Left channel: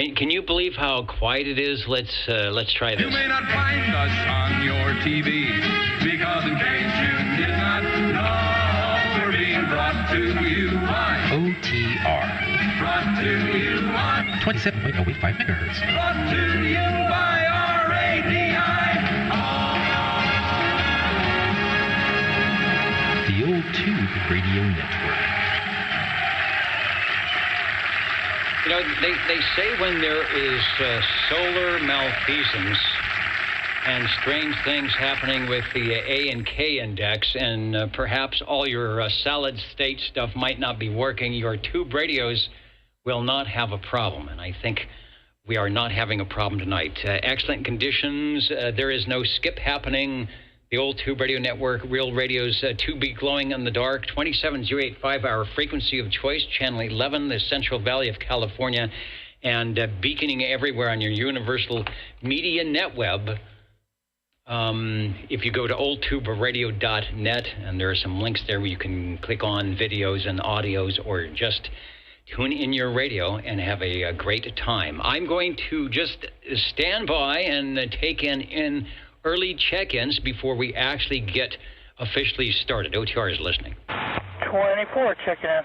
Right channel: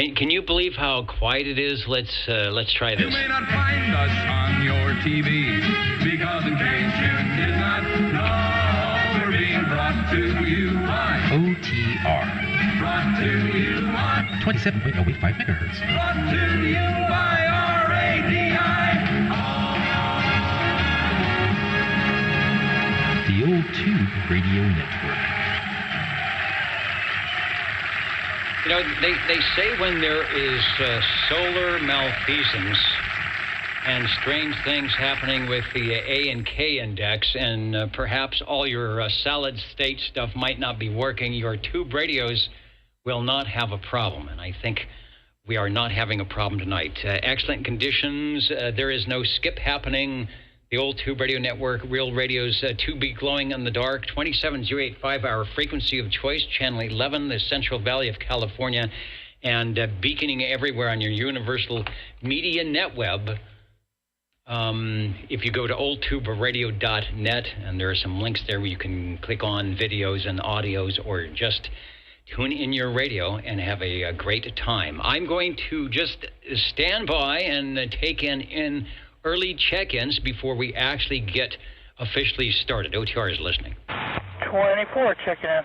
Can you believe how quiet it is? Let's try this. You may not find us on your TV because in case you did not know, we're being brought to you by OTR. Brought to you by 27.085 megahertz. Brought to you by RADI. The Old Tube Radio Network. You know, they say when there is solar malfeasance and strange things happening with the A and K index, and perhaps all your solid state stuff might not be working, your tube radios will not have a problem. And I think we are not having a problem tonight. Excellent conditions. There is no skip happening. The Old Tube Radio Network, real radios, to be glowing in the dark. 27085, our frequency of choice, channel 11, the Central Valley of California, and beaconing everywhere on your universal media netweb. If you go to oldtuberadio.net, and there are some links there where you can click on videos and audios, or just tune in your radio and have a great time. I'm going to just stand by and take in early check-ins before we actually get officially started. OTR is listening. 24, checking in.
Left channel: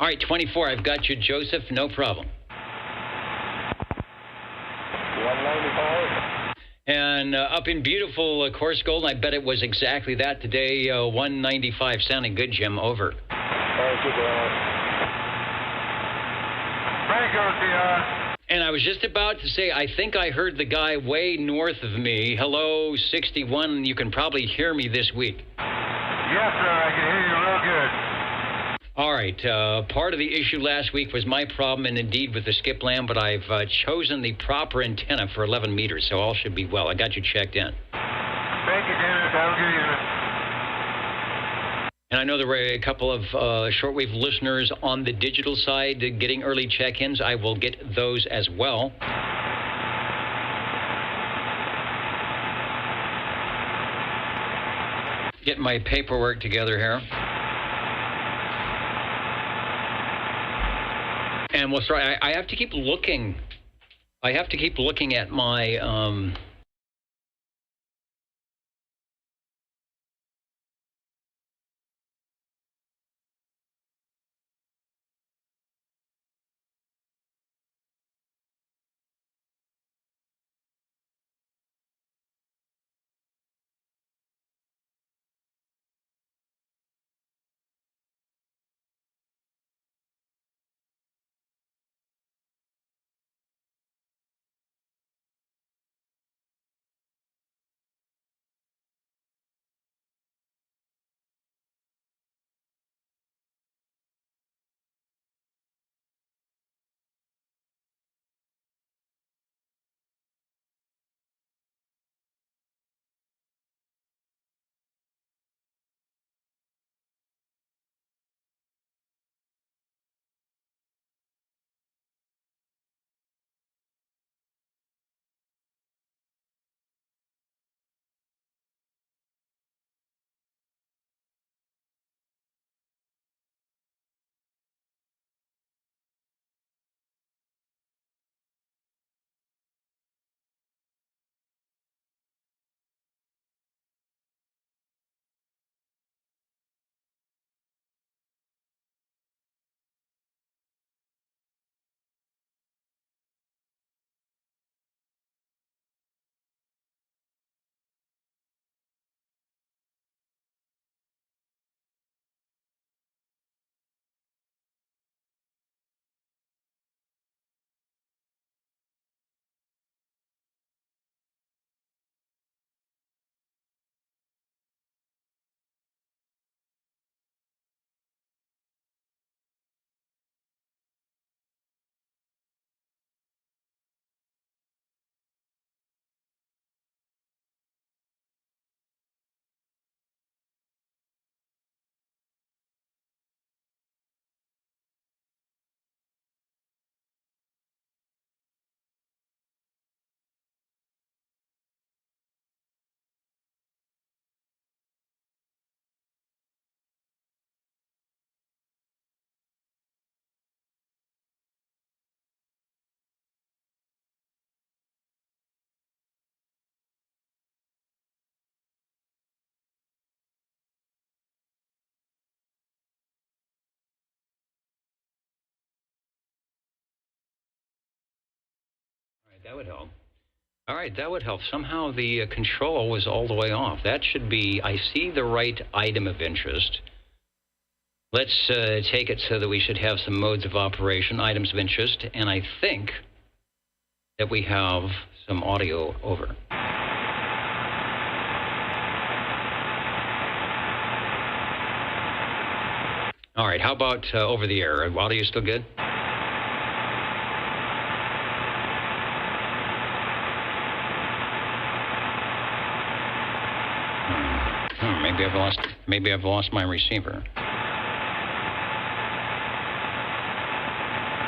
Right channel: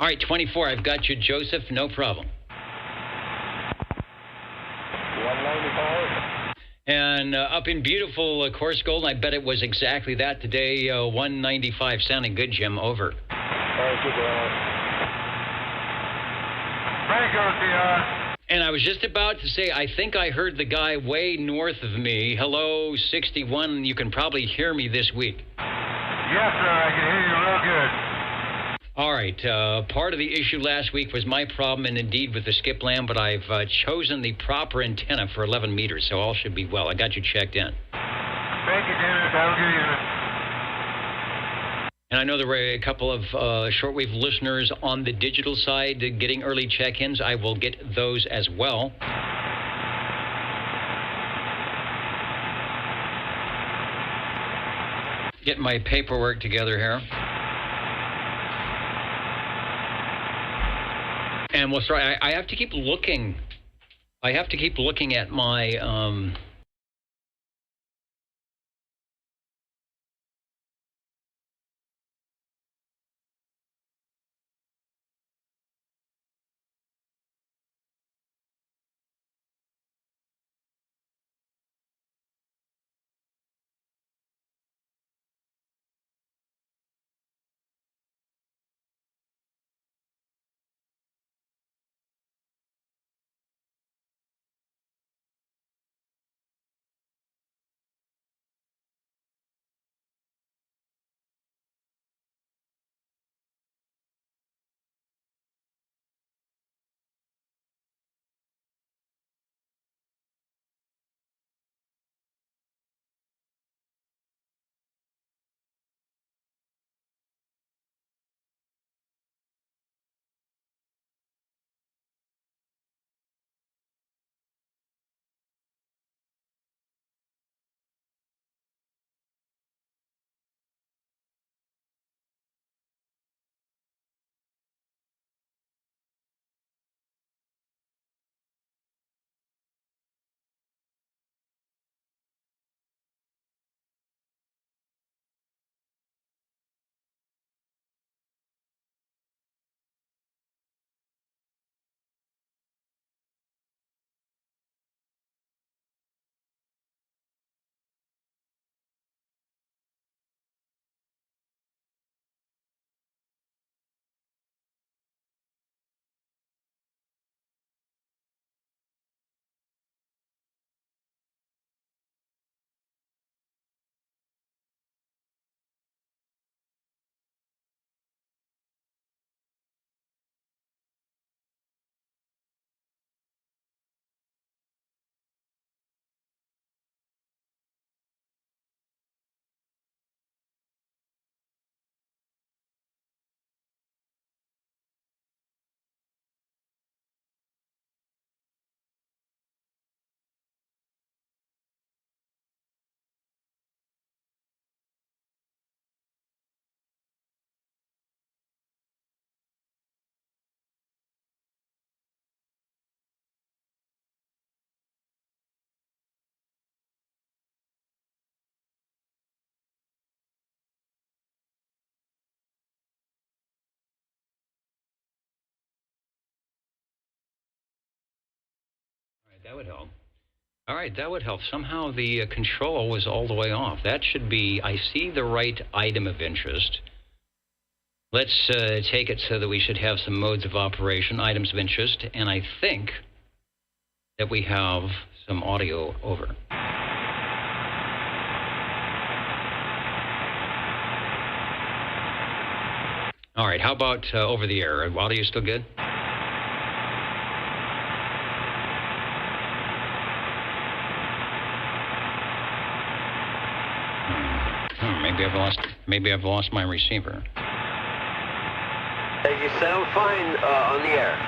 All right, 24, I've got you, Joseph, no problem. 195. And up in beautiful Coarse Gold, I bet it was exactly that today, 195. Sounding good, Jim, over. Thank you, Dad. Thank you, OTR. And I was just about to say, I think I heard the guy way north of me. Hello, 61. You can probably hear me this week. Yes, sir. I can hear you real good. All right. Part of the issue last week was my problem, and indeed with the skip lamp, but I've chosen the proper antenna for 11 meters, so all should be well. I got you checked in. Thank you, Dennis. I'll give you. And I know there were a couple of shortwave listeners on the digital side getting early check-ins. I will get those as well. Get my paperwork together here. And we'll start. I have to keep looking. I have to keep looking at my would help. All right, that would help. Somehow the control was all the way off. That should be, I see the right item of interest. Let's take it so that we should have some modes of operation, items of interest, and I think that we have some audio over. All right, how about over the air? Audio still good? Maybe I've lost my receiver. You sound fine on the air.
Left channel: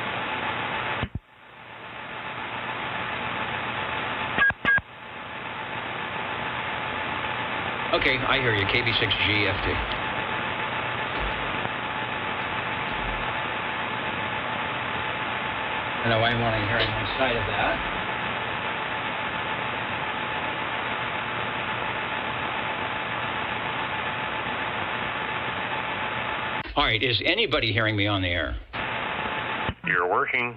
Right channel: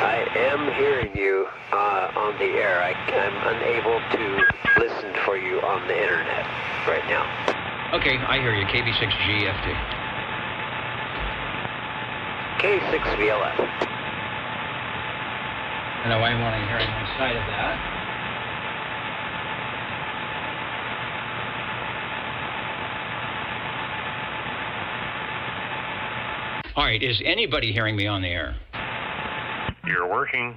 I am hearing you on the air. I'm unable to listen for you on the internet right now. Okay, I hear you. KB6GFD. K6VLF. No, I'm only hearing one side of that. All right, is anybody hearing me on the air? You're working.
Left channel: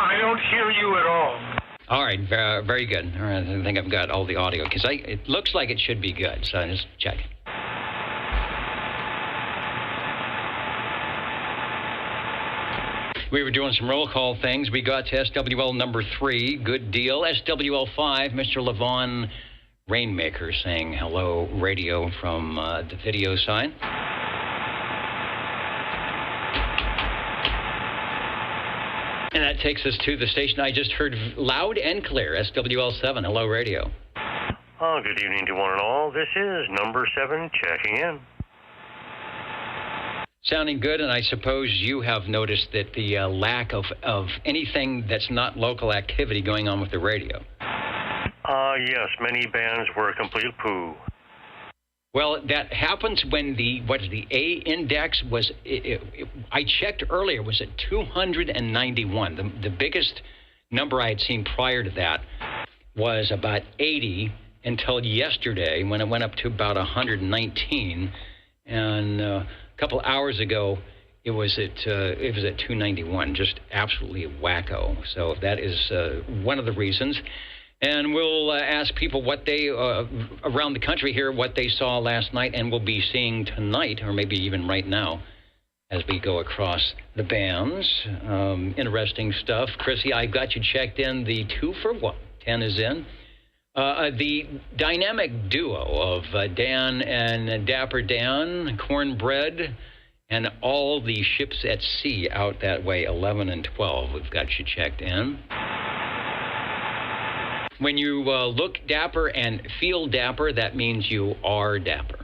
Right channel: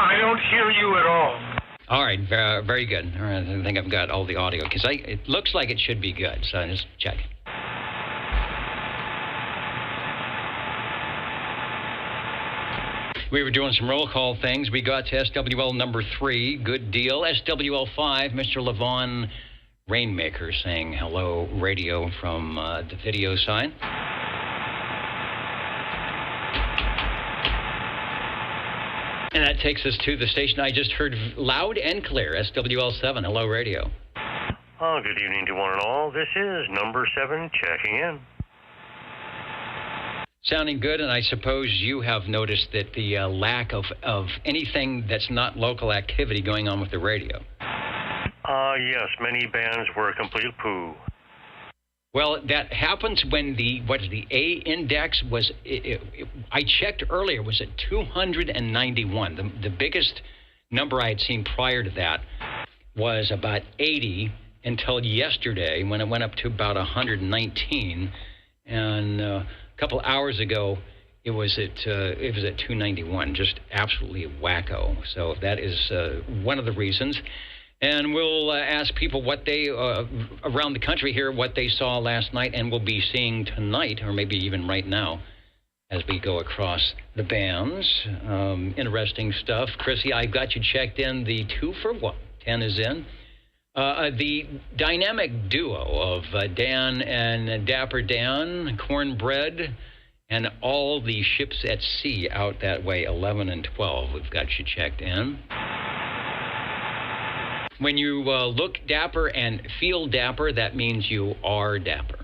I don't hear you at all. All right, very good. All right, I think I've got all the audio, because it looks like it should be good, so I just check. We were doing some roll call things. We got to SWL number 3. Good deal. SWL 5, Mr. Levon Rainmaker saying hello radio from the video side. And that takes us to the station I just heard loud and clear, SWL 7. Hello radio. Good evening to one and all. This is number 7 checking in. Sounding good, and I suppose you have noticed that the lack of anything that's not local activity going on with the radio. Yes, many bands were a complete poo. Well, that happens when the A index was, I checked earlier, was at 291. The biggest number I had seen prior to that was about 80 until yesterday when it went up to about 119. And a couple hours ago, it was at 291, just absolutely wacko. So that is one of the reasons. And we'll ask people what they, around the country here, what they saw last night and will be seeing tonight, or maybe even right now, as we go across the bands. Interesting stuff. Chrissy, I got you checked in. The 2 for 1. 10 is in. The dynamic duo of Dan and Dapper Dan, Cornbread, and all the ships at sea out that way, 11 and 12. We've got you checked in. When you look dapper and feel dapper, that means you are dapper.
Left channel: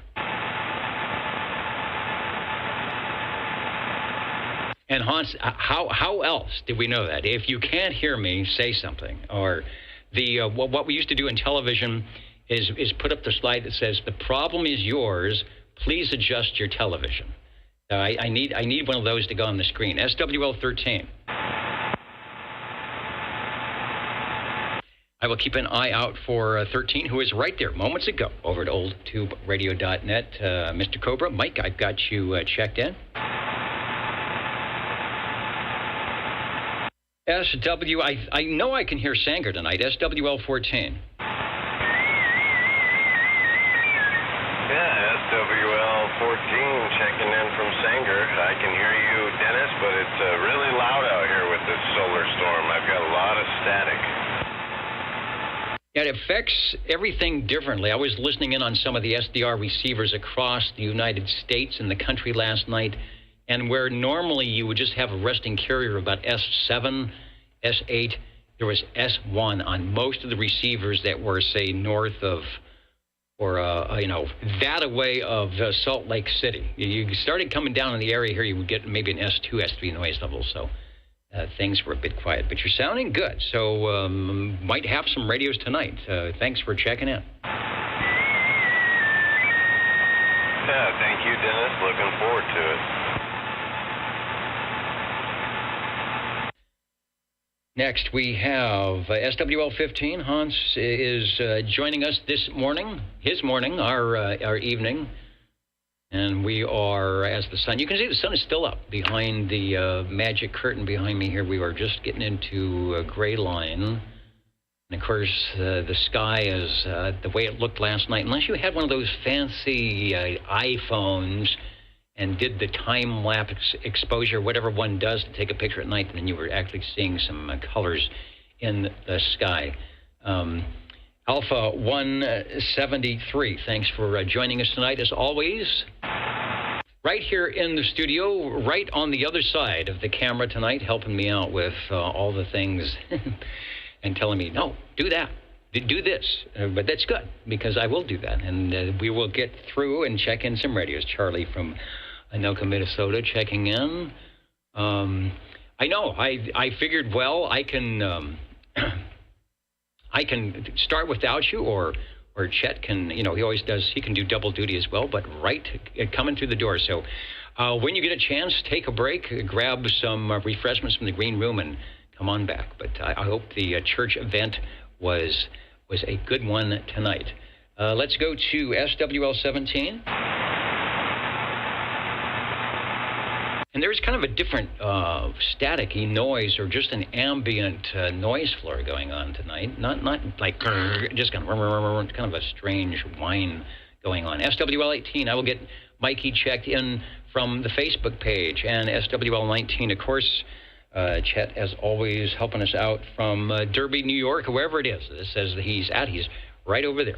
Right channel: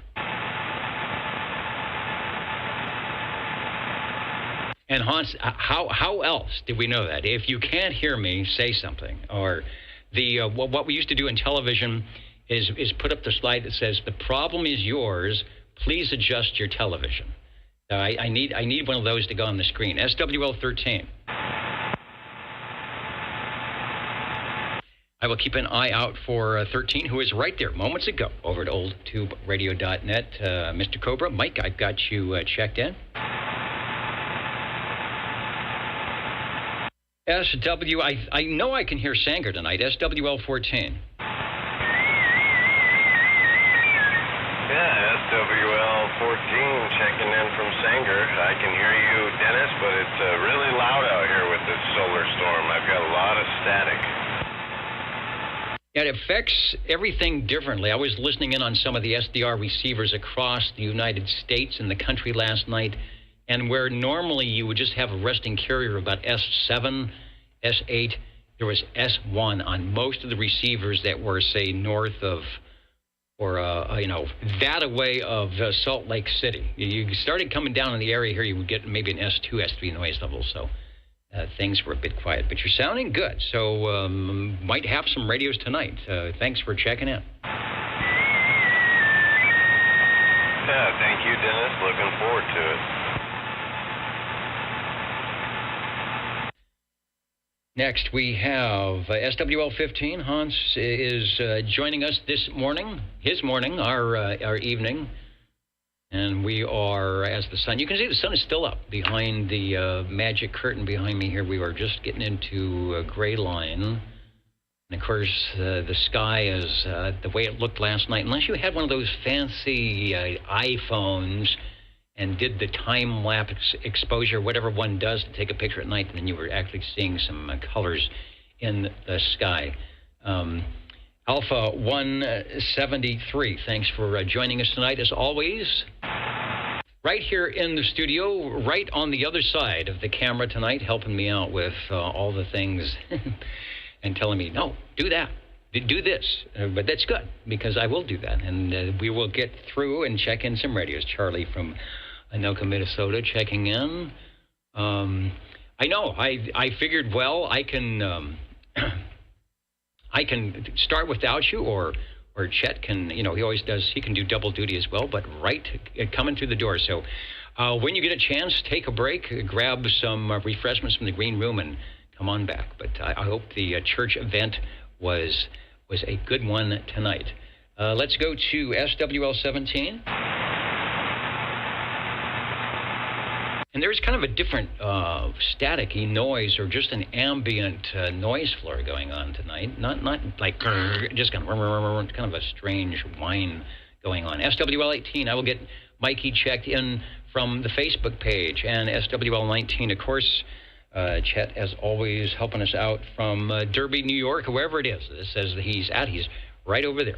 And Hans, how else did we know that? If you can't hear me, say something. Or what we used to do in television is put up the slide that says, the problem is yours, please adjust your television. I need one of those to go on the screen. SWL 13. I will keep an eye out for 13, who is right there moments ago over at oldtuberadio.net. Mr. Cobra, Mike, I've got you checked in. SW, I know I can hear Sanger tonight. SWL 14. Yeah, SWL 14 checking in from Sanger. I can hear you, Dennis, but it's really loud out here with this solar storm. I've got a lot of static. It affects everything differently. I was listening in on some of the SDR receivers across the United States and the country last night, and where normally you would just have a resting carrier about S7, S8, there was S1 on most of the receivers that were, say, north of, or, that away of Salt Lake City. You started coming down in the area here, you would get maybe an S2, S3 noise level, so things were a bit quiet. But you're sounding good, so might have some radios tonight. Thanks for checking in. Yeah, thank you, Dennis. Looking forward to it. Next, we have SWL-15. Hans is joining us this morning, our evening. And we are, as the sun, you can see the sun is still up behind the magic curtain behind me here. We are just getting into a gray line. And of course, the sky is the way it looked last night. Unless you had one of those fancy iPhones and did the time-lapse exposure, whatever one does to take a picture at night, and then you were actually seeing some colors in the sky. Alpha 173, thanks for joining us tonight, as always. Right here in the studio, right on the other side of the camera tonight, helping me out with all the things and telling me, no, do that, do this. But that's good, because I will do that, and we will get through and check in some radios. Charlie from Anoka, Minnesota, checking in. I know, I figured, well, I can start without you, or Chet can, he always does, he can do double duty as well, but right coming through the door. So when you get a chance, take a break, grab some refreshments from the green room, and come on back. But I hope the church event was a good one tonight. Let's go to SWL-17. And there's kind of a different staticky noise, or just an ambient noise floor going on tonight. Not like just kind of a strange whine going on. SWL-18, I will get Mikey checked in from the Facebook page. And SWL-19, of course, Chet, as always, helping us out from Derby, New York, wherever it is. It says that he's at. He's right over there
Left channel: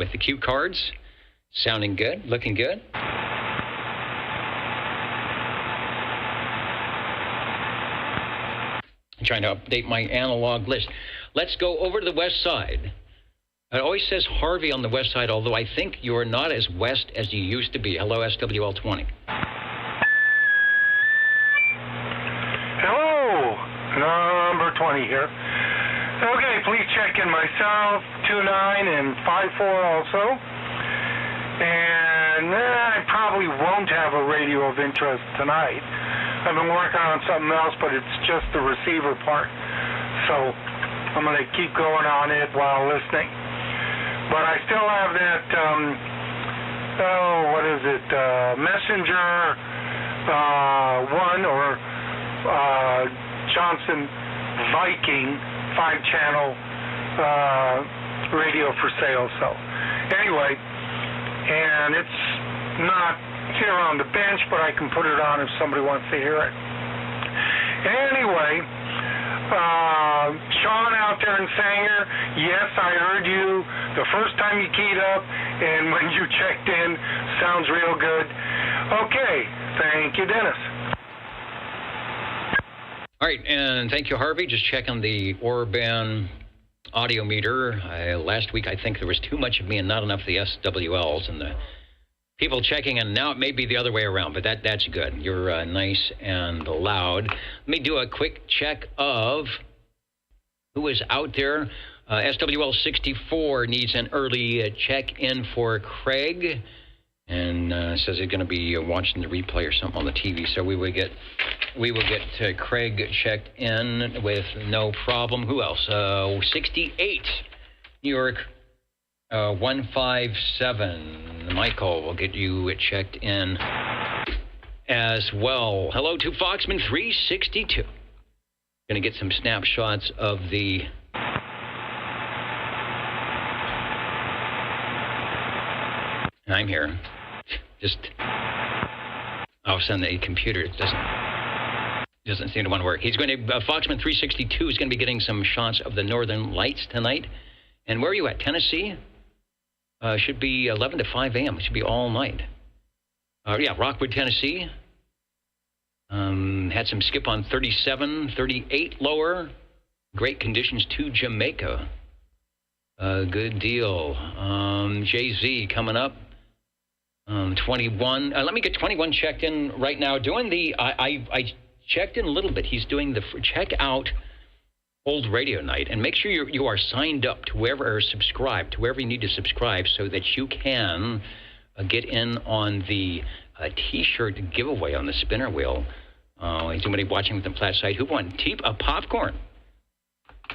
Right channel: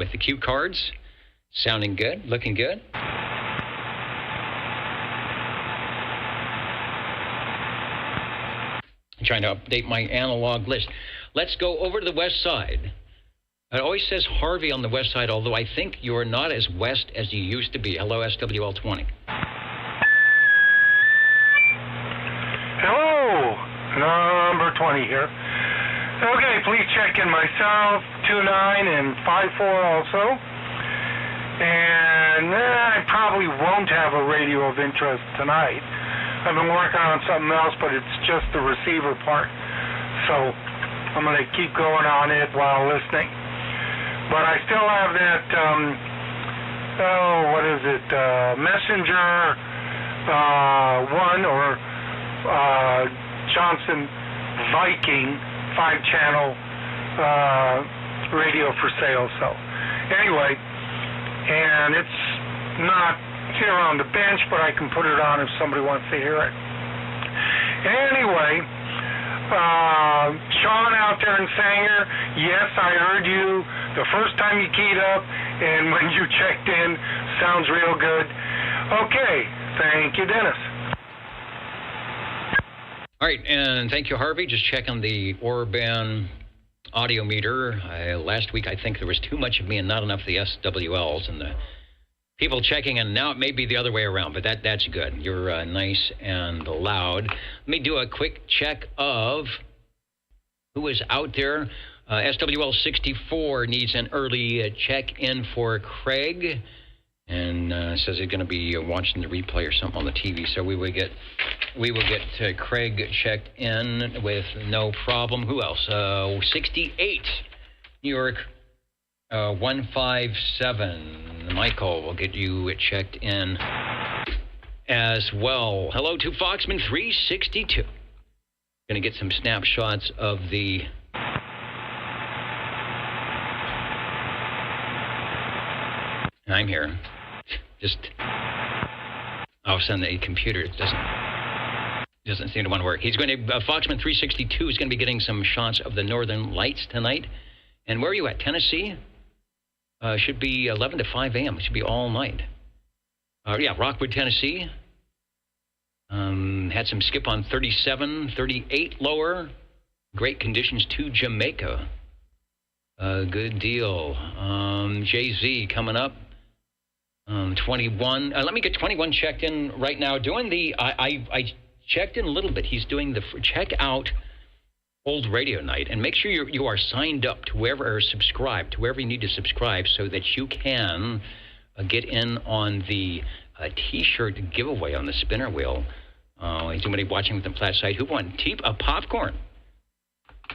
with the cue cards. Sounding good, looking good. I'm trying to update my analog list. Let's go over to the west side. It always says Harvey on the west side, although I think you're not as west as you used to be. Hello, SWL-20. Hello, number 20 here. Okay, please check in myself, 29 and 54 also. And I probably won't have a radio of interest tonight. I've been working on something else, but it's just the receiver part. So I'm going to keep going on it while listening. But I still have that, Messenger 1 or Johnson Viking 5-channel radio for sale. So anyway, and it's not here on the bench, but I can put it on if somebody wants to hear it. Anyway, Sean out there in Sanger, yes, I heard you the first time you keyed up, and when you checked in, sounds real good. Okay, thank you, Dennis. All right, and thank you, Harvey. Just checking the Orban audio meter. Last week, I think there was too much of me and not enough of the SWLs, and the people checking, and now it may be the other way around, but that's good. You're nice and loud. Let me do a quick check of who is out there. SWL-64 needs an early check-in for Craig, and says he's going to be watching the replay or something on the TV, so we will get Craig checked in with no problem. Who else? 68, New York. 157. Michael will get you checked in as well. Hello to Foxman 362. Going to get some snapshots of the I'm here. Just all of a sudden the computer doesn't seem to want to work. He's going to Foxman 362 is going to be getting some shots of the northern lights tonight. And where are you at? Tennessee? Should be 11 to 5 a.m. It should be all night. Yeah, Rockwood, Tennessee. Had some skip on 37, 38 lower. Great conditions to Jamaica. Good deal. Jay-Z coming up. 21. Let me get 21 checked in right now. Doing the, I checked in a little bit. He's doing the, check out Old Radio Night, and make sure you are signed up to whoever, or subscribed to wherever you need to subscribe, so that you can get in on the T-shirt giveaway on the spinner wheel. Somebody watching from the flat side. Who won? Popcorn.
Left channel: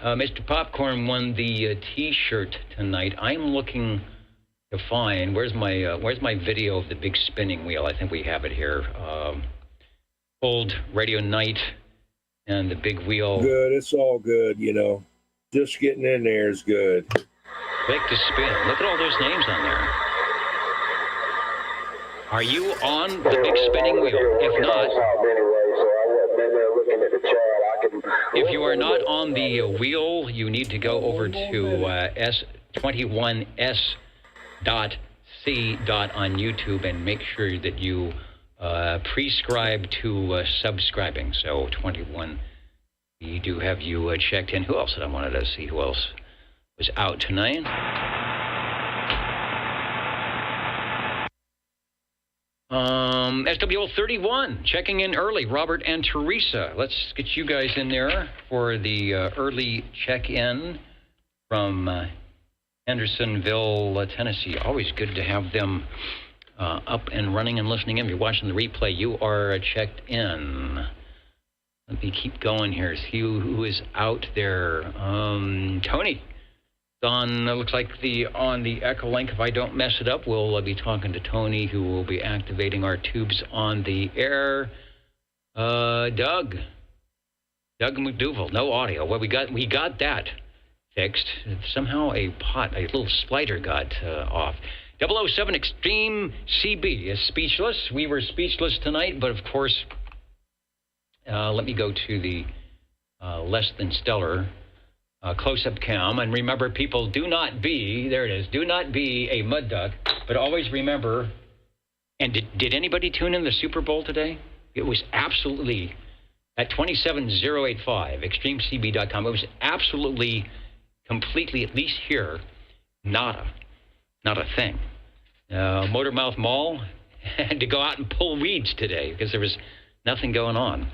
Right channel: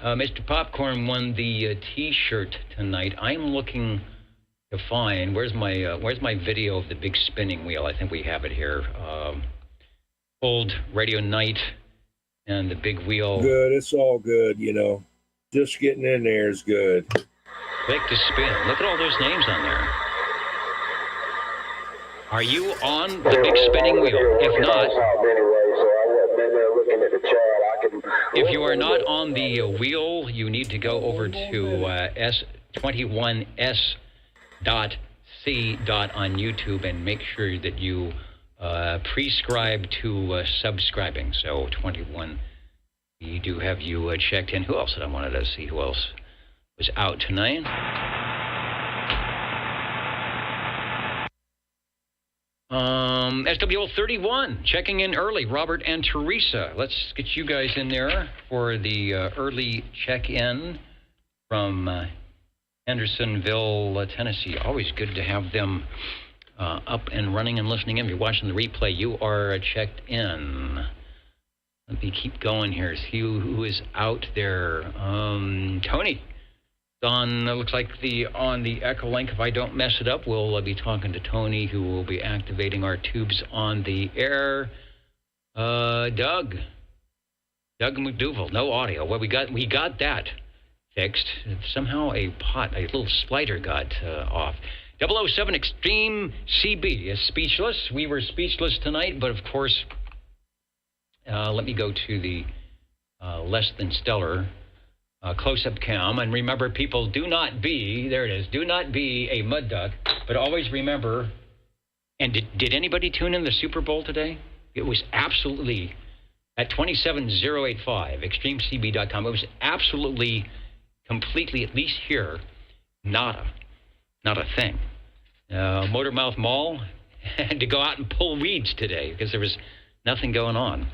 Mr. Popcorn won the T-shirt tonight. I'm looking to find where's my video of the big spinning wheel. I think we have it here. Old radio night and the big wheel. Good. It's all good. Just getting in there is good. Click to spin. Look at all those names on there. Are you on the big spinning wheel? If not, if you are not on the wheel, you need to go over to s21s.c. on YouTube and make sure that you prescribe to subscribing. So 21, we do have you checked in. Who else did I wanted to see? Who else was out tonight? SWL31 checking in early. Robert and Teresa. Let's get you guys in there for the early check-in from Hendersonville, Tennessee. Always good to have them up and running and listening in. If you're watching the replay, you are checked in. Let me keep going here. See who is out there. Tony. Looks like on the Echolink. If I don't mess it up, we'll be talking to Tony, who will be activating our tubes on the air. Doug McDougal, no audio. Well, we got that fixed. Somehow a little slider got off. 007 Extreme CB is speechless. We were speechless tonight, but of course, let me go to the less than stellar close-up cam, and remember, people, do not be a mud duck, but always remember, and did anybody tune in the Super Bowl today? It was absolutely, at 27085, extremecb.com, it was absolutely, completely, at least here, not a thing. Motormouth Mall had to go out and pull weeds today because there was nothing going on.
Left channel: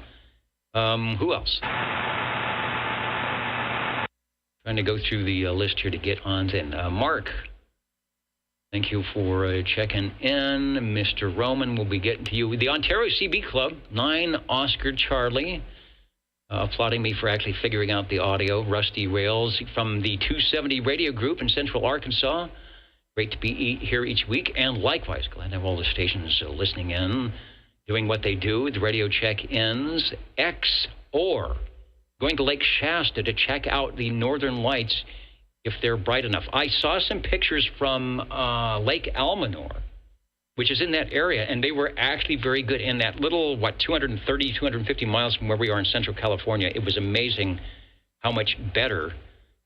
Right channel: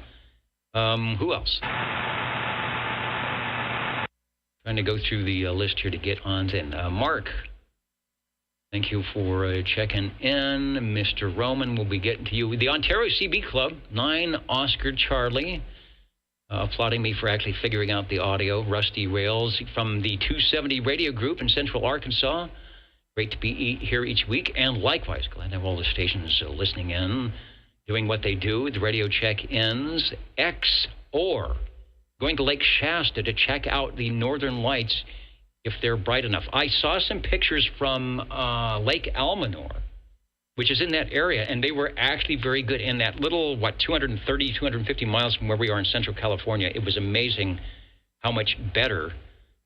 Who else? Trying to go through the list here to get on in. Mark, thank you for checking in. Mr. Roman will be getting to you. The Ontario CB Club, 9 Oscar Charlie, applauding me for actually figuring out the audio. Rusty Rails from the 270 radio group in Central Arkansas. Great to be here each week. And likewise, glad to have all the stations listening in, doing what they do. The radio check-ins. Or going to Lake Shasta to check out the northern lights if they're bright enough. I saw some pictures from Lake Almanor, which is in that area, and they were actually very good in that little, 250 miles from where we are in Central California. It was amazing how much better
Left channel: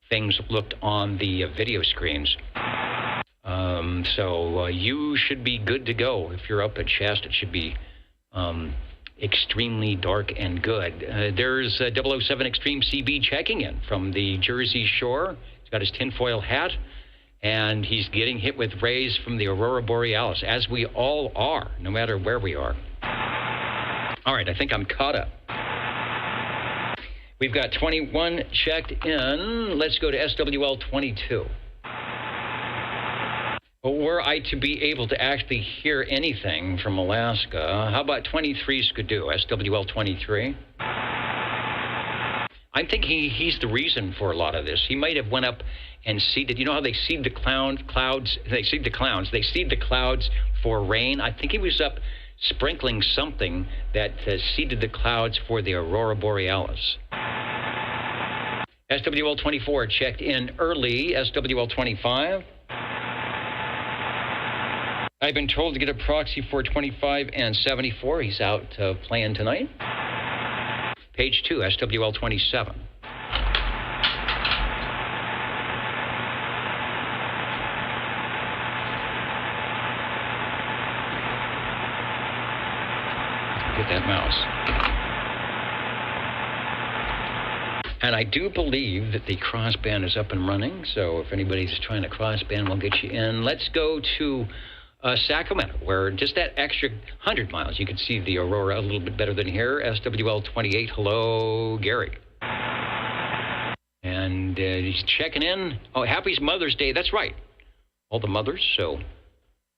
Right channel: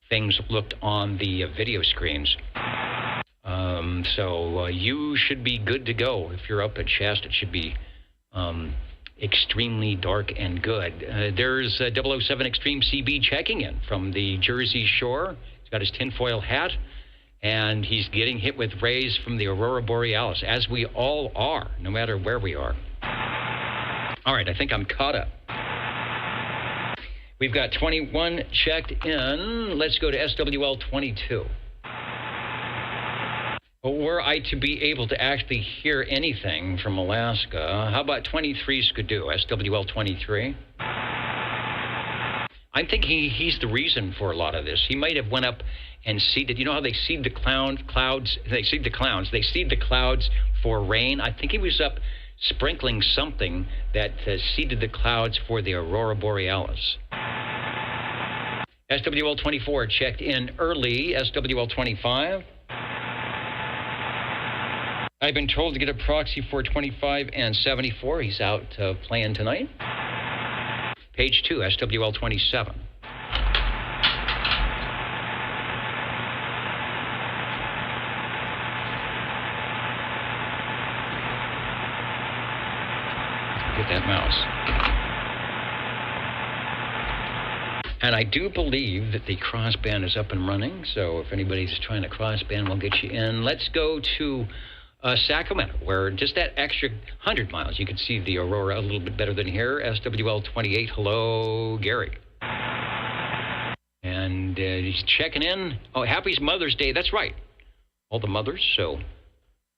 things looked on the video screens. So you should be good to go. If you're up at Shasta, it should be extremely dark and good. There's 007 Extreme CB checking in from the Jersey Shore. He's got his tinfoil hat, and he's getting hit with rays from the Aurora Borealis, as we all are, no matter where we are. All right, I think I'm caught up. We've got 21 checked in. Let's go to SWL 22. Were I to be able to actually hear anything from Alaska, how about 23 Skidoo, SWL 23? I'm thinking he's the reason for a lot of this. He might have went up and seeded, you know how they seed the clouds? They seed the clouds. They seed the clouds for rain. I think he was up sprinkling something that seeded the clouds for the Aurora Borealis. SWL 24 checked in early. SWL 25. I've been told to get a proxy for 25 and 74. He's out playing tonight. Page 2, SWL 27. Get that mouse. And I do believe that the crossband is up and running, so if anybody's trying to crossband, we'll get you in. Let's go to Sacramento, where just that extra 100 miles, you can see the aurora a little bit better than here. SWL 28, hello, Gary. And he's checking in. Oh, happy Mother's Day. That's right. All the mothers, so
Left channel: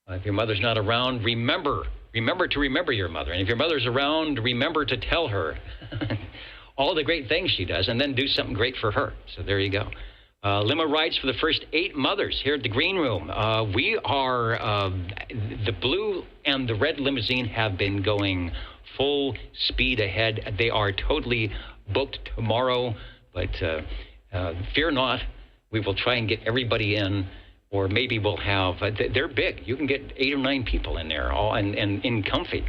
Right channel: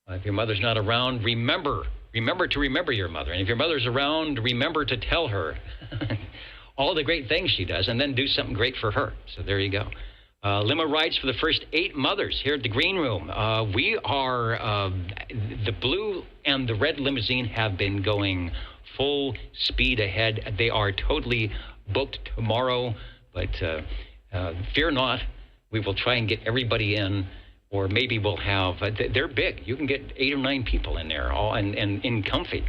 if your mother's not around, remember remember to remember your mother. And if your mother's around, remember to tell her all the great things she does, and then do something great for her. So there you go. Limo rides for the first 8 mothers here at the Green Room. We are, the blue and the red limousine have been going full speed ahead. They are totally booked tomorrow, but fear not. We will try and get everybody in, or maybe we'll have, they're big. You can get 8 or 9 people in there, all and in comfy.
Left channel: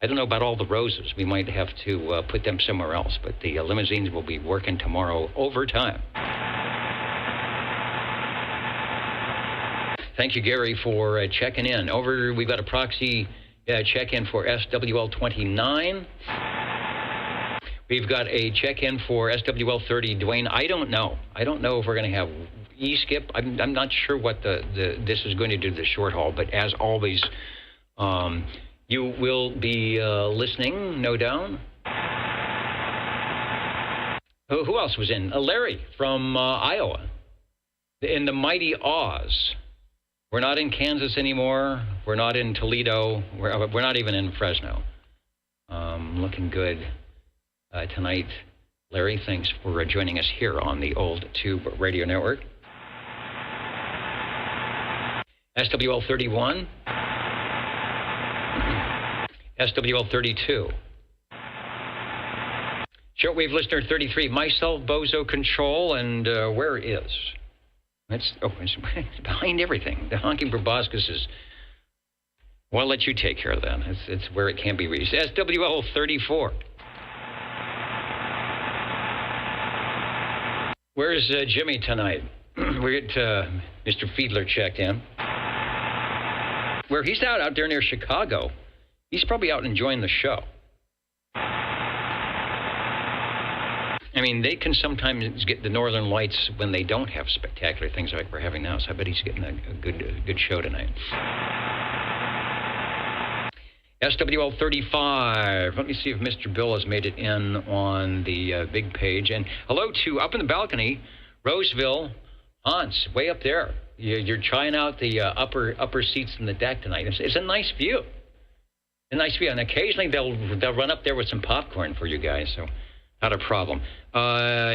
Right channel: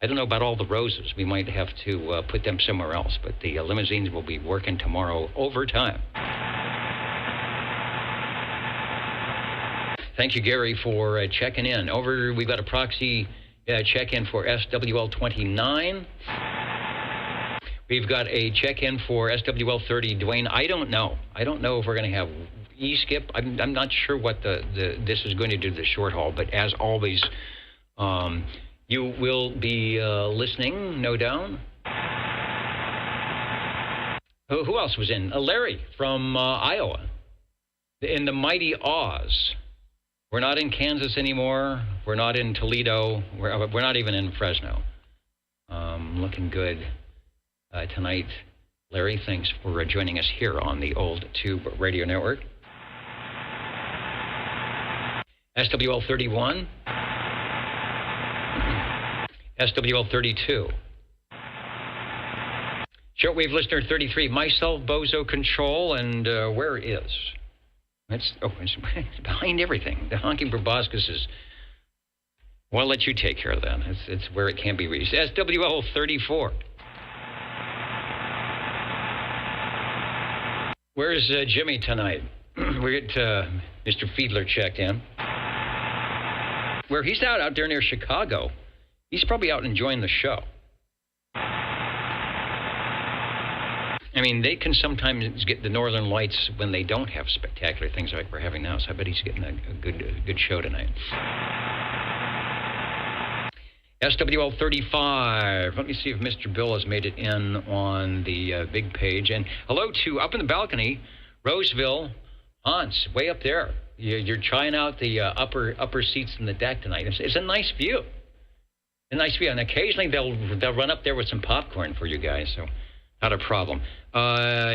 I don't know about all the roses. We might have to put them somewhere else, but the limousines will be working tomorrow overtime. Thank you, Gary, for checking in. We've got a proxy check-in for SWL-29. We've got a check-in for SWL-30. Dwayne, I don't know. I don't know if we're going to have E-skip. I'm not sure what this is going to do, the short haul, but as always, you will be listening, no doubt. Who else was in? Larry from Iowa. In the mighty Oz. We're not in Kansas anymore. We're not in Toledo. We're not even in Fresno. Looking good tonight. Larry, thanks for joining us here on the Old Tube Radio Network. SWL-31. SWL-32. Shortwave listener 33. Myself, Bozo Control, and where is? It's behind everything. The honking proboscis is... Well, I'll let you take care of that. It's where it can be reached. SWL-34. Where's Jimmy tonight? We get Mr. Fiedler checked in. Where he's out there near Chicago. He's probably out enjoying the show. I mean, they can sometimes get the northern lights when they don't have spectacular things like we're having now. So I bet he's getting a good show tonight. SWL-35. Let me see if Mr. Bill has made it in on the big page. And hello to up in the balcony, Roseville, Hans, way up there. You're trying out the upper seats in the deck tonight. It's a nice view. A nice view. And occasionally they'll run up there with some popcorn for you guys. So not a problem.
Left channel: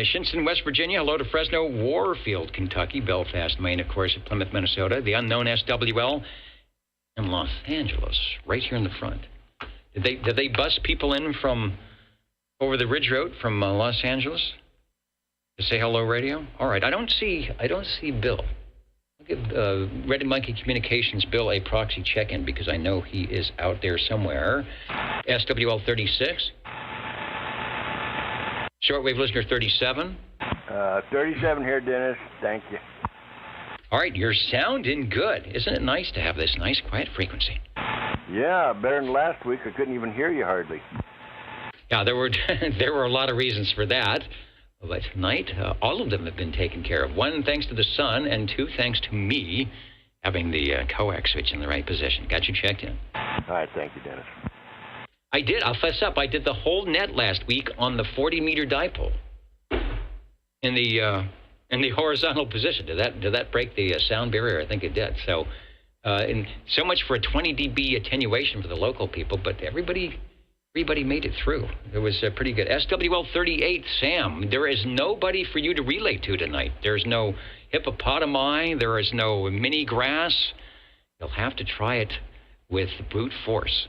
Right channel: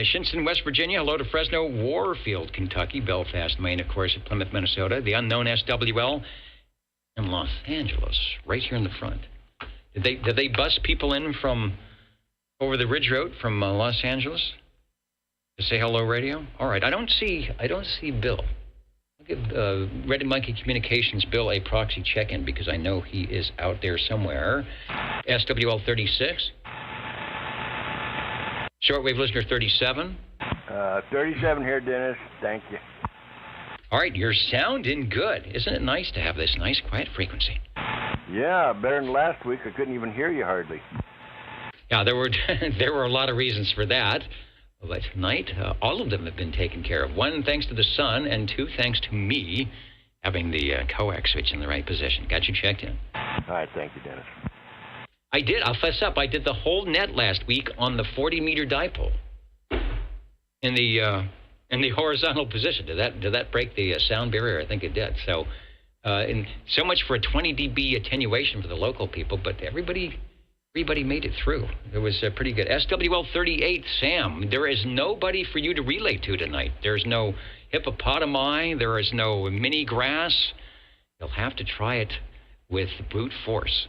Shinson, West Virginia. Hello to Fresno, Warfield, Kentucky, Belfast, Maine, of course, Plymouth, Minnesota. The unknown SWL in Los Angeles, right here in the front. Did they bus people in from over the Ridge Road from Los Angeles to say hello, radio? All right, I don't see Bill. I'll give Red Monkey Communications Bill a proxy check-in because I know he is out there somewhere. SWL 36. Shortwave listener 37. 37 here, Dennis. Thank you. All right, you're sounding good. Isn't it nice to have this nice, quiet frequency? Yeah, better than last week. I couldn't even hear you hardly. Yeah, there were a lot of reasons for that. But tonight, all of them have been taken care of. 1, thanks to the sun, and 2, thanks to me having the coax switch in the right position. Got you checked in. All right, thank you, Dennis. I did. I'll fess up. I did the whole net last week on the 40-meter dipole in the horizontal position. Did that break the sound barrier? I think it did. So, and so much for a 20 dB attenuation for the local people, but everybody made it through. It was pretty good. SWL 38, Sam. There is nobody for you to relay to tonight. There's no hippopotami. There is no mini grass. You'll have to try it with brute force.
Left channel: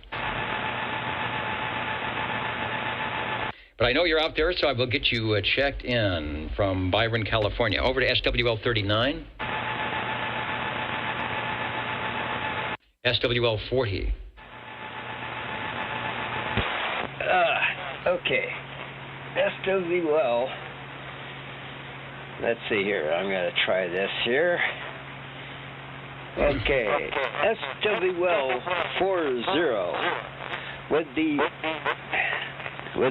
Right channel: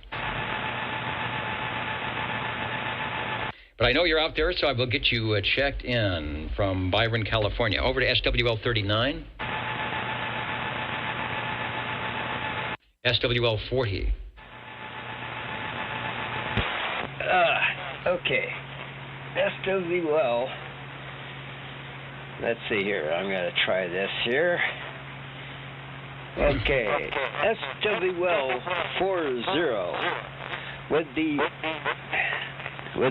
But I know you're out there, so I will get you checked in from Byron, California. Over to SWL 39. SWL 40. Okay. SWL. Let's see here. I'm going to try this here. Okay. SWL 40 with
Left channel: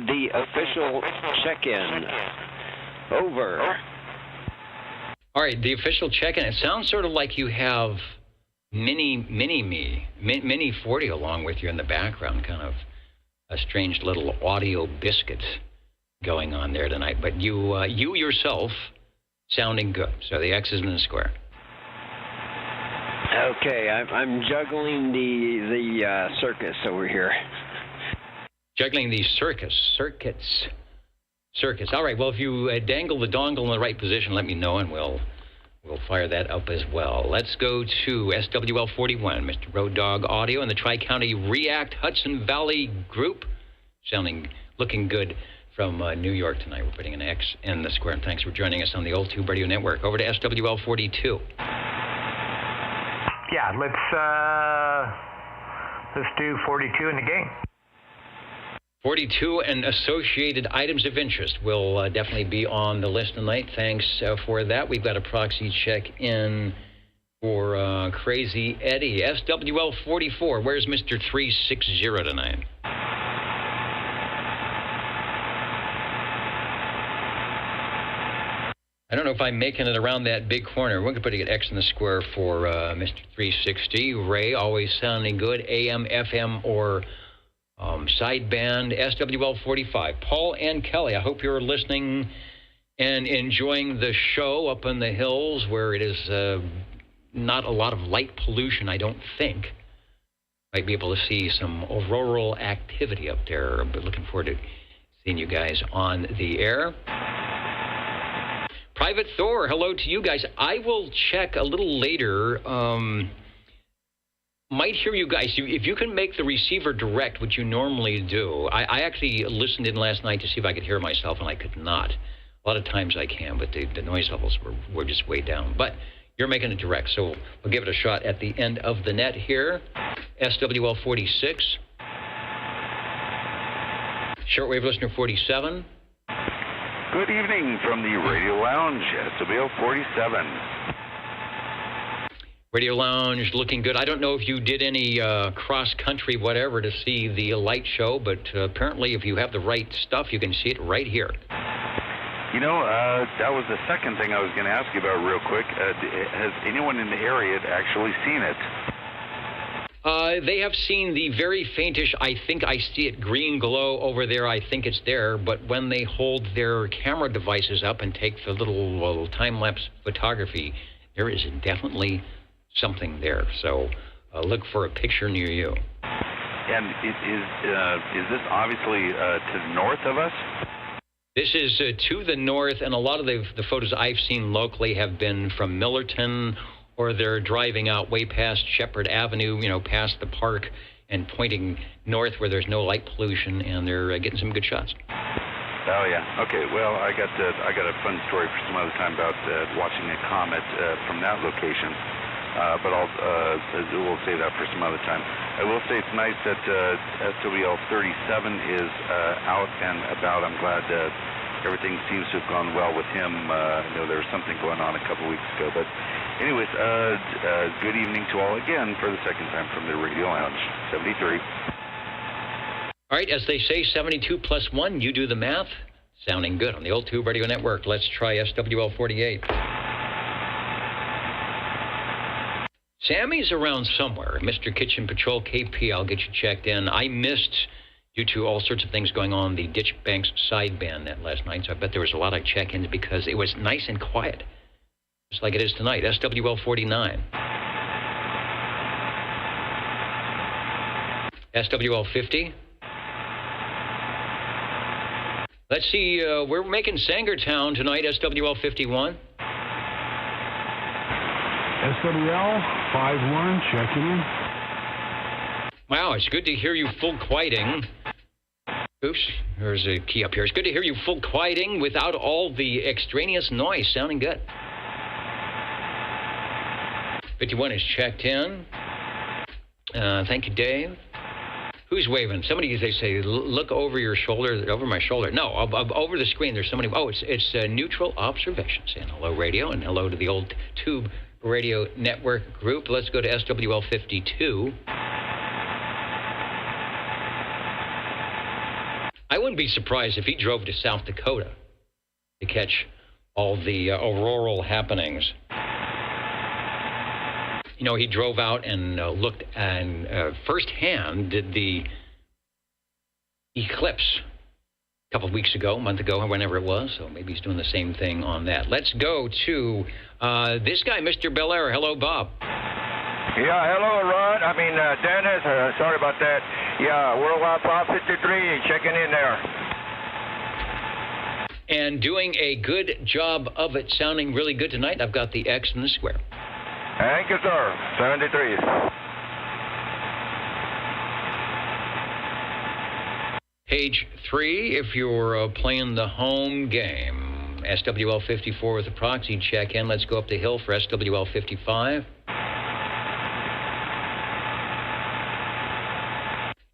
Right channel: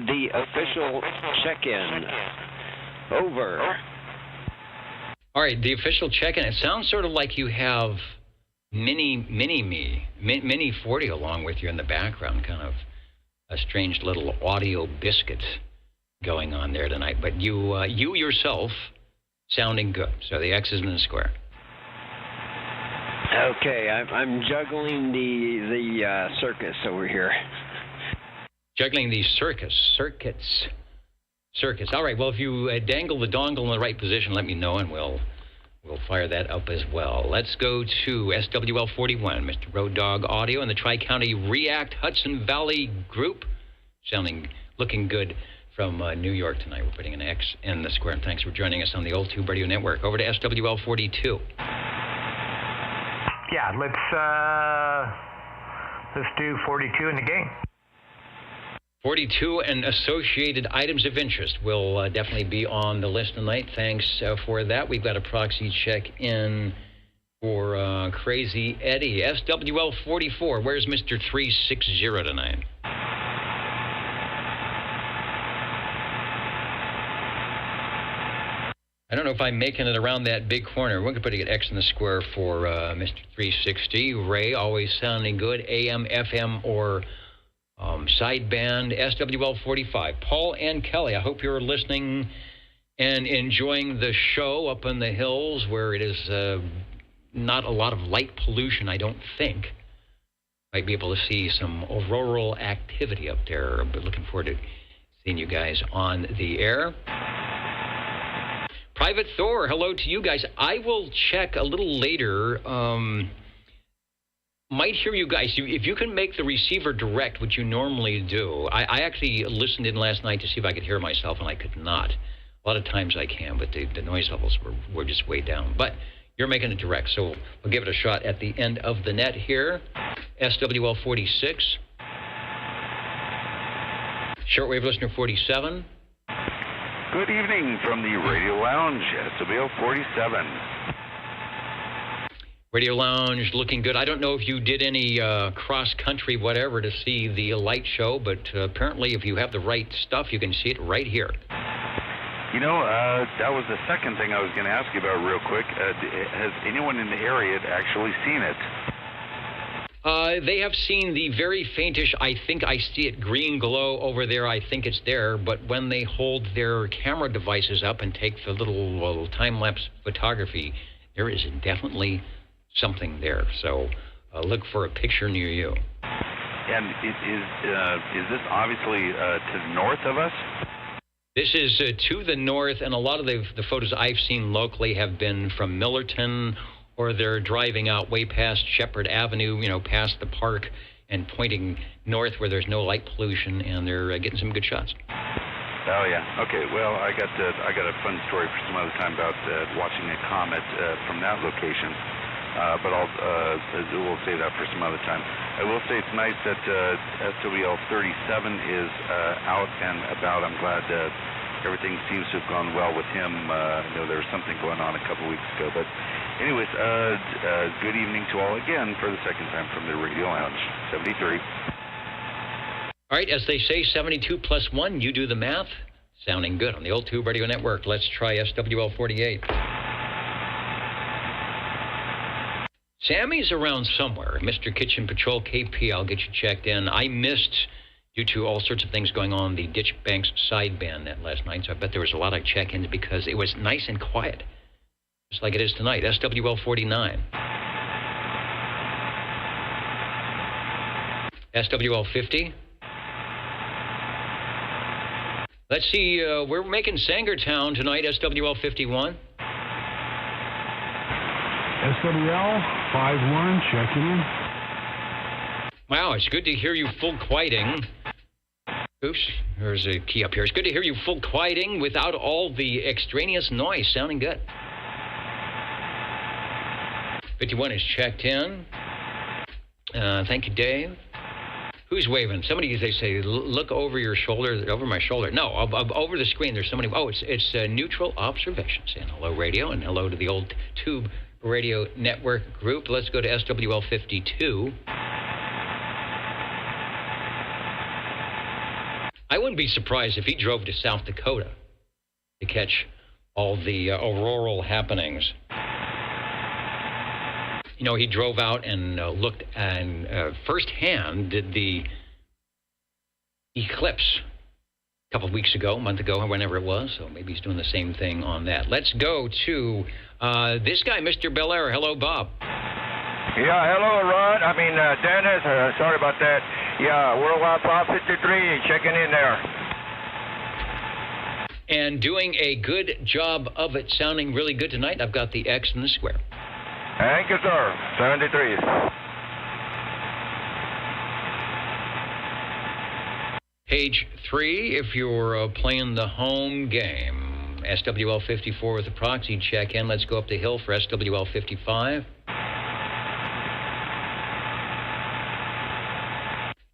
the official check-in. Over. All right, the official check-in. It sounds sort of like you have Mini 40 along with you in the background, kind of a strange little audio biscuit going on there tonight. But you yourself sounding good. So the X is in the square. Okay, I'm juggling the circus over here. Juggling the circuits. All right, well, if you dangle the dongle in the right position, let me know, and we'll fire that up as well. Let's go to SWL 41, Mr. Road Dog Audio, and the Tri-County React Hudson Valley Group. Looking good from New York tonight. We're putting an X in the square, and thanks for joining us on the Old Tube Radio Network. Over to SWL 42. Yeah, let's do 42 in the game. 42 and associated items of interest will definitely be on the list tonight. Thanks for that. We've got a proxy check in for Crazy Eddie. SWL 44, where's Mr. 360 tonight? I don't know if I'm making it around that big corner. We're going to put an X in the square for Mr. 360. Ray, always sounding good. AM, FM, or sideband. SWL 45. Paul and Kelly, I hope you're listening and enjoying the show up in the hills where it is not a lot of light pollution, I don't think. Might be able to see some auroral activity up there. I'm looking forward to seeing you guys on the air. Private Thor, hello to you guys. I will check a little later. Might hear you guys. If you can make the receiver direct, which you normally do. I actually listened in last night to see if I could hear myself, and I could not. A lot of times I can, but the noise levels were just way down. But you're making it direct, so we'll give it a shot at the end of the net here. SWL 46. Shortwave listener 47. Good evening from the Radio Lounge, SWL 47. Radio Lounge looking good. I don't know if you did any cross-country whatever to see the light show, but apparently if you have the right stuff, you can see it right here. You know, that was the second thing I was going to ask you about real quick. Has anyone in the area actually seen it? They have seen the very faintish, I think I see it, green glow over there. I think it's there. But when they hold their camera devices up and take the little time-lapse photography, there is definitely something there. So look for a picture near you. And is this obviously to the north of us? This is to the north, and a lot of the photos I've seen locally have been from Millerton, or they're driving out way past Shepherd Avenue, past the park, and pointing north where there's no light pollution, and they're getting some good shots. Oh, yeah. Okay, well, I got a fun story for some other time about watching a comet from that location, but we'll save that for some other time. I will say it's nice that SWL 37 is out and about. I'm glad everything seems to have gone well with him. There was something going on a couple weeks ago, but anyways, good evening to all again for the second time from the Radio Lounge, 73. All right, as they say, 72 plus 1, you do the math. Sounding good on the Old Tube Radio Network. Let's try SWL 48. Sammy's around somewhere. Mr. Kitchen Patrol KP, I'll get you checked in. I missed, due to all sorts of things going on, the Ditch Banks sideband net last night, so I bet there was a lot of check-ins because it was nice and quiet. Just like it is tonight. SWL 49. SWL 50. Let's see, we're making Sangertown tonight, SWL 51. SWL 51, checking in. Wow, it's good to hear you full quieting. Oops, there's a key up here. It's good to hear you full quieting without all the extraneous noise. Sounding good. 51 is checked in. Thank you, Dave. Who's waving? Somebody, they say, look over your shoulder, over my shoulder. No, over the screen, there's somebody. Oh, it's Neutral Observation saying hello, radio, and hello to the Old Tube Radio Network group. Let's go to SWL 52. I wouldn't be surprised if he drove to South Dakota to catch all the auroral happenings. He drove out and looked and firsthand did the eclipse a couple of weeks ago, a month ago, or whenever it was. So maybe he's doing the same thing on that. Let's go to this guy, Mr. Belair. Hello, Bob. Yeah, hello, Ron. Dennis. Sorry about that. Yeah, Worldwide Pop 53, checking in there. And doing a good job of it, sounding really good tonight. I've got the X in the square. Thank you, sir. 73. Page 3, if you're playing the home game. SWL 54 with a proxy check-in. Let's go up the hill for SWL 55.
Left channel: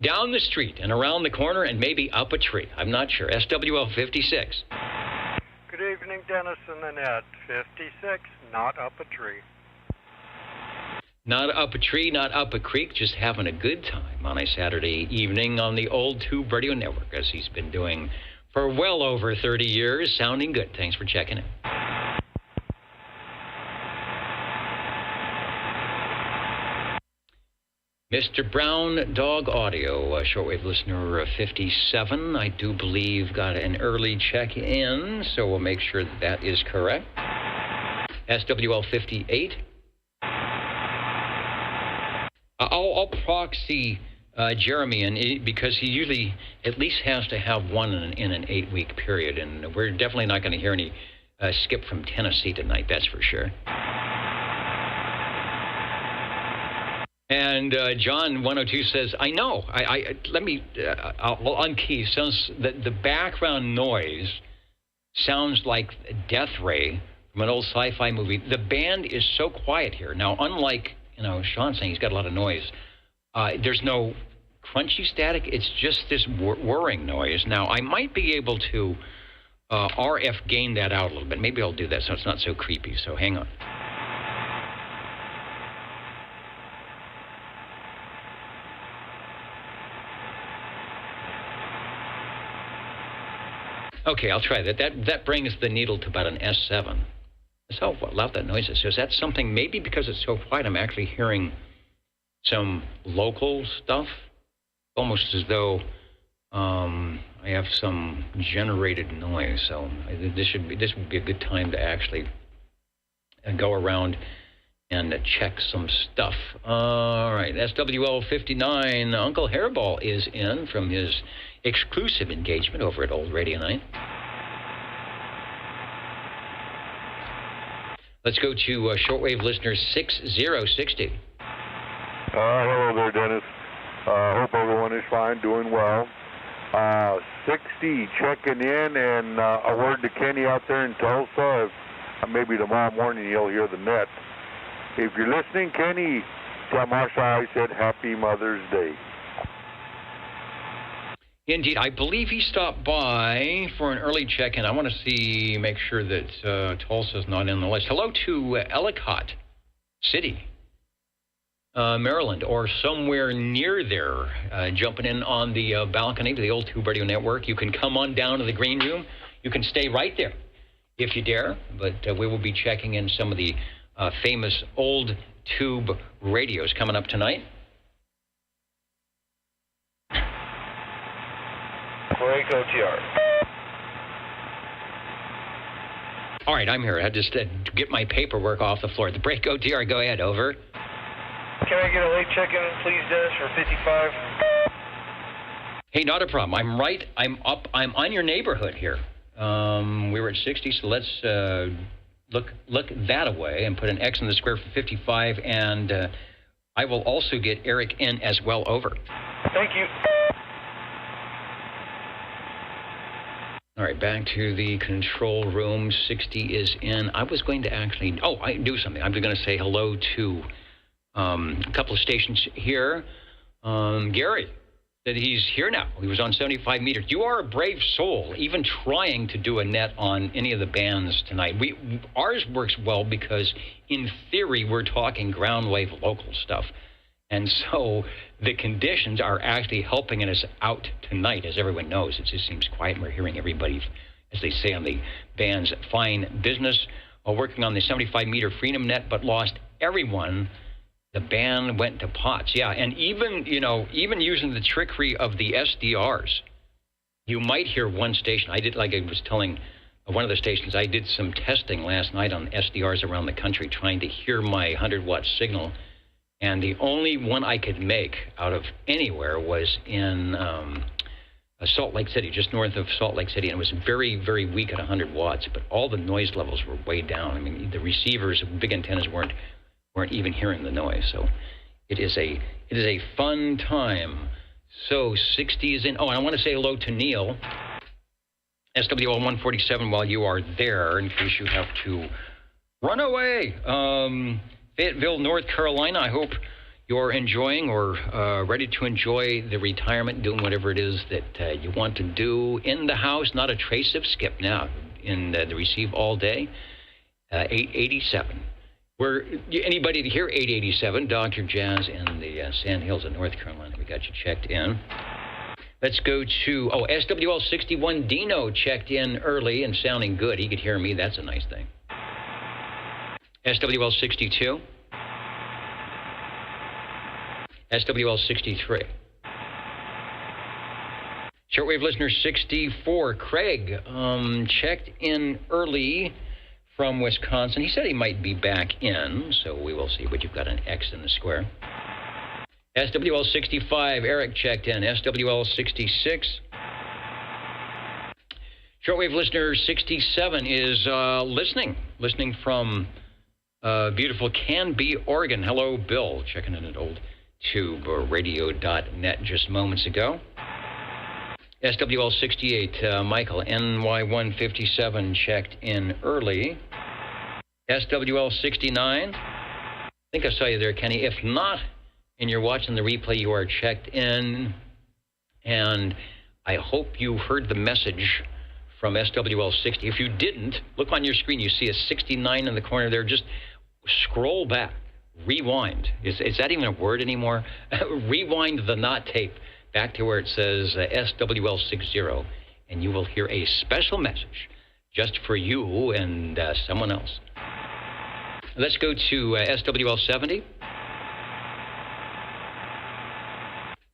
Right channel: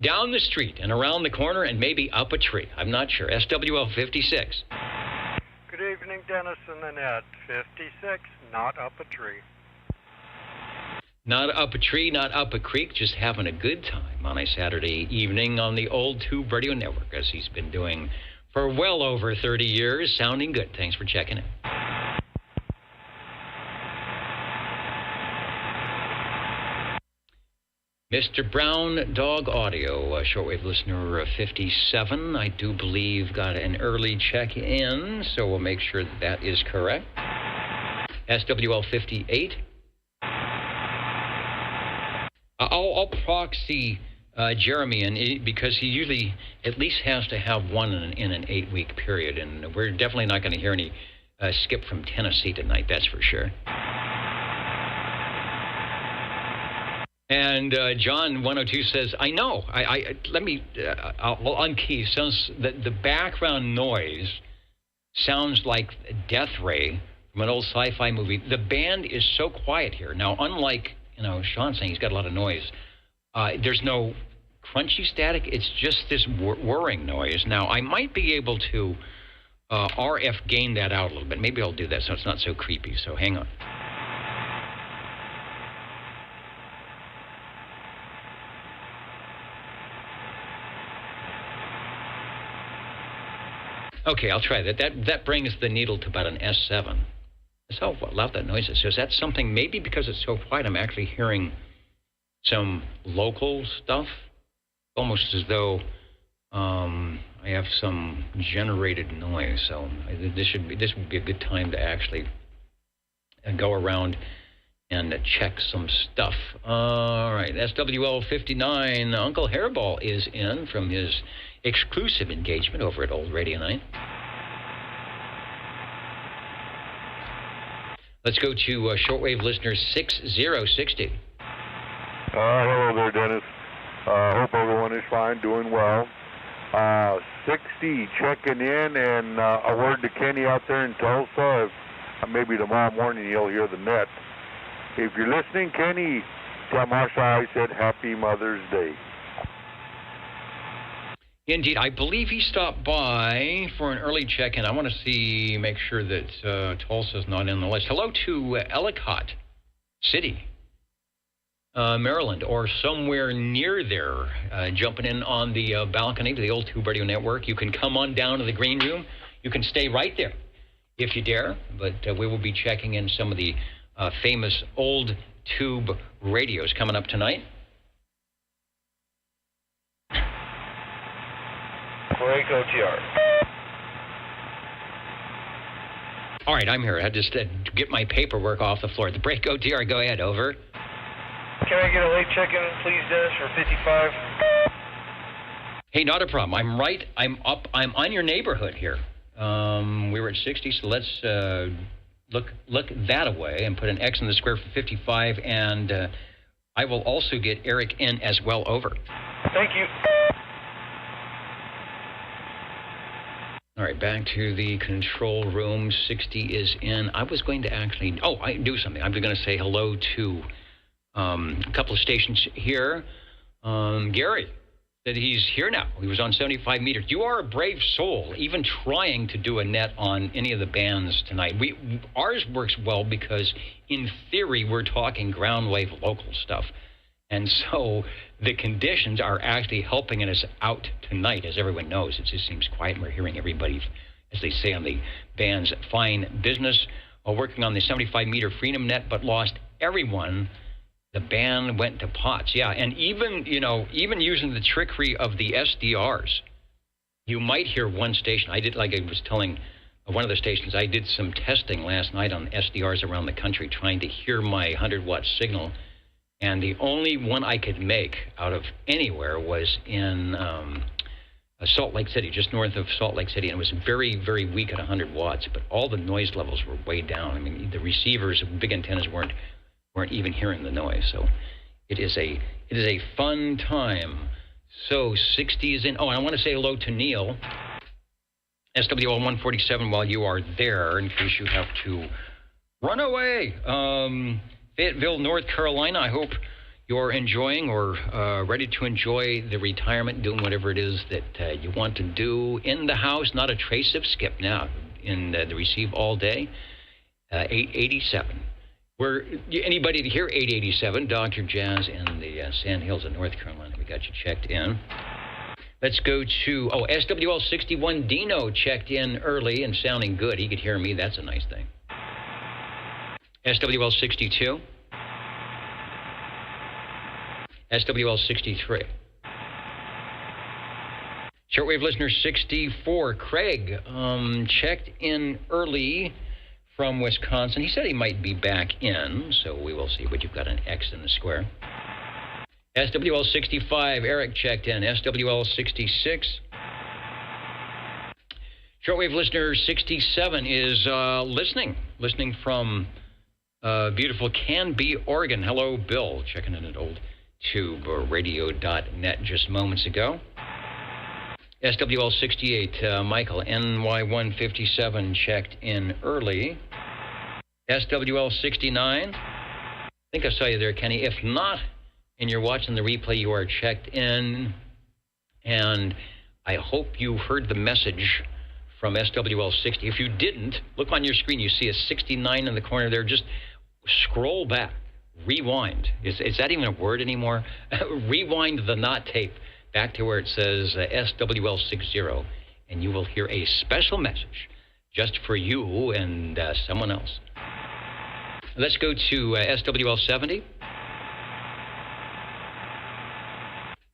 Down the street and around the corner and maybe up a tree. I'm not sure. SWL 56. Good evening, Dennis and Annette. 56, not up a tree. Not up a tree, not up a creek, just having a good time on a Saturday evening on the old Tube Radio Network, as he's been doing for well over 30 years. Sounding good. Thanks for checking in. Mr. Brown Dog Audio, shortwave listener 57, I do believe got an early check-in, so we'll make sure that is correct. SWL 58. I'll proxy Jeremy in because he usually at least has to have one in an 8-week period, and we're definitely not going to hear any skip from Tennessee tonight, that's for sure. And John 102 says, I know. I'll unkey. Says that the background noise sounds like Death Ray from an old sci-fi movie. The band is so quiet here. Now, unlike, Sean saying he's got a lot of noise, there's no crunchy static. It's just this whirring noise. Now, I might be able to RF gain that out a little bit. Maybe I'll do that so it's not so creepy. So hang on. Okay, I'll try that. That brings the needle to about an S7. That's how loud that noise is. So is that something, maybe because it's so quiet, I'm actually hearing some local stuff? Almost as though I have some generated noise. So this would be a good time to actually go around and check some stuff. All right, SWL 59. Uncle Hairball is in from his exclusive engagement over at Old Radio Night. Let's go to shortwave listener 6060. Hello there, Dennis. Hope everyone is fine, doing well. 60 checking in, and a word to Kenny out there in Tulsa. Maybe tomorrow morning you'll hear the net. If you're listening, Kenny, tell Marsha I said Happy Mother's Day. Indeed, I believe he stopped by for an early check-in. I want to make sure that Tulsa's not in the list. Hello to Ellicott City, Maryland, or somewhere near there, jumping in on the balcony to the old Tube Radio Network. You can come on down to the green room. You can stay right there if you dare, but we will be checking in some of the famous old Tube radios coming up tonight. Break OTR. All right, I'm here. I had to get my paperwork off the floor. The break OTR, go ahead, over. Can I get a late check-in, please, Dennis, for 55? Hey, not a problem. I'm up. I'm on your neighborhood here. We were at 60, so let's look that away and put an X in the square for 55, and I will also get Eric in as well, over. Thank you. All right, back to the control room. 60 is in. I was going to actually... Oh, I do something. I'm going to say hello to a couple of stations here. Gary said he's here now. He was on 75 meters. You are a brave soul, even trying to do a net on any of the bands tonight. Ours works well because, in theory, we're talking ground wave local stuff. And so the conditions are actually helping us out tonight, as everyone knows. It just seems quiet. We're hearing everybody, as they say on the band's fine business, working on the 75-meter Freedom Net, but lost everyone. The band went to pots. Yeah, and even using the trickery of the SDRs, you might hear one station. I was telling one of the stations, I did some testing last night on SDRs around the country, trying to hear my 100-watt signal. And the only one I could make out of anywhere was in Salt Lake City, just north of Salt Lake City, and it was very, very weak at 100 watts, but all the noise levels were way down. I mean, the receivers, big antennas weren't even hearing the noise. So it is a fun time. So 60 is in. Oh, and I want to say hello to Neil, SWL 147, while you are there, in case you have to run away. Fayetteville, North Carolina. I hope you're enjoying or ready to enjoy the retirement, doing whatever it is that you want to do in the house. Not a trace of skip now in the receive all day. 887. Where anybody to hear 887, Dr. Jazz in the Sand Hills of North Carolina. We got you checked in. Let's go to, SWL 61 Dino checked in early and sounding good. He could hear me. That's a nice thing. SWL 62. SWL 63. Shortwave listener 64, Craig, checked in early from Wisconsin. He said he might be back in, so we will see, but you've got an X in the square. SWL 65, Eric checked in. SWL 66. Shortwave listener 67 is listening from beautiful Canby, Oregon. Hello, Bill, checking in at old tube radio.net just moments ago. SWL 68, Michael, NY157 checked in early. SWL 69, I think I saw you there, Kenny. If not, and you're watching the replay, you are checked in. And I hope you heard the message from SWL 60. If you didn't, look on your screen. You see a 69 in the corner there. Just scroll back. Rewind. Is that even a word anymore? Rewind the not tape back to where it says SWL 60, and you will hear a special message just for you and someone else. Let's go to SWL 70.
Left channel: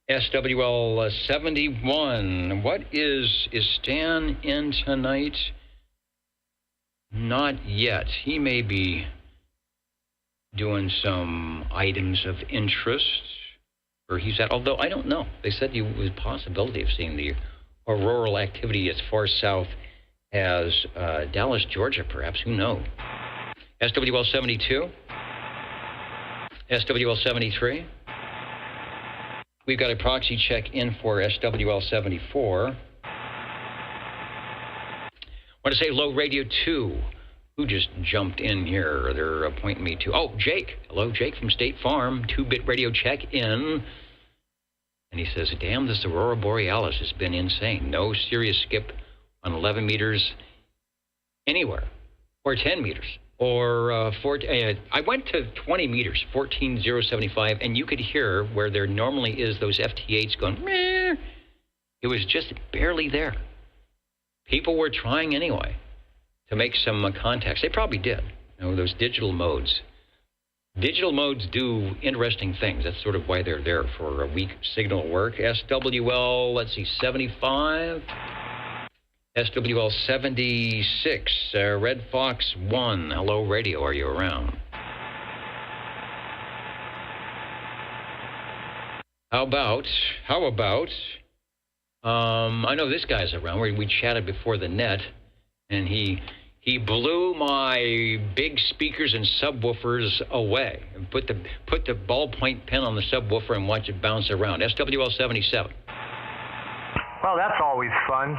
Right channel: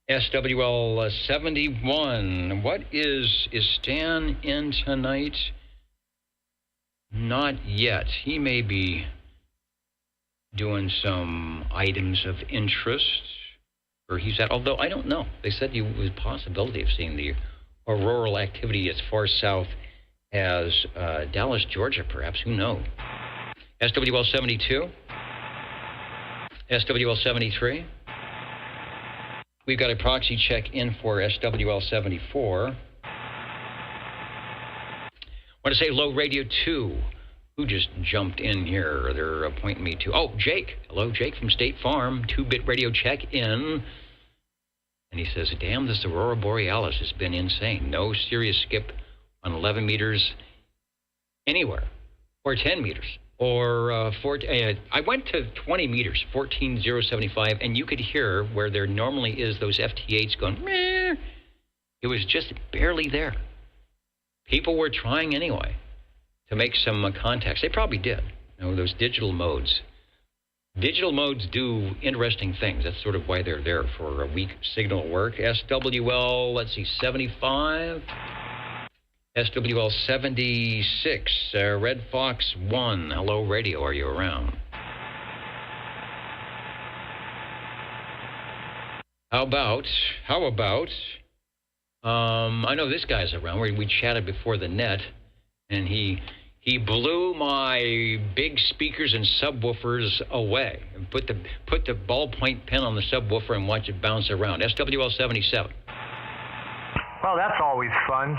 SWL 71. What is Stan in tonight? Not yet. He may be doing some items of interest where he's at, although I don't know. They said there was a possibility of seeing the auroral activity as far south as Dallas, Georgia, perhaps. Who knows? SWL 72. SWL 73. We've got a proxy check in for SWL 74. I want to say hello, Radio 2. Who just jumped in here? They're pointing me to... Oh, Jake. Hello, Jake from State Farm. 2-bit radio check in. And he says, damn, this Aurora Borealis has been insane. No serious skip on 11 meters anywhere. Or 10 meters. Or I went to 20 meters, 14,075, and you could hear where there normally is those FT8s going, meh. It was just barely there. People were trying anyway to make some contacts. They probably did. You know, those digital modes. Digital modes do interesting things. That's sort of why they're there, for a weak signal work. SWL, let's see, 75. SWL 76. Red Fox 1. Hello, radio. Are you around? How about, I know this guy's around. We chatted before the net, and he blew my big speakers and subwoofers away. And put the ballpoint pen on the subwoofer and watch it bounce around. SWL 77. Well, that's always fun.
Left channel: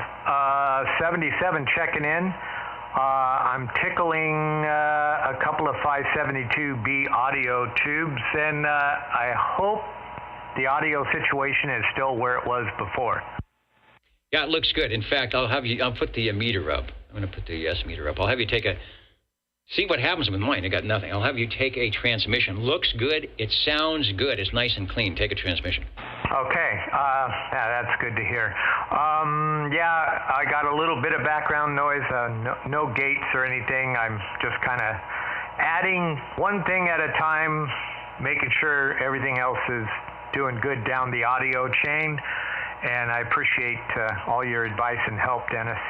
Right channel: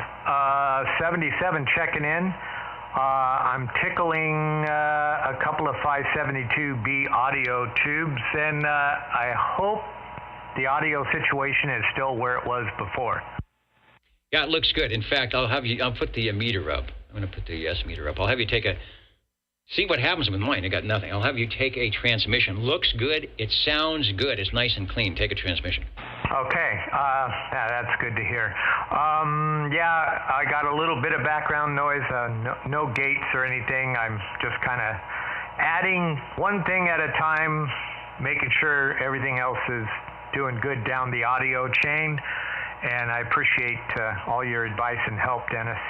77 checking in. I'm tickling a couple of 572B audio tubes, and I hope the audio situation is still where it was before. Yeah, it looks good. In fact, I'll put the meter up. I'm going to put the S meter up. I'll have you see what happens with mine. I got nothing. I'll have you take a transmission. Looks good. It sounds good. It's nice and clean. Take a transmission. Okay. Yeah, that's good to hear. Yeah, I got a little bit of background noise. No gates or anything. I'm just kind of adding one thing at a time, making sure everything else is doing good down the audio chain. And I appreciate all your advice and help, Dennis.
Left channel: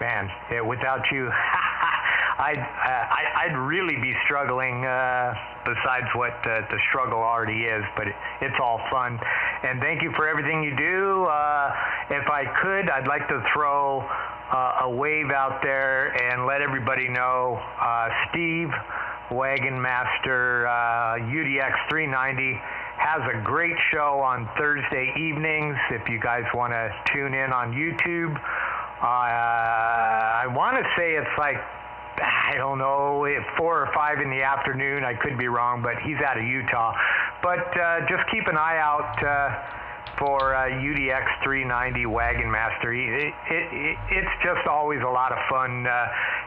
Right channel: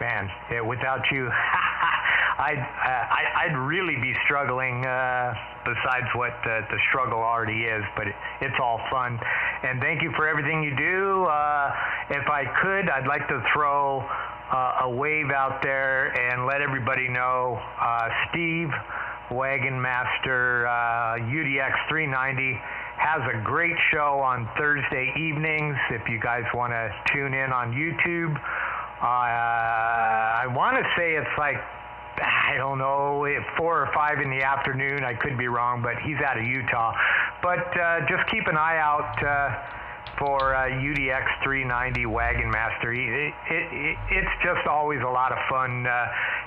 Man, without you, I'd really be struggling besides what the struggle already is, but it's all fun. And thank you for everything you do. If I could, I'd like to throw a wave out there and let everybody know Steve Wagon Master UDX 390 has a great show on Thursday evenings if you guys want to tune in on YouTube. I want to say it's like, I don't know, 4 or 5 in the afternoon. I could be wrong, but he's out of Utah. But just keep an eye out for UDX 390 Wagon Master. It's just always a lot of fun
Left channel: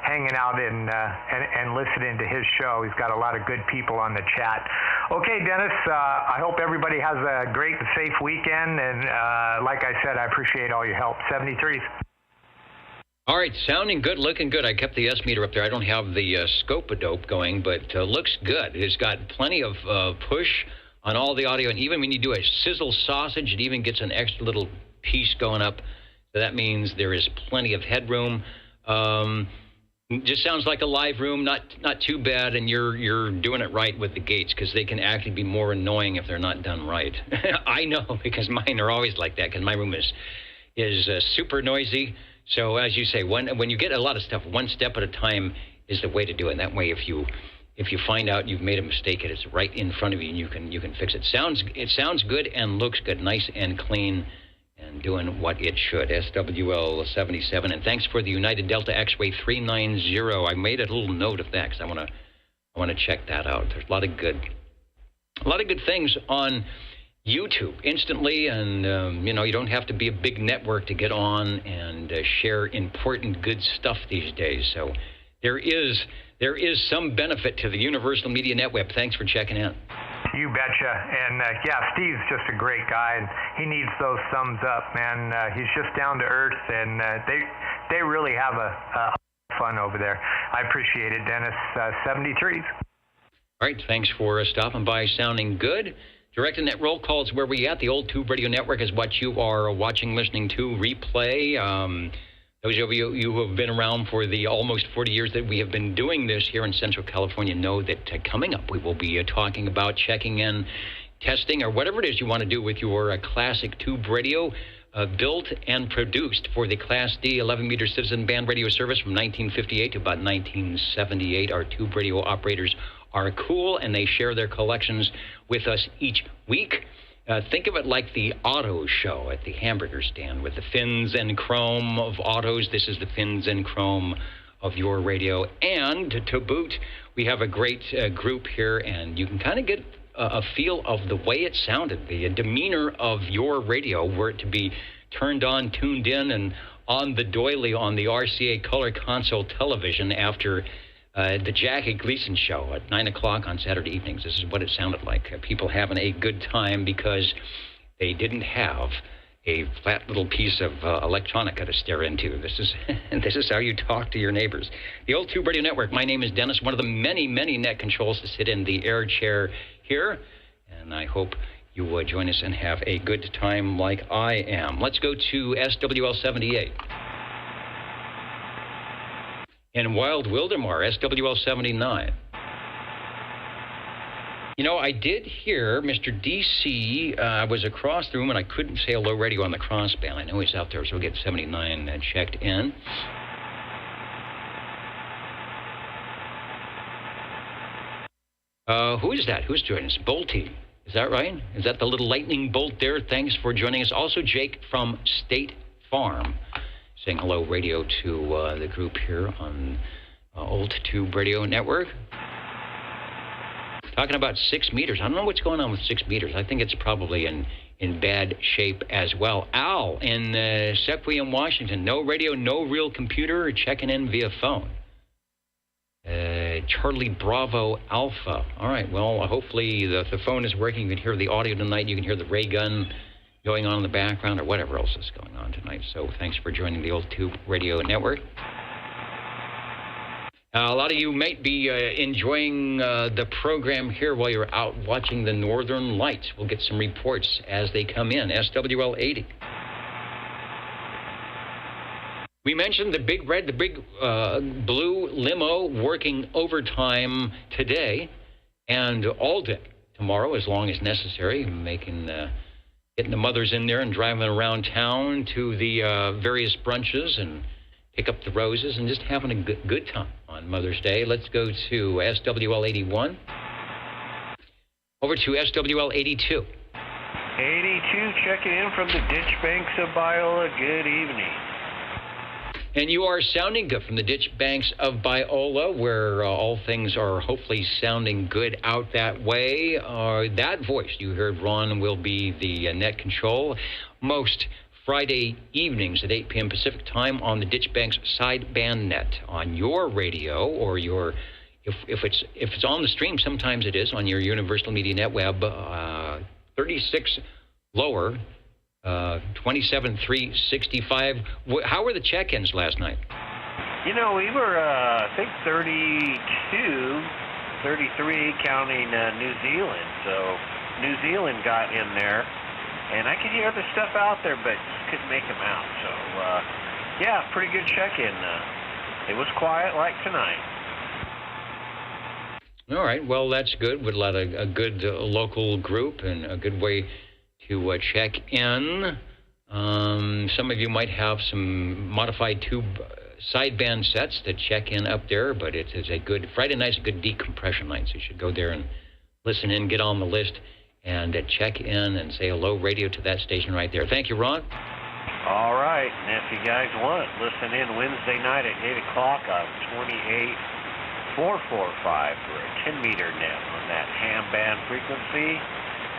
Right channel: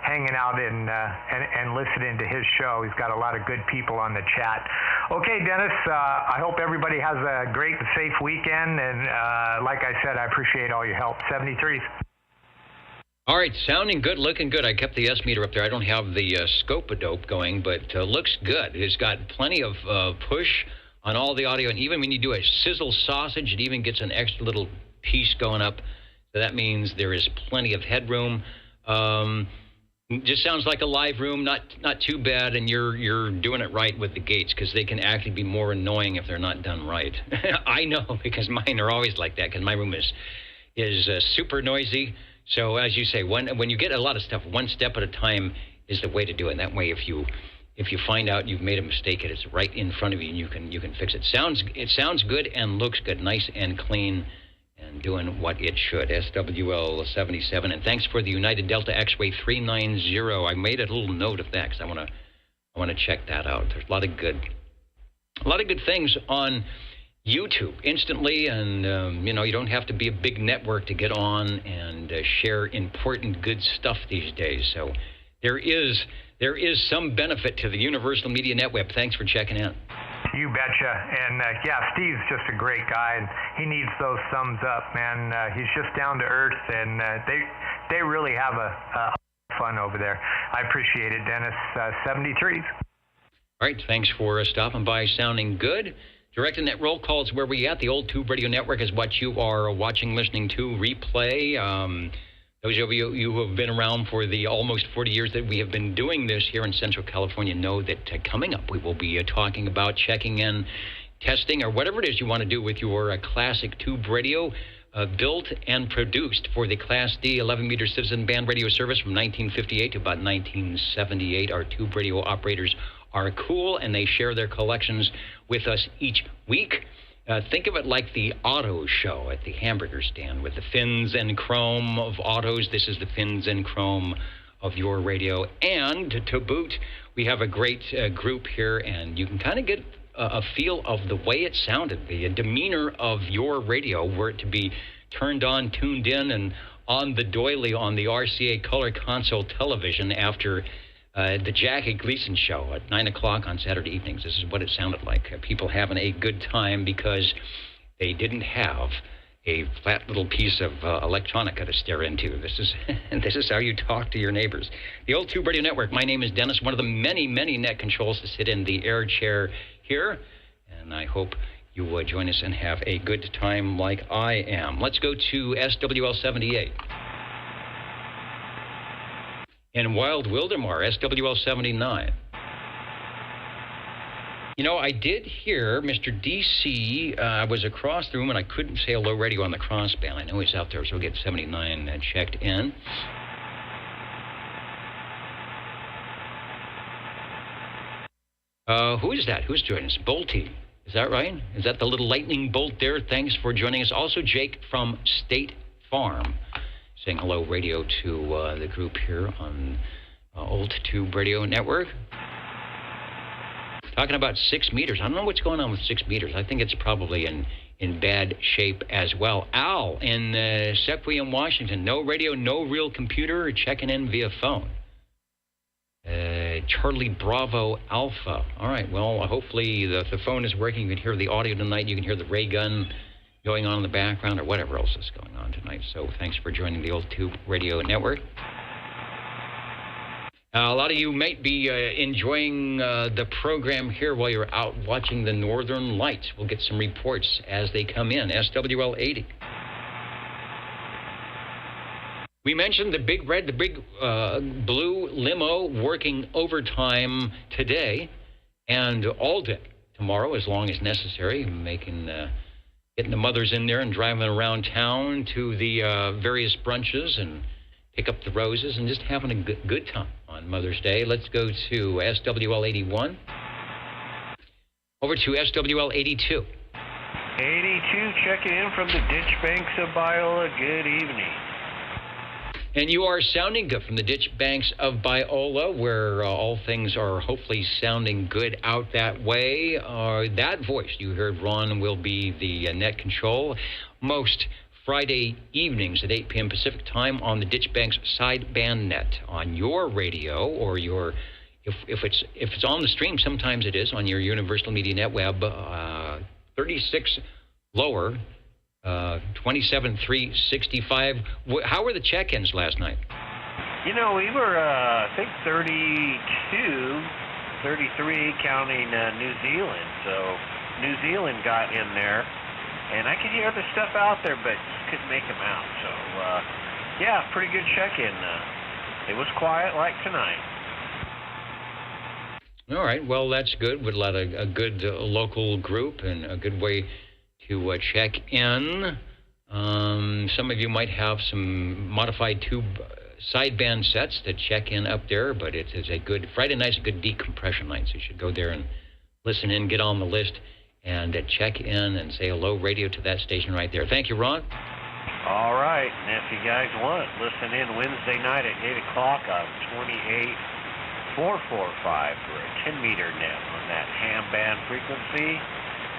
hanging out and listening to his show. He's got a lot of good people on the chat. Okay, Dennis, I hope everybody has a great and safe weekend. And like I said, I appreciate all your help. 73s. All right, sounding good, looking good. I kept the S meter up there. I don't have the scope-a-dope going, but looks good. It's got plenty of push on all the audio, and even when you do a sizzle sausage, it even gets an extra little piece going up. So that means there is plenty of headroom. Just sounds like a live room, not too bad, and you're doing it right with the gates, because they can actually be more annoying if they're not done right. I know, because mine are always like that, because my room is super noisy. So as you say, when you get a lot of stuff, one step at a time is the way to do it. That way, if you find out you've made a mistake, it's right in front of you, and you can fix it. It sounds good and looks good, nice and clean, and doing what it should. SWL 77, and thanks for the United Delta X-Way 390. I made a little note of that because I want to check that out. There's a lot of good things on YouTube instantly, and you don't have to be a big network to get on and share important good stuff these days. So there is some benefit to the Universal Media Network. Thanks for checking in. You betcha. And yeah, Steve's just a great guy, and he needs those thumbs up, man. He's just down to earth, and they really have a fun over there. I appreciate it, Dennis. 73s. All right, thanks for stopping by. Sounding good. Directing that roll call is where we at. The Old Tube Radio Network is what you are watching, listening to, replay. Those of you who have been around for the almost 40 years that we have been doing this here in Central California know that coming up we will be talking about checking in, testing, or whatever it is you want to do with your classic tube radio, built and produced for the Class D 11-meter citizen band radio service from 1958 to about 1978. Our tube radio operators are cool, and they share their collections with us each week. Think of it like the auto show at the hamburger stand with the fins and chrome of autos. This is the fins and chrome of your radio. And to boot, we have a great group here, and you can kind of get a feel of the way it sounded, the demeanor of your radio, were it to be turned on, tuned in, and on the doily on the RCA color console television after the Jackie Gleason show at 9 o'clock on Saturday evenings. This is what it sounded like. People having a good time because they didn't have a flat little piece of electronica to stare into. This is how you talk to your neighbors. The Old Tube Radio Network. My name is Dennis, one of the many, many net controls to sit in the air chair here. And I hope you will join us and have a good time like I am. Let's go to SWL 78. In Wild Wildemar, SWL 79. I did hear Mr. DC. I was across the room, and I couldn't say hello radio on the crossband. I know he's out there, so we'll get 79 checked in. Who is that? Who's joining us? Bolty. Is that right? Is that the little lightning bolt there? Thanks for joining us. Also, Jake from State Farm, saying hello radio to the group here on Old Tube Radio Network. Talking about 6 meters. I don't know what's going on with 6 meters. I think it's probably in bad shape as well. Al in Sequoia, Washington. No radio, no real computer, checking in via phone. Charlie Bravo Alpha. All right, well, hopefully the phone is working. You can hear the audio tonight. You can hear the ray gun going on in the background or whatever else is going on tonight. So thanks for joining the Old Tube Radio Network. A lot of you might be enjoying the program here while you're out watching the Northern Lights. We'll get some reports as they come in. SWL 80. We mentioned the big red, the big blue limo working overtime today and all day tomorrow, as long as necessary, getting the mothers in there and driving around town to the various brunches and pick up the roses and just having a good time on Mother's Day. Let's go to SWL 81. Over to SWL 82. 82 checking in from the ditch banks of Biola. Good evening. And you are sounding good from the ditch banks of Biola, where all things are hopefully sounding good out that way. That voice you heard, Ron, will be the net control most Friday evenings at 8 p.m. Pacific time on the ditch banks sideband net on your radio or your, if it's on the stream, sometimes it is on your Universal Media Net Web 36 lower. 27,365. How were the check-ins last night? You know, we were, I think, 32, 33 counting New Zealand. So New Zealand got in there, and I could hear the stuff out there, but just couldn't make them out. So, yeah, pretty good check-in. It was quiet like tonight. All right, well, that's good. With a good local group and a good way to check in. Some of you might have some modified tube sideband sets that check in up there, but it is a good, Friday night's a good decompression night, so you should go there and listen in, get on the list, and check in and say hello radio to that station right there. Thank you, Ron. All right, and if you guys want, listen in Wednesday night at 8 o'clock on 28445 for a 10-meter net on that ham band frequency.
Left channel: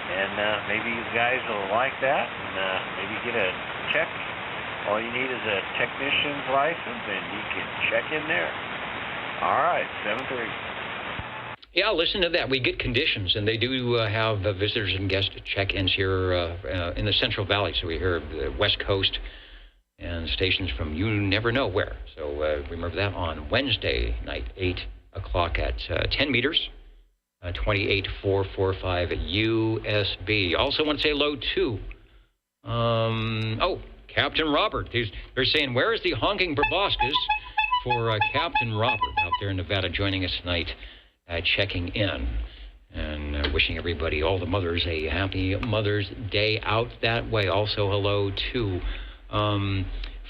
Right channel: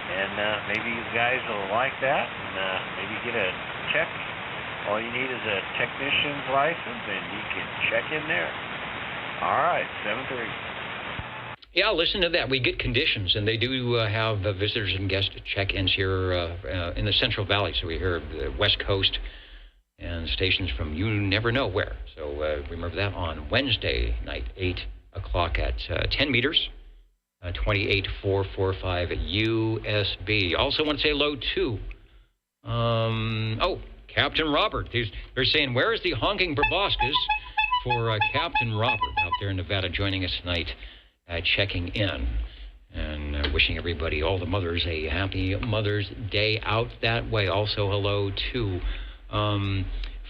And maybe you guys will like that, and maybe get a check. All you need is a technician's license, and you can check in there. All right, 7-3. Yeah, listen to that. We get conditions, and they do have visitors and guest check-ins here in the Central Valley. So we hear the West Coast and stations from you never know where. So remember that on Wednesday night, 8 o'clock at 10 meters. 28445 USB. Also want to say hello to, Captain Robert. They're saying, where is the honking proboscis for Captain Robert out there in Nevada joining us tonight, checking in and wishing everybody, all the mothers, a happy Mother's Day out that way. Also hello to,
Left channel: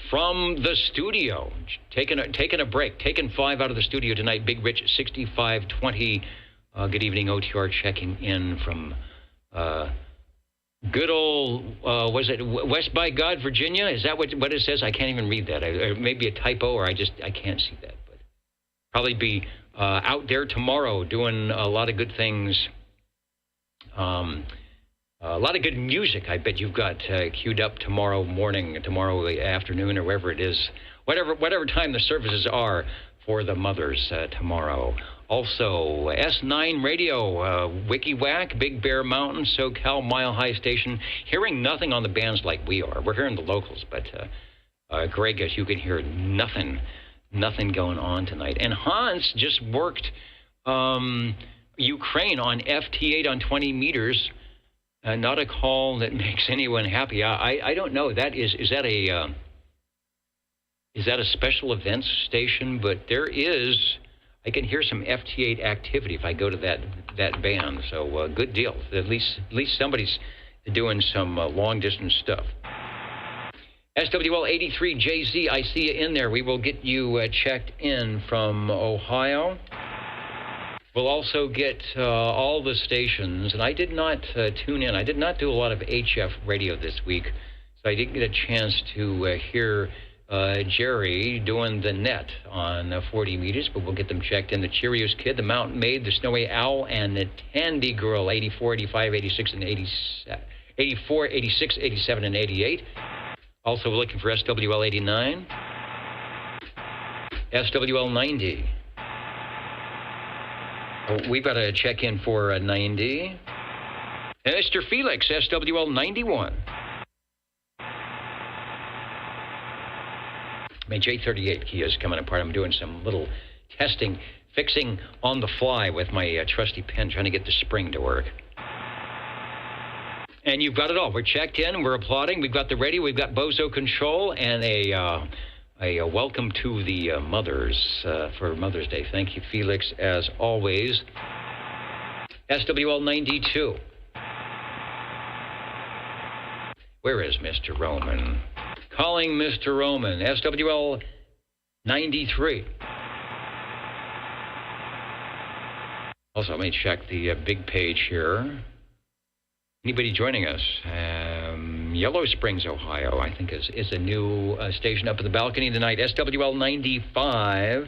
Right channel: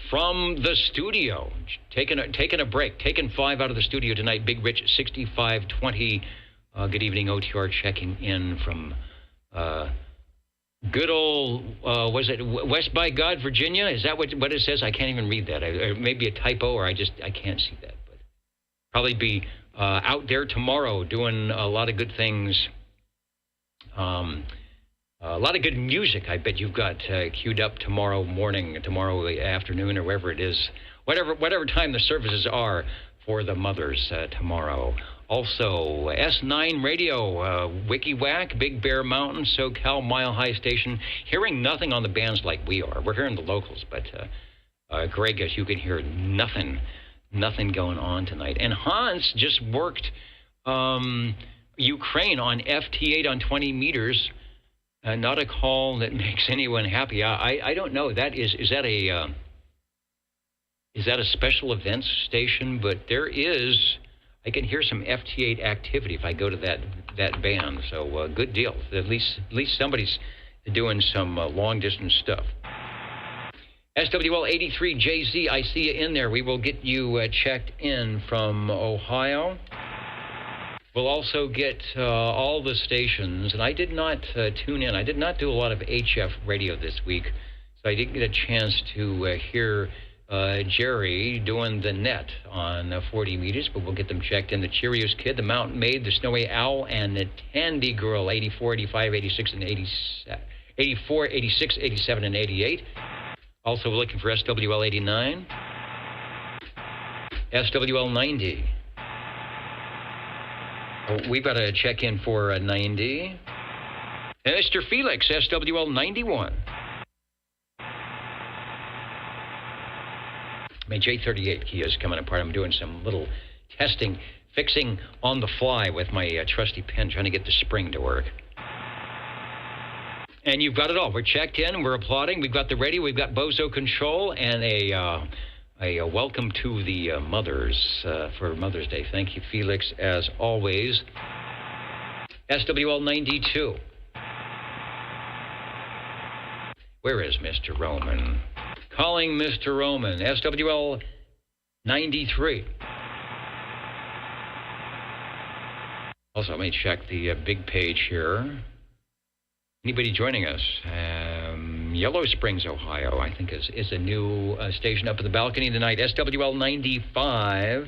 from the studio, taking a break, taking 5 out of the studio tonight, Big Rich 6520. Good evening, OTR, checking in from good old, was it West by God, Virginia? Is that what it says? I can't even read that. Maybe a typo, or I can't see that. But probably be out there tomorrow doing a lot of good things. A lot of good music, I bet you've got queued up tomorrow morning, tomorrow afternoon, or wherever it is. Whatever time the services are for the mothers tomorrow. Also, S9 Radio, WikiWhack, Big Bear Mountain, SoCal, Mile High Station. Hearing nothing on the bands like we are. We're hearing the locals, but Greg, as you can hear, nothing going on tonight. And Hans just worked Ukraine on FT8 on 20 meters. Not a call that makes anyone happy. I don't know. Is that a special events station? But there is. I can hear some FT8 activity if I go to that band. So good deal. At least somebody's doing some long distance stuff. SWL 83JZ, I see you in there. We will get you checked in from Ohio. We'll also get all the stations, and I did not tune in. I did not do a lot of HF radio this week, so I didn't get a chance to hear Jerry doing the net on 40 meters, but we'll get them checked in. The Cheerios Kid, the Mountain Maid, the Snowy Owl, and the Tandy Girl, 84, 85, 86, and 87. 84, 86, 87, and 88. Also, we're looking for SWL 89. SWL 90. We've got to check in for 90. And Mr. Felix, SWL 91. My J38 key is coming apart. I'm doing some little testing, fixing on the fly with my trusty pen, trying to get the spring to work. And you've got it all. We're checked in, we're applauding. We've got the radio, we've got Bozo Control, and a a welcome to the mothers for Mother's Day. Thank you, Felix, as always. SWL 92. Where is Mr. Roman? Calling Mr. Roman. SWL 93. Also, let me check the big page here. Anybody joining us? Yellow Springs, Ohio, I think is a new station up in the balcony tonight. SWL 95.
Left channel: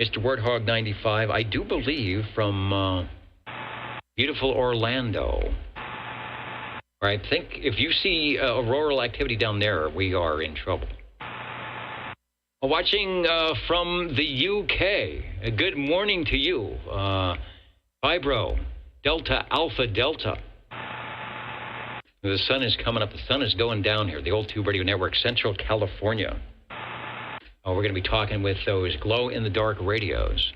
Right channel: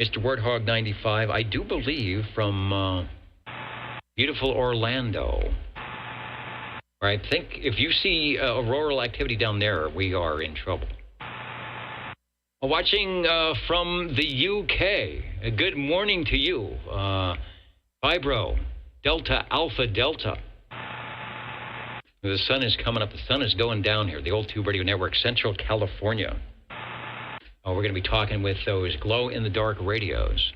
Mr. Warthog 95. I do believe from beautiful Orlando. I think if you see auroral activity down there, we are in trouble. Watching from the UK. Good morning to you. Vibro, Delta, Alpha, Delta. The sun is coming up. The sun is going down here. The Old Tube Radio Network, Central California. Oh, we're going to be talking with those glow-in-the-dark radios.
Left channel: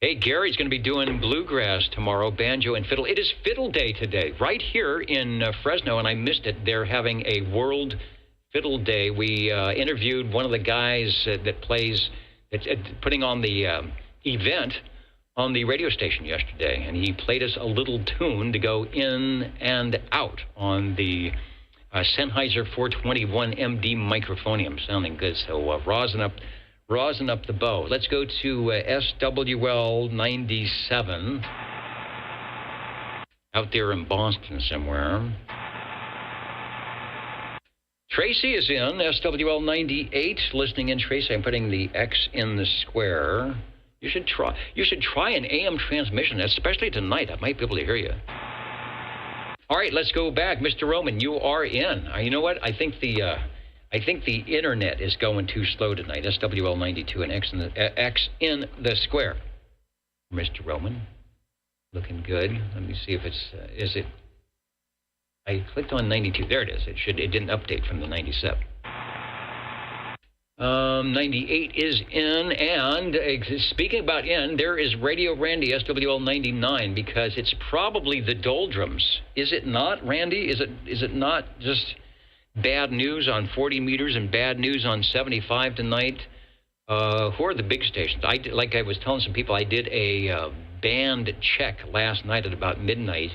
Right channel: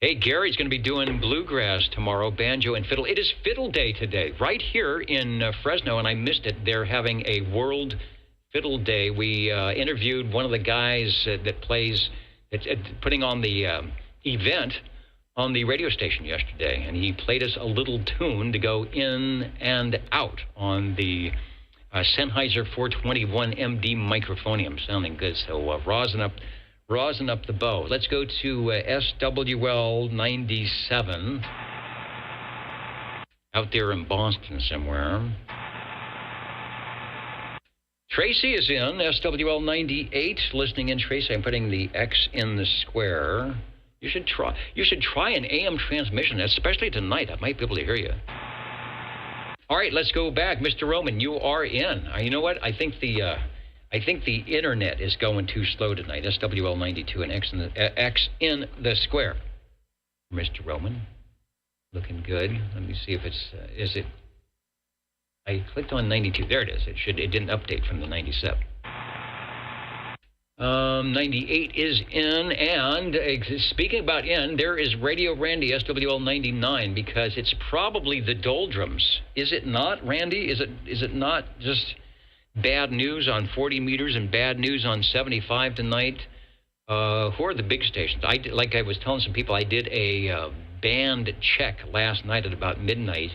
Hey, Gary's going to be doing bluegrass tomorrow, banjo and fiddle. It is Fiddle Day today, right here in Fresno, and I missed it. They're having a World Fiddle Day. We interviewed one of the guys that plays, putting on the event on the radio station yesterday, and he played us a little tune to go in and out on the Sennheiser 421 MD microphonium. Sounding good, so rosin up the bow. Let's go to SWL 97 out there in Boston somewhere. Tracy is in SWL 98, listening in. Tracy, I'm putting the X in the square. You should try an AM transmission, especially tonight. I might be able to hear you. All right, let's go back. Mr. Roman, you are in. You know what? I think the internet is going too slow tonight. SWL 92 and X in the square. Mr. Roman, looking good. Let me see if is it? I clicked on 92. There it is. It didn't update from the 97. 98 is in, and speaking about in, there is Radio Randy, SWL 99, because it's probably the doldrums. Is it not, Randy? Is it not just bad news on 40 meters and bad news on 75 tonight? Who are the big stations? Like I was telling some people, I did a band check last night at about midnight,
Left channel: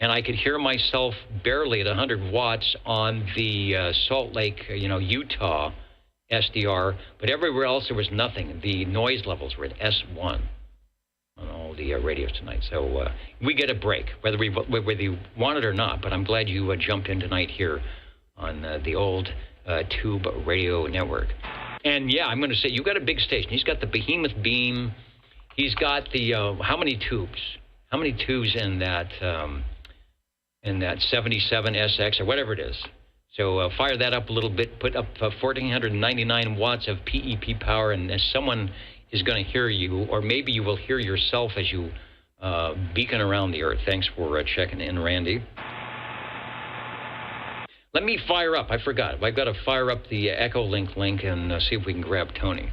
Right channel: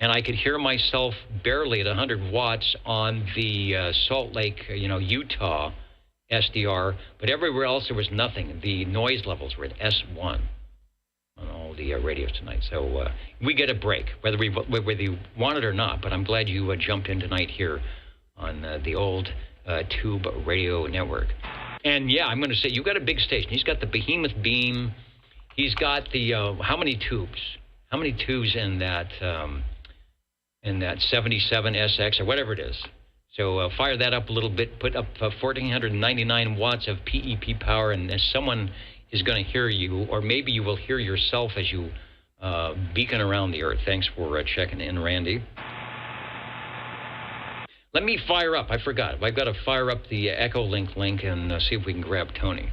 and I could hear myself barely at 100 watts on the Salt Lake, Utah SDR, but everywhere else there was nothing. The noise levels were at S1 on all the radios tonight. So we get a break, whether you want it or not, but I'm glad you jumped in tonight here on the old Tube Radio Network. And yeah, I'm going to say, you got a big station. He's got the Behemoth Beam. He's got the, how many tubes? How many tubes in that 77 SX or whatever it is? So fire that up a little bit, put up 1,499 watts of PEP power, and someone is going to hear you, or maybe you will hear yourself as you beacon around the Earth. Thanks for checking in, Randy. Let me fire up. I forgot. I've got to fire up the Echolink link and see if we can grab Tony.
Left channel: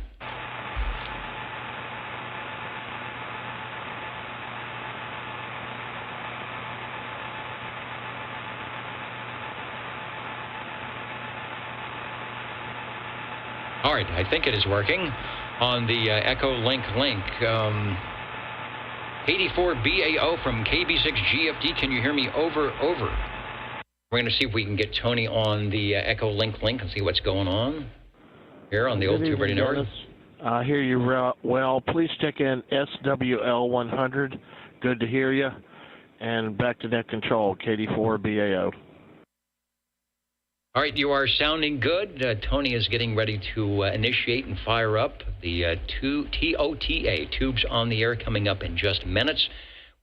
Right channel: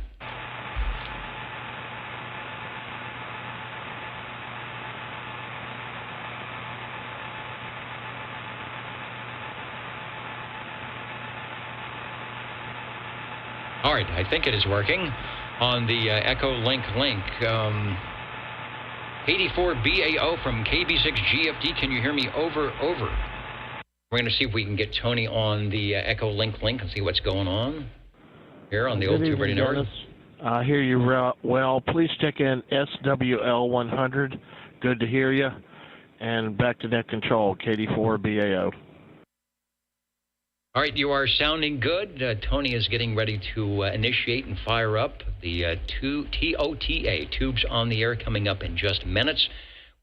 All right, I think it is working on the Echolink link. 84BAO from KB6GFD. Can you hear me? Over. We're going to see if we can get Tony on the Echolink link and see what's going on here on the old Tube Radio Network. I hear you well. Please stick in SWL 100. Good to hear you. And back to net control, KD4BAO. All right, you are sounding good. Tony is getting ready to initiate and fire up the TOTA, Tubes on the Air, coming up in just minutes,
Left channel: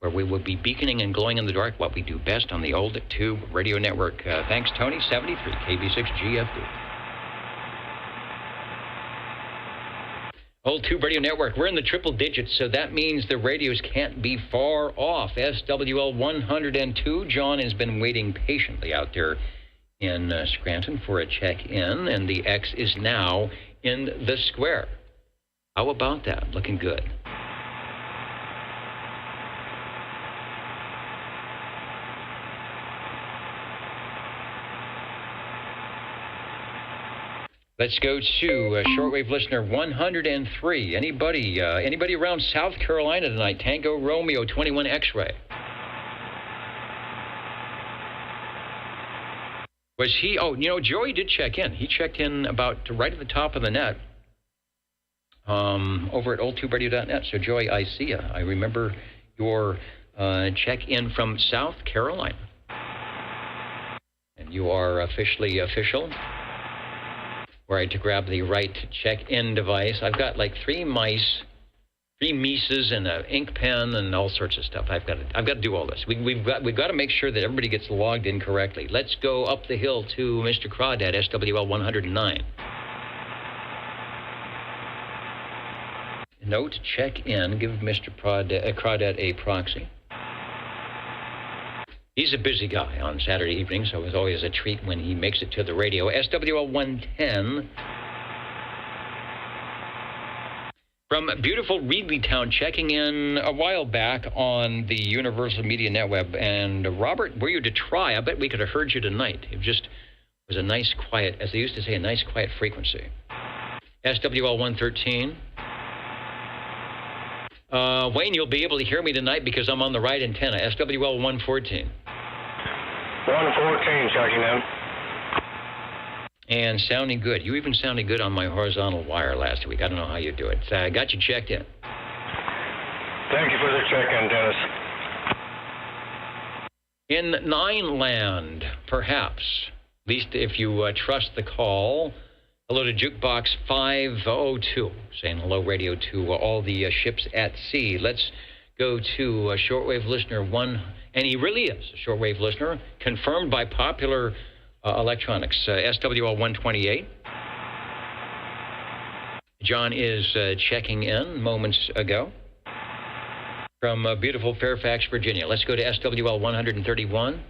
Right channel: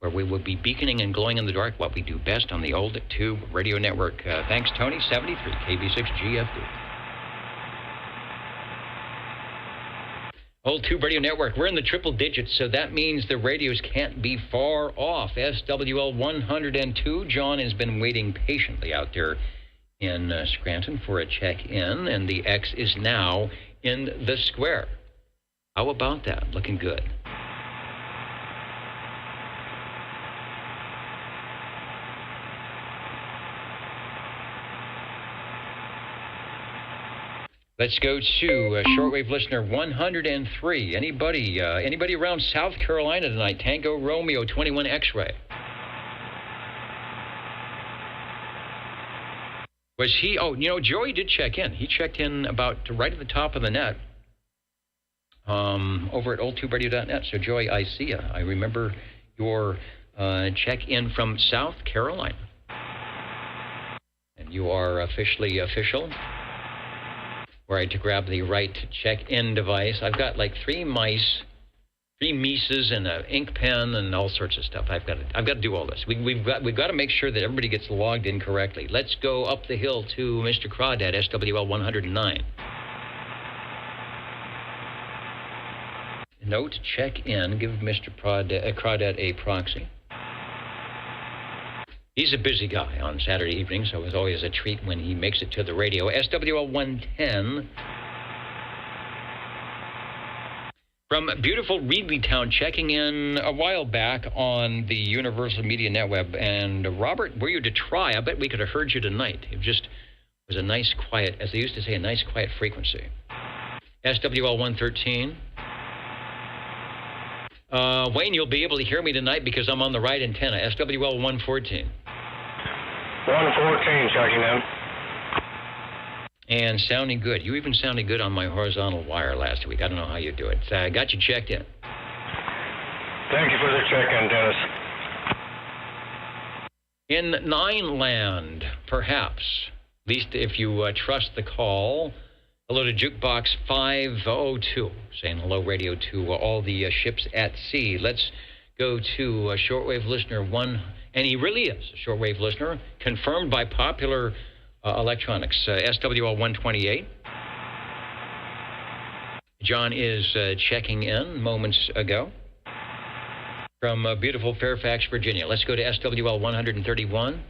where we will be beaconing and glowing in the dark, what we do best on the old Tube Radio Network. Thanks, Tony. 73, KB6GFD. Old Tube Radio Network, we're in the triple digits, so that means the radios can't be far off. SWL 102, John has been waiting patiently out there in Scranton for a check-in, and the X is now in the square. How about that? Looking good. Let's go to shortwave listener 103. Anybody around South Carolina tonight? Tango Romeo 21 X-ray. Was he? Oh, Joey did check in. He checked in about right at the top of the net. Over at oldtuberadio.net. So, Joey, I see you. I remember your check-in from South Carolina. And you are officially official. Right, to grab the right check-in device. I've got like three mices and an ink pen and all sorts of stuff. I've got to do all this. We've got to make sure that everybody gets logged in correctly. Let's go up the hill to Mr. Crawdad, SWL 109. Note, check in. Give Mr. Crawdad a proxy. He's a busy guy on Saturday evening, so it's always a treat when he makes it to the radio. SWL 110 from beautiful Reedleytown, checking in a while back on the Universal Media Netweb. And Robert, were you to try? I bet we could have heard you tonight. It just was a nice quiet, as they used to say, a nice quiet frequency. SWL 113. Wayne, you'll be able to hear me tonight because I'm on the right antenna. SWL 114. 114, checking in. And sounding good. You even sounded good on my horizontal wire last week. I don't know how you do it. So I got you checked in. Thank you for the check-in, Dennis. In Nine Land, perhaps, at least if you trust the call, hello to Jukebox 502, saying hello, radio, to all the ships at sea. Let's go to shortwave listener 1, and he really is a shortwave listener, confirmed by Popular Electronics, SWL 128. John is checking in moments ago from beautiful Fairfax, Virginia. Let's go to SWL 131.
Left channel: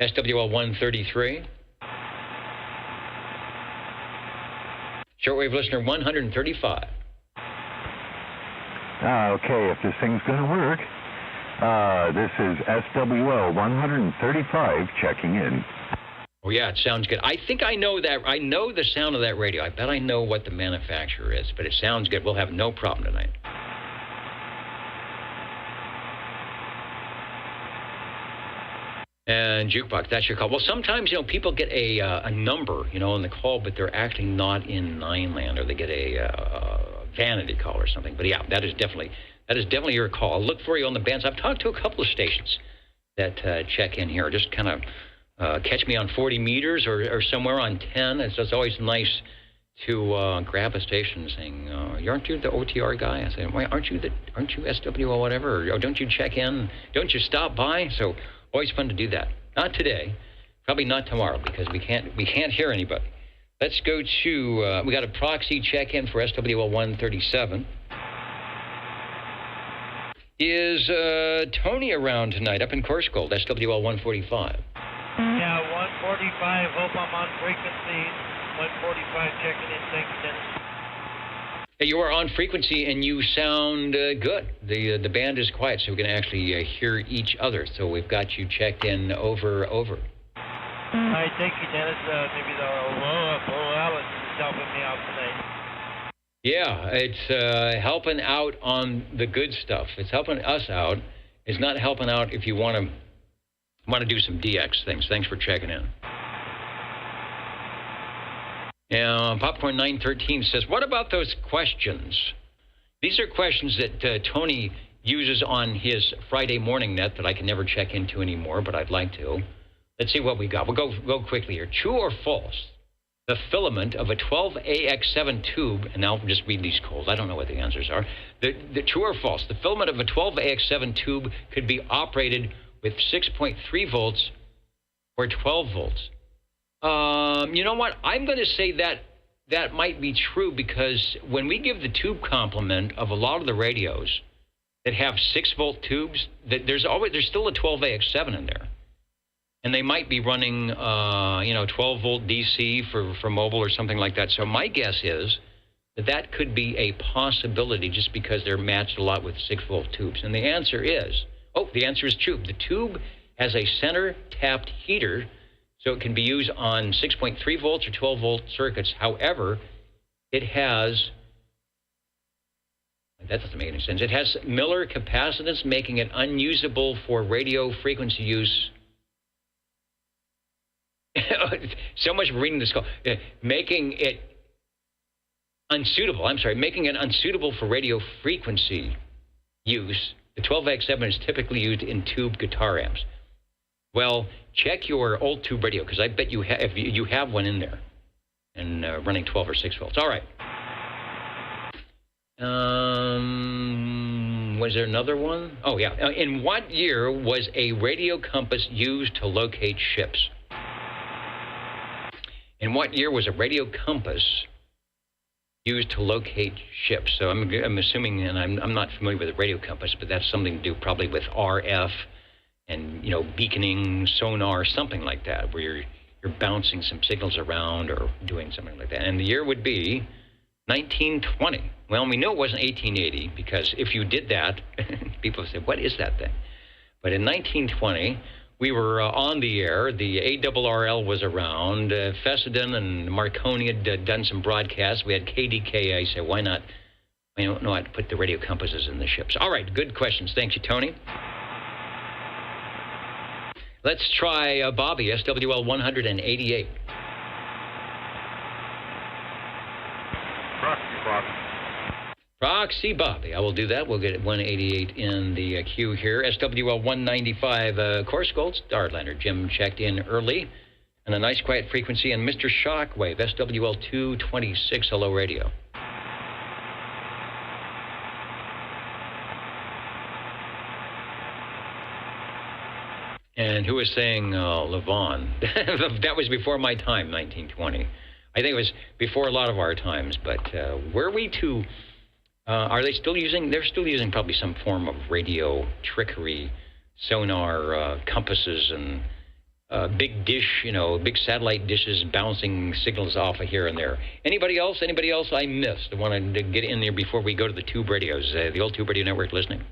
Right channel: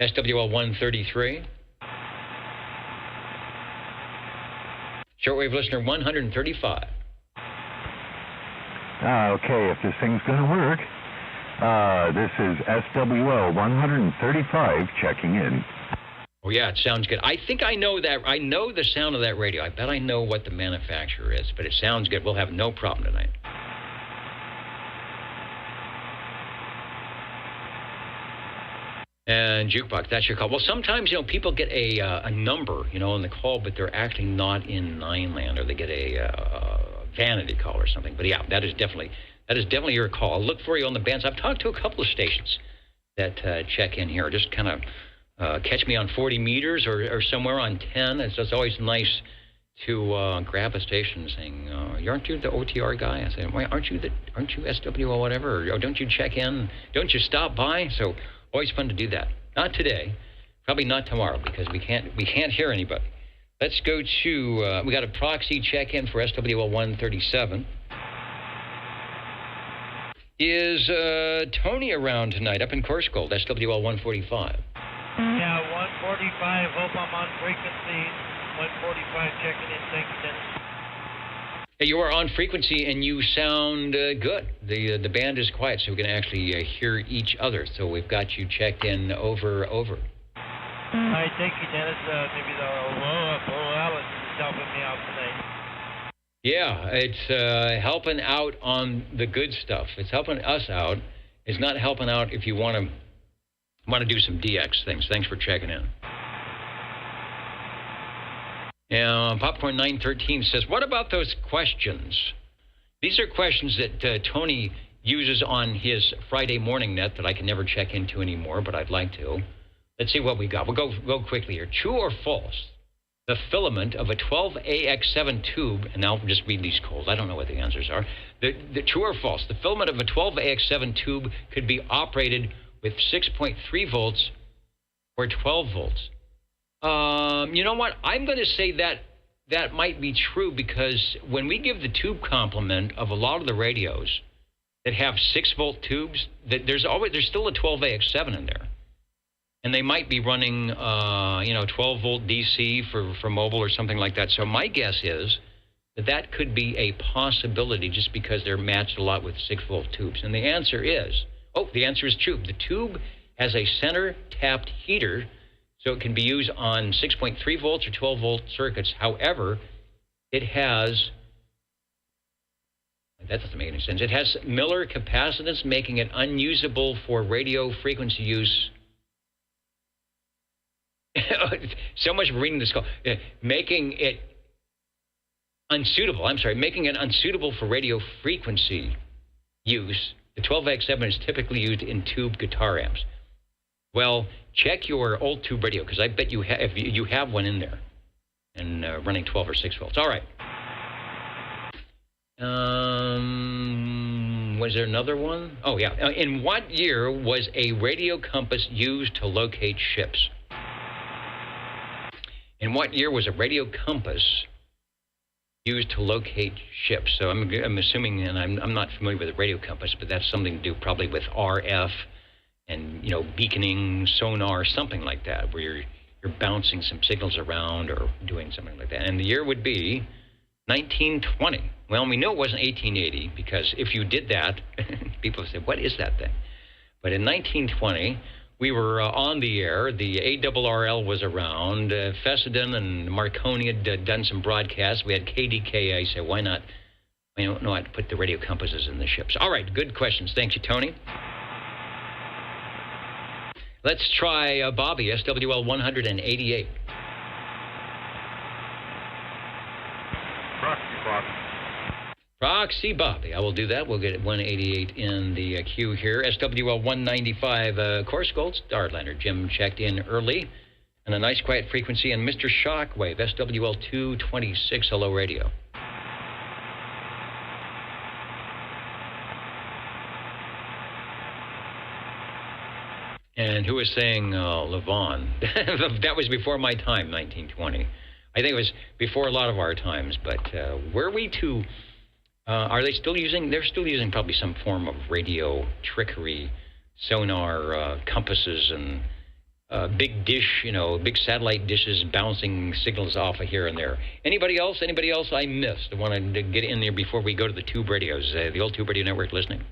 SWL 133. Shortwave listener 135. Okay, if this thing's going to work, this is SWL 135 checking in. Oh, yeah, it sounds good. I think I know that. I know the sound of that radio. I bet I know what the manufacturer is, but it sounds good. We'll have no problem tonight. And Jukebox, that's your call. Well, sometimes, people get a number, on the call, but they're actually not in Nine Land, or they get a vanity call or something. But yeah, that is definitely your call. I'll look for you on the bands. I've talked to a couple of stations that check in here. Just kind of catch me on 40 meters or somewhere on 10. It's just always nice to grab a station saying, aren't you the OTR guy? I say, aren't you SW or whatever? Or don't you check in? Don't you stop by? So always fun to do that. Not today. Probably not tomorrow because we can't hear anybody. Let's go to, we got a proxy check-in for SWL 137. Is Tony around tonight up in Corscold, SWL 145? Yeah, 145, hope I'm on frequency. 145 checking in, thank you, Dennis. Hey, you are on frequency and you sound good. The band is quiet, so we can actually hear each other. So we've got you checked in over. All right, thank you, Dennis. Maybe the Alice is helping me out tonight. Yeah, it's helping out on the good stuff. It's helping us out. It's not helping out if you want to do some DX things. Thanks for checking in. And Popcorn 913 says, what about those questions? These are questions that Tony uses on his Friday morning net that I can never check into anymore, but I'd like to. Let's see what we got. We'll go quickly here. True or false? The filament of a 12AX7 tube, and I'll just read these codes. I don't know what the answers are. The true or false? The filament of a 12AX7 tube could be operated with 6.3 volts or 12 volts. You know what? I'm going to say that might be true because when we give the tube complement of a lot of the radios that have 6-volt tubes, there's still a 12AX7 in there. And they might be running, 12-volt DC for mobile or something like that. So my guess is that could be a possibility just because they're matched a lot with 6-volt tubes. And the answer is true. The tube has a center tapped heater, so So it can be used on 6.3 volts or 12 volt circuits. However, it has, that doesn't make any sense. It has Miller capacitance, making it unusable for radio frequency use. So much for reading this call. Making it unsuitable. I'm sorry, making it unsuitable for radio frequency use. The 12X7 is typically used in tube guitar amps. Well, check your old tube radio, because I bet you have one in there and running 12 or 6 volts. All right. Was there another one? Oh, yeah. In what year was a radio compass used to locate ships? In what year was a radio compass used to locate ships? So I'm assuming, and I'm not familiar with a radio compass, but that's something to do probably with RF and, you know, beaconing, sonar, something like that, where you're bouncing some signals around or doing something like that. And the year would be 1920. Well, we know it wasn't 1880, because if you did that, people said, what is that thing? But in 1920, we were on the air. The ARRL was around. Fessenden and Marconi had done some broadcasts. We had KDK. I said, why not? I don't know how to put the radio compasses in the ships. All right, good questions. Thank you, Tony. Let's try Bobby, SWL 188. Proxy Bobby. I will do that. We'll get it 188 in the queue here. SWL 195, course gold, Starlander. Jim checked in early. And a nice quiet frequency. And Mr. Shockwave, SWL 226, hello radio. And who was saying Levon? That was before my time, 1920. I think it was before a lot of our times. But were we to... are they still using? They're still using probably some form of radio trickery, sonar compasses, and big dish, you know, big satellite dishes bouncing signals off of here and there. Anybody else? Anybody else I missed? I wanted to get in there before we go to the tube radios, the old tube radio network listening.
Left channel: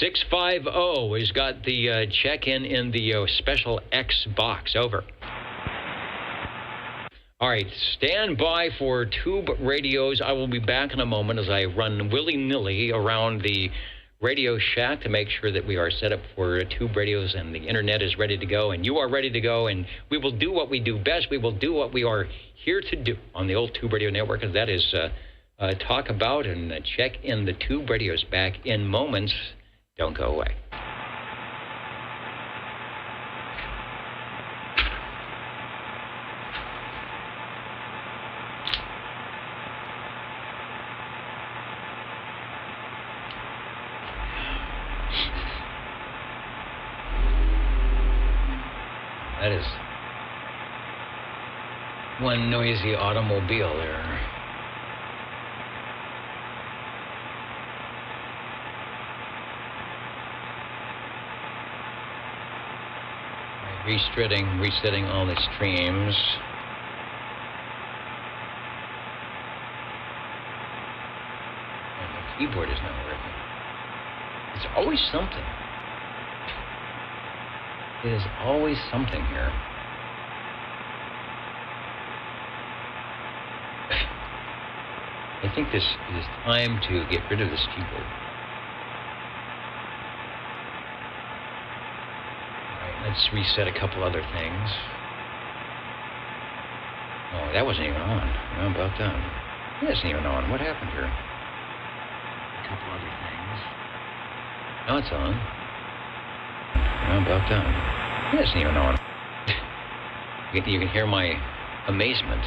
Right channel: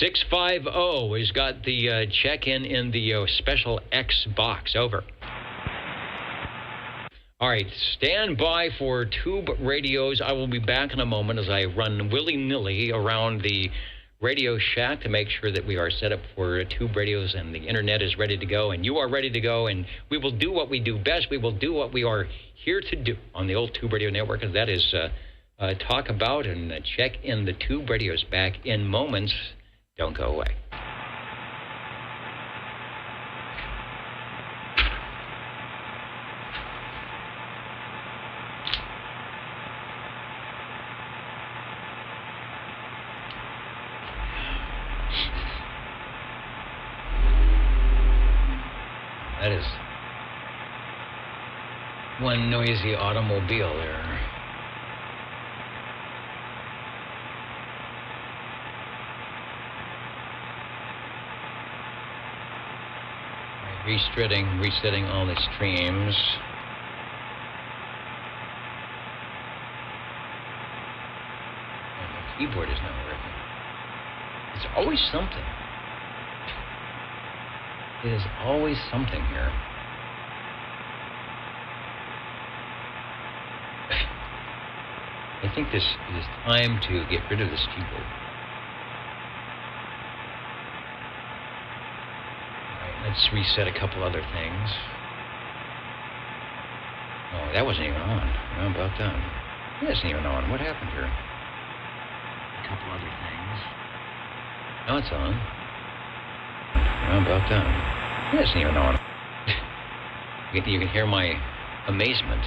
650 has got the check-in the special X box. Over. All right, stand by for tube radios. I will be back in a moment as I run willy-nilly around the Radio Shack to make sure that we are set up for tube radios and the internet is ready to go and you are ready to go, and we will do what we do best. We will do what we are here to do on the old tube radio network, and that is talk about and check in the tube radios. Back in moments. Don't go away. That is one noisy automobile there. Resetting all the streams. And the keyboard is not working. It's always something. It is always something here. I think this is time to get rid of this keyboard. Let's reset a couple other things. Oh, that wasn't even on. How about that? That isn't even on. What happened here? A couple other things. Now it's on. How about that? That isn't even on. You can hear my amazement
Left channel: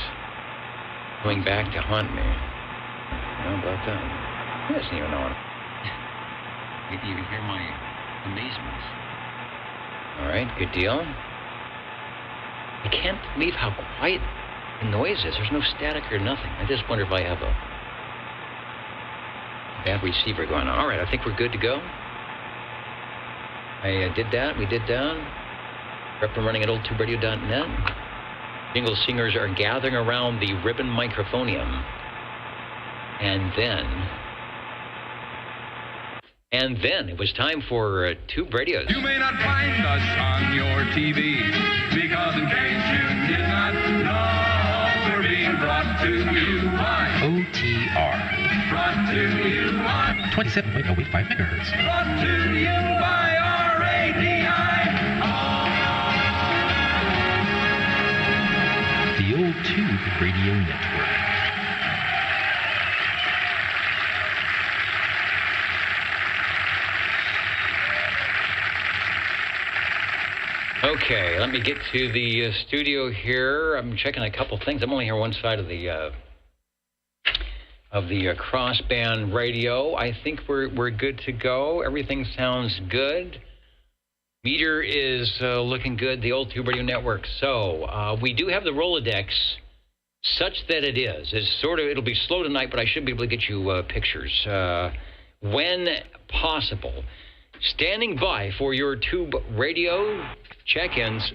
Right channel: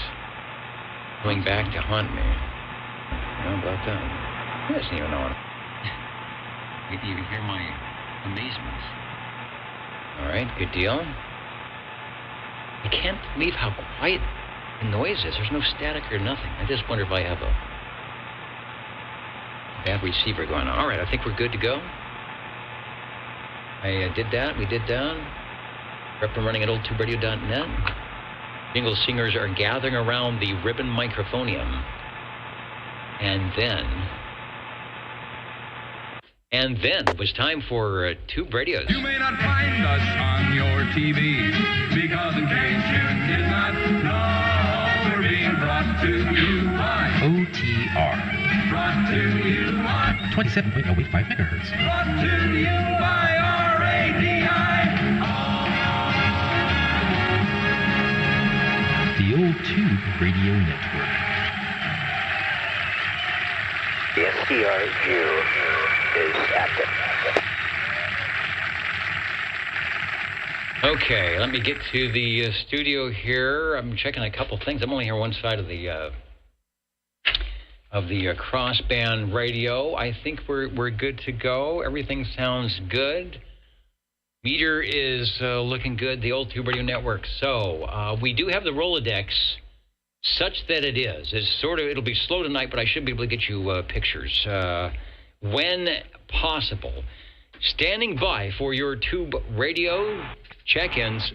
going back to haunt me. How about that? That isn't even on. You can hear my amazement. All right, good deal. I can't believe how quiet the noise is. There's no static or nothing. I just wonder if I have a bad receiver going on. All right, I think we're good to go. I did that. We did that. We're up and running at oldtuberadio.net. Jingle singers are gathering around the ribbon microphonium. And then And then it was time for Tube Radios. You may not find us on your TV because in case you did not know, we're being brought to you by OTR. Brought to you by 27.085 megahertz. Brought to you by RADI. The Old Tube Radio Network. The SDR-2 is active. Okay, let me get to the studio here. I'm checking a couple things. I'm only here on one side of the crossband radio. I think we're good to go. Everything sounds good. Meter is looking good. The Old Tube Radio Network. So we do have the Rolodex, such that it is. It'll be slow tonight, but I should be able to get you pictures when possible. Standing by for your Tube Radio check-ins,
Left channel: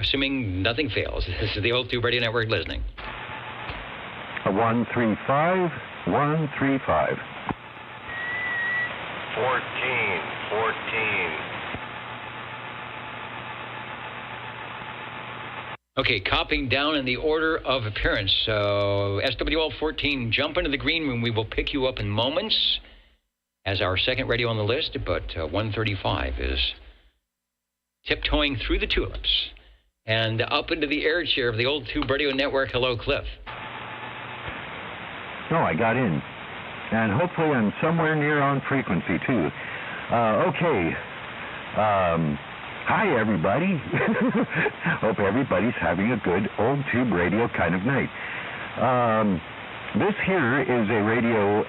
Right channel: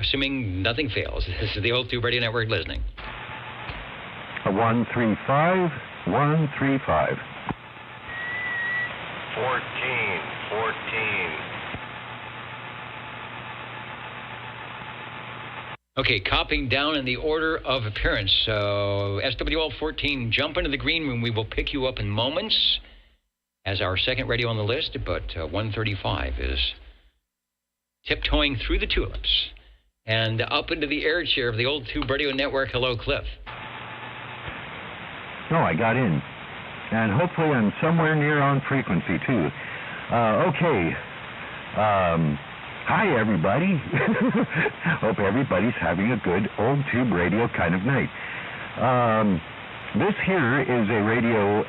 assuming nothing fails. This is the Old Tube Radio Network listening. 135, 135. 14. Okay, copying down in the order of appearance. So, SWL-14, jump into the green room. We will pick you up in moments as our second radio on the list, but 135 is tiptoeing through the tulips and up into the air chair of the Old Tube Radio Network. Hello, Cliff. No, I got in. And hopefully I'm somewhere near on frequency, too. Okay. Hi, everybody. Hope everybody's having a good Old Tube Radio kind of night. This here is a radio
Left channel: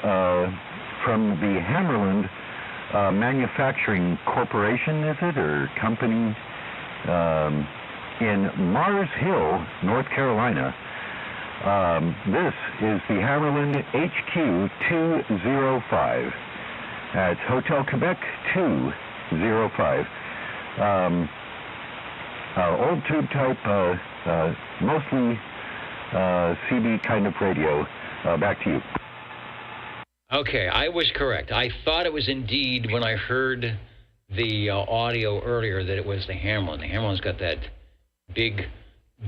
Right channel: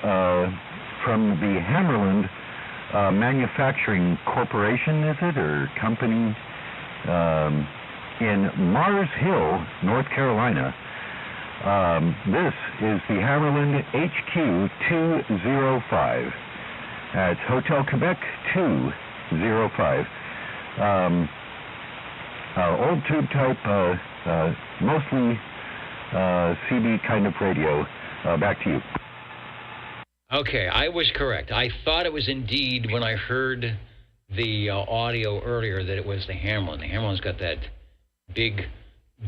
from the Hammerland Manufacturing Corporation, is it, or company, in Mars Hill, North Carolina. This is the Hammerland HQ-205. It's Hotel Quebec 205. Old tube type, mostly CB kind of radio. Back to you. Okay, I was correct. I thought it was indeed, when I heard the audio earlier, that it was the Hammerland. The Hammerland's got that big,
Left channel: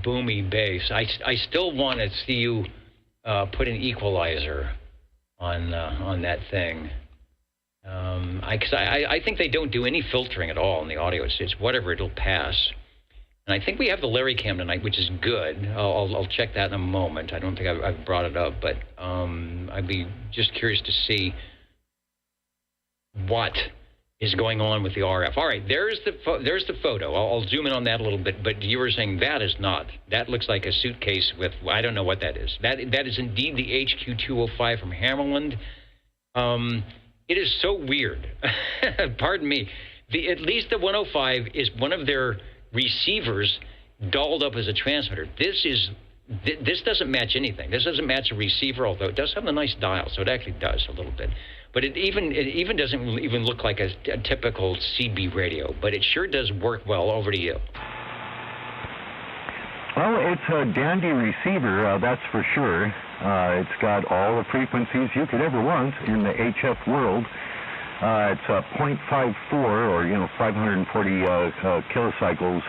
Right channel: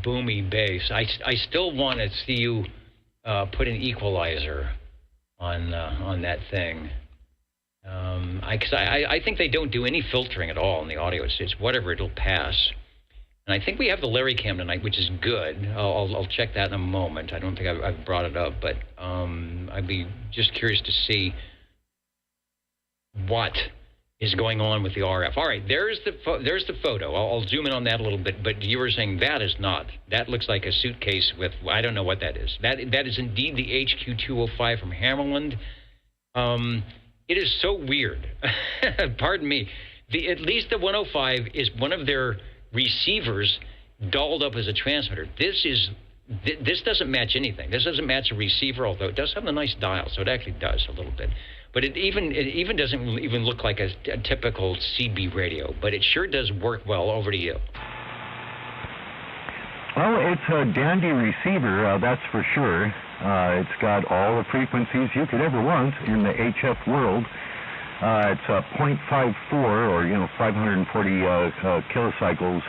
boomy bass. I still want to see you put an equalizer on that thing. I think they don't do any filtering at all in the audio. It's whatever, it'll pass. And I think we have the Larry Cam tonight, which is good. I'll check that in a moment. I don't think I've brought it up, but I'd be just curious to see what is going on with the RF. All right, there's the photo. I'll zoom in on that a little bit, but you were saying that is not. That looks like a suitcase with, I don't know what that is. That is indeed the HQ-205 from Hammerland. It is so weird. Pardon me. At least the 105 is one of their receivers dolled up as a transmitter. This doesn't match anything. This doesn't match a receiver, although it does have a nice dial, so it actually does a little bit. But it even doesn't even look like a typical CB radio, but it sure does work well. Over to you. Well, it's a dandy receiver, that's for sure. It's got all the frequencies you could ever want in the HF world. It's a 0.54 or 540 kilocycles,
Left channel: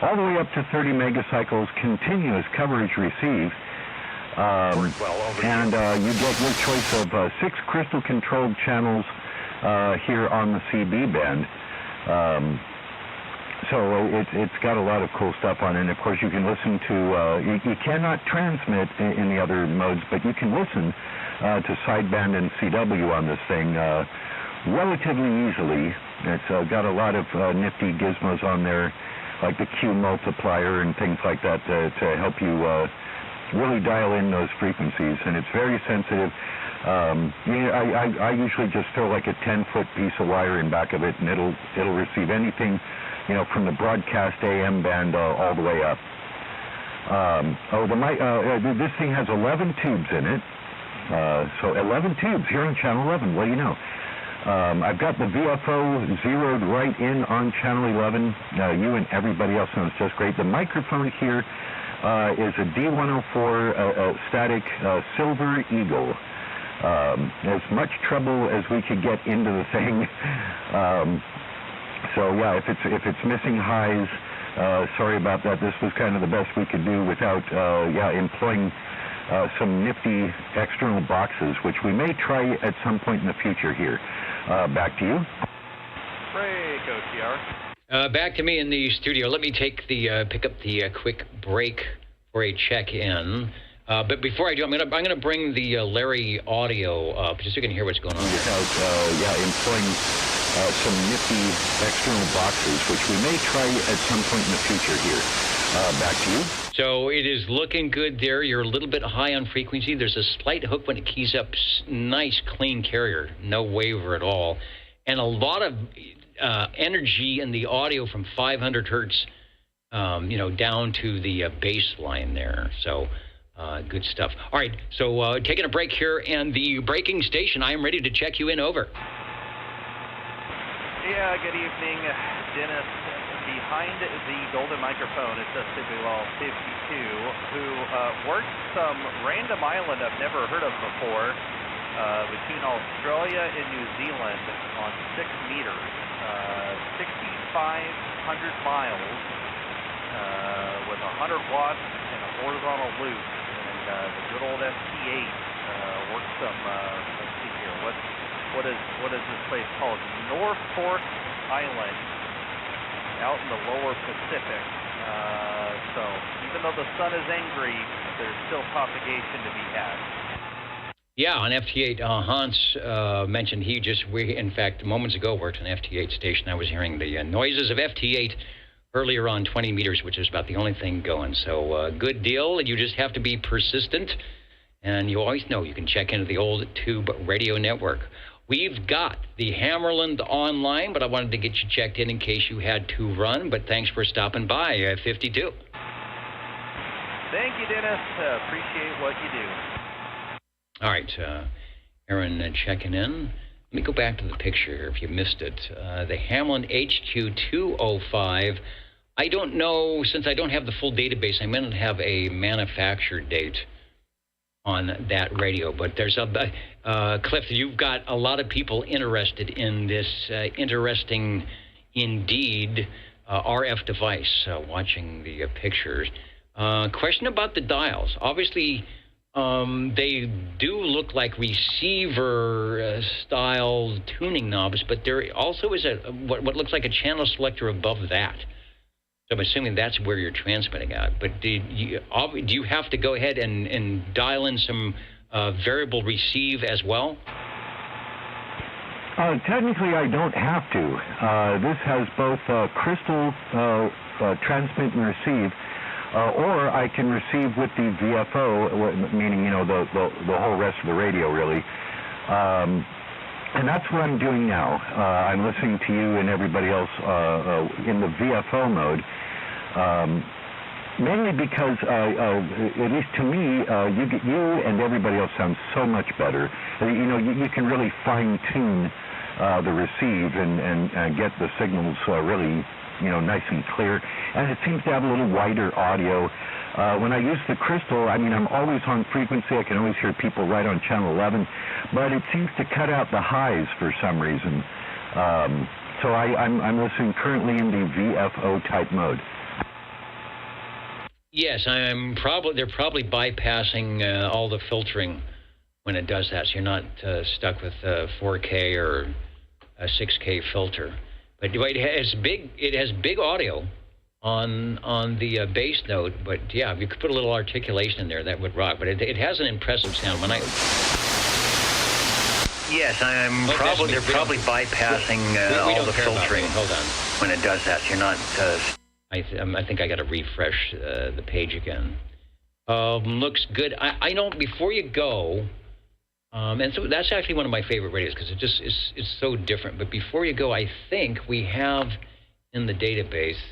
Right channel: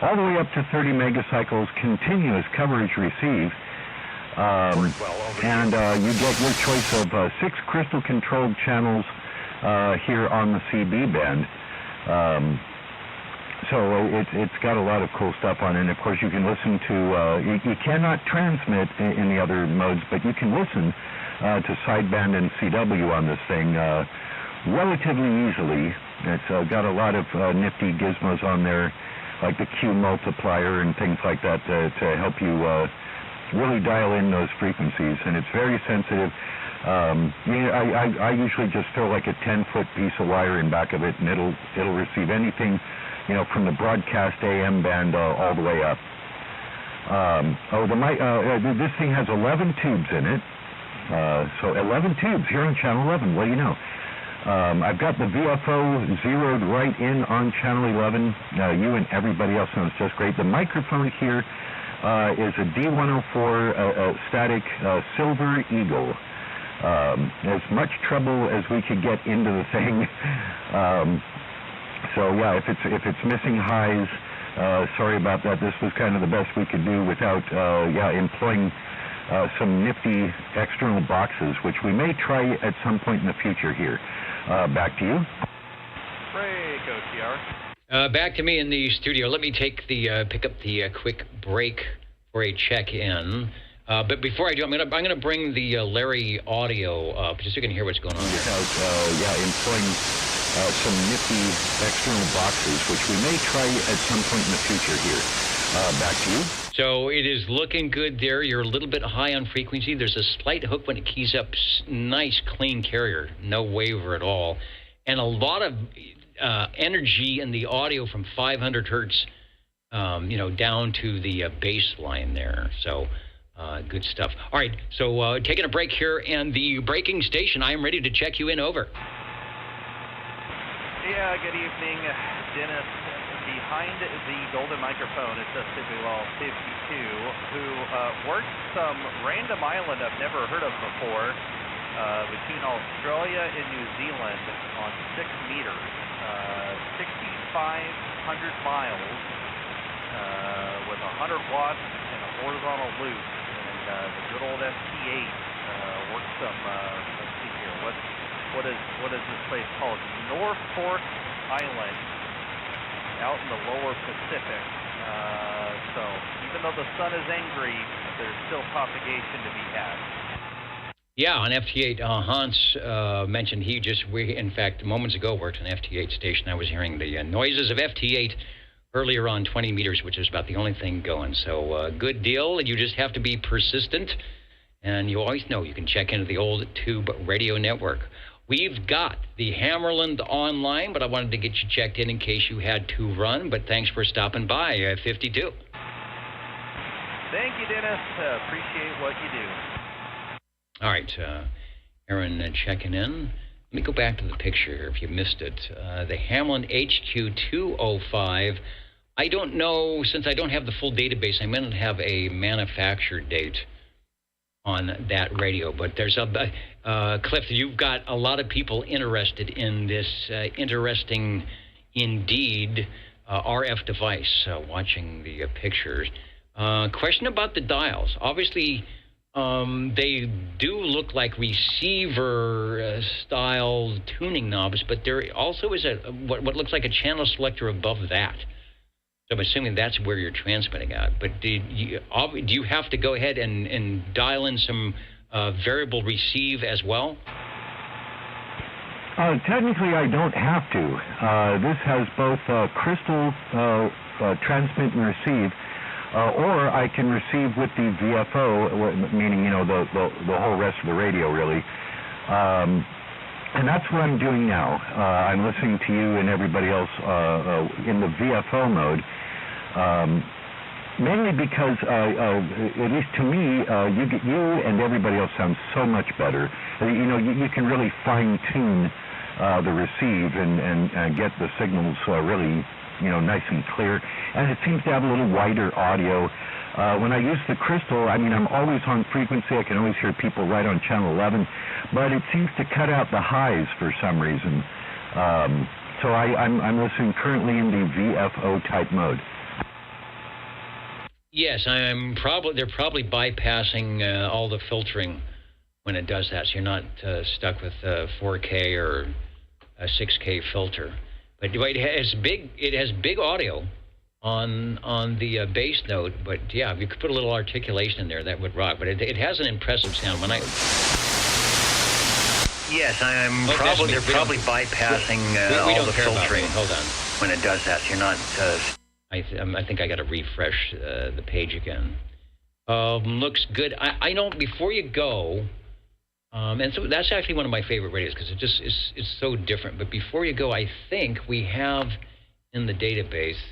all the way up to 30 megacycles continuous coverage receive. And you get your choice of 6 crystal controlled channels here on the CB band. So it's got a lot of cool stuff on it. And of course, you can listen to, you cannot transmit in the other modes, but you can listen to sideband and CW on this thing relatively easily. It's got a lot of nifty gizmos on there, like the Q multiplier and things like that to help you really dial in those frequencies. And it's very sensitive. I usually just throw like a 10-foot piece of wire in back of it, and it'll receive anything, from the broadcast AM band all the way up. This thing has 11 tubes in it. So 11 tubes here on channel 11. What do you know? I've got the VFO zeroed right in on channel 11. You and everybody else knows just great. The microphone here is a D104 static Silver Eagle. as much trouble as we could get into the thing. So yeah, if it's missing highs, sorry about that. This was kind of the best we could do without employing some nifty external boxes, which we may try at some point in the future here. Back to you. Break, OTR. Back to me in the studio. Let me pick up the quick break for a check-in. But before I do, I'm gonna bring the Larry audio up just so you can hear what's going on. Without employing some nifty external boxes, which we may try at some point in the future here. Back to you. So it is looking good there. You're a little bit high on frequency. There's a slight hook when it keys up. Nice, clean carrier. No waver at all. And a lot of energy in the audio from 500 hertz, down to the baseline there. So good stuff. All right, so taking a break here, and the breaking station, I am ready to check you in. Over. Yeah, good evening, Dennis. Behind the golden microphone is a Sibual 52 who works some random island I've never heard of before between Australia and New Zealand on 6 meters, 6,500 miles with 100 watts and a horizontal loop. And the good old FT8 works some, let's see here, what is this place called? Norfolk Island, out in the lower Pacific. So even though the sun is angry, there's still propagation to be had. Yeah, on FT8, Hans mentioned we in fact moments ago worked on FT8 station. I was hearing the noises of FT8 earlier on 20 meters, which is about the only thing going. So good deal. You just have to be persistent, and you always know you can check into the old tube radio network. We've got the Hammerland online, but I wanted to get you checked in case you had to run. But thanks for stopping by, 52. Thank you, Dennis. Appreciate what you do. All right, Aaron checking in. Let me go back to the picture here if you missed it. The Hammerland HQ-205. I don't know, since I don't have the full database, I may not have a manufacture date on that radio, but there's Cliff, you've got a lot of people interested in this interesting, indeed, RF device, watching the pictures. Question about the dials. Obviously, they do look like receiver-style tuning knobs, but there also is what looks like a channel selector above that. So I'm assuming that's where you're transmitting at. But do you have to go ahead and dial in some variable receive as well? Technically, I don't have to. This has both crystal transmit and receive, or I can receive with the VFO, meaning the whole rest of the radio really. And that's what I'm doing now. I'm listening to you and everybody else in the VFO mode. Mainly because, at least to me, you and everybody else sound so much better. You can really fine-tune the receive and get the signals really, nice and clear. And it seems to have a little wider audio. When I use the crystal, I'm always on frequency. I can always hear people right on channel 11, but it seems to cut out the highs for some reason. So I'm listening currently in the VFO type mode. Yes, they're probably bypassing all the filtering when it does that, so you're not stuck with 4K or a 6K filter. But it has big audio on the bass note. But yeah, if you could put a little articulation in there, that would rock. But it has an impressive sound. Yes, they're probably bypassing all the filtering. Hold on. When it does that, so you're not. I think I got to refresh the page again. Looks good. I know before you go, and so that's actually one of my favorite radios because it's so different. But before you go, I think we have in the database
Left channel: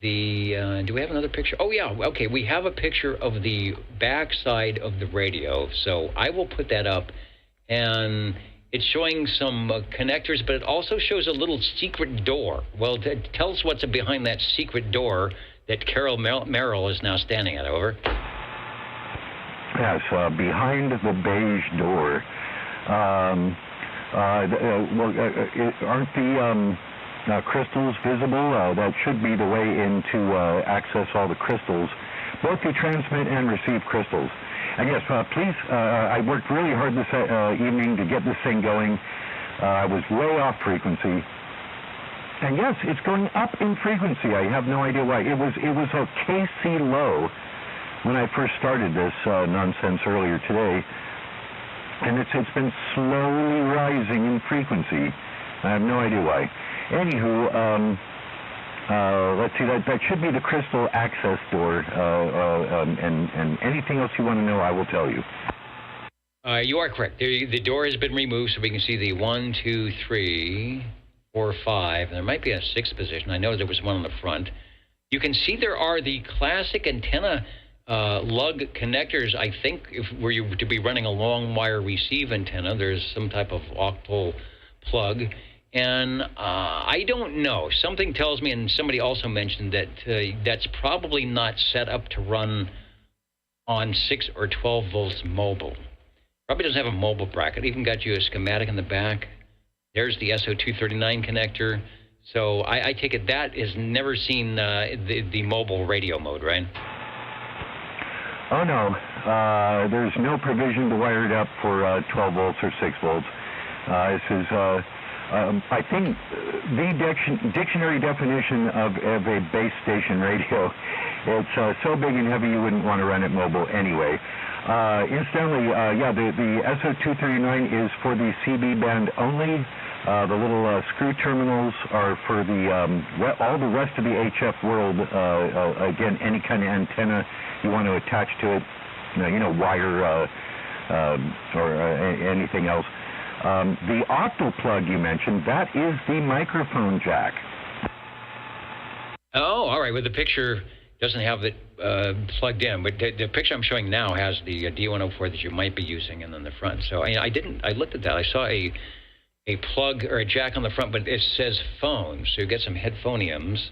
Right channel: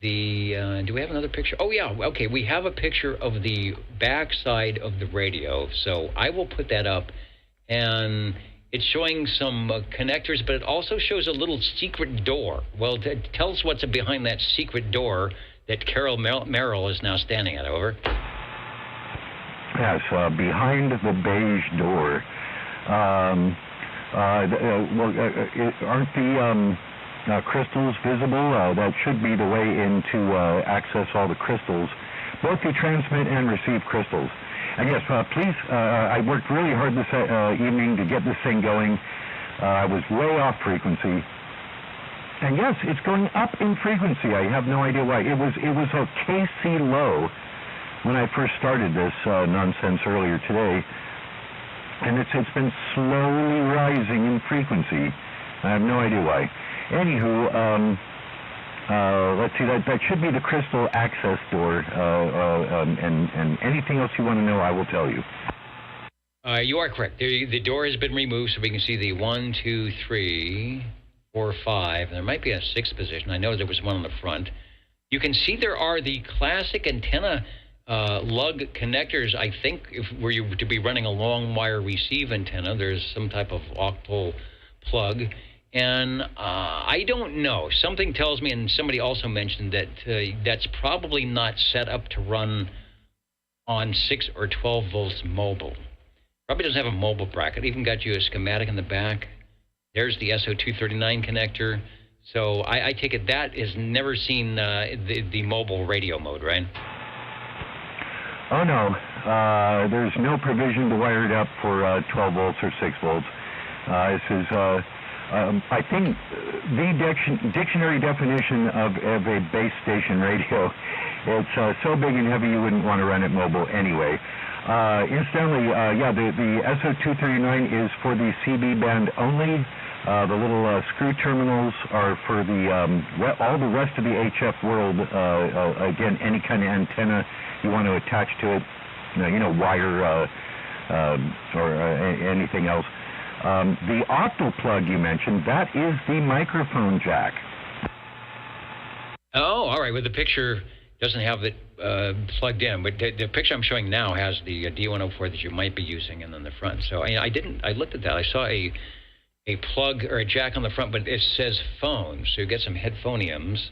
do we have another picture? Oh yeah, okay. We have a picture of the backside of the radio, so I will put that up, and it's showing some connectors, but it also shows a little secret door. Well, tell us what's behind that secret door that Carol Merrill is now standing at. Over. Yes, behind the beige door, Aren't the crystals visible? That should be the way in to access all the crystals, both the transmit and receive crystals. And yes, please, I worked really hard this evening to get this thing going. I was way off frequency. And yes, it's going up in frequency. I have no idea why. It was a KC low when I first started this nonsense earlier today. And it's been slowly rising in frequency. I have no idea why. Anywho, let's see, that should be the crystal access door, and anything else you want to know, I will tell you. You are correct. The door has been removed, so we can see the 1, 2, 3, 4, 5. There might be a 6th position. I know there was one on the front. You can see there are the classic antenna lug connectors. I think if were you to be running a long wire receive antenna, there's some type of octal plug. And I don't know. Something tells me, and somebody also mentioned that that's probably not set up to run on 6 or 12 volts mobile. Probably doesn't have a mobile bracket. Even got you a schematic in the back. There's the SO239 connector. So I take it that has never seen the mobile radio mode, right? Oh, no. There's no provision to wire it up for 12 volts or 6 volts. This is... I think the dictionary definition of a base station radio, it's so big and heavy you wouldn't want to run it mobile anyway. Incidentally, yeah, the SO239 is for the CB band only. The little screw terminals are for the all the rest of the HF world. Again, any kind of antenna you want to attach to it, wire or anything else. The octal plug you mentioned, that is the microphone jack. Oh, all right. Well, the picture doesn't have it plugged in, but the picture I'm showing now has the D104 that you might be using in the front. So I looked at that. I saw a plug or a jack on the front, but it says phone. So you get some headphoniums,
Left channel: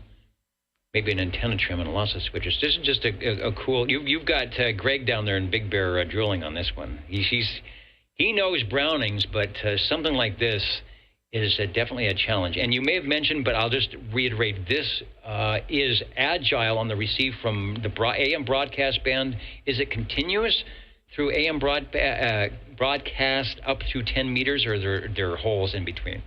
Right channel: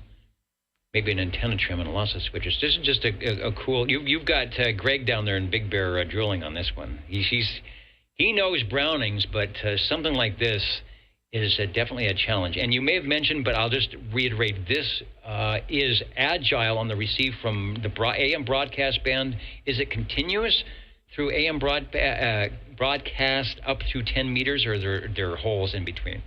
maybe an antenna trim and lots of switches. This is just a cool... You've got Greg down there in Big Bear drilling on this one. He knows Brownings, but something like this is definitely a challenge. And you may have mentioned, but I'll just reiterate, this is agile on the receive from the AM broadcast band. Is it continuous through AM broadcast up to 10 meters, or are there holes in between?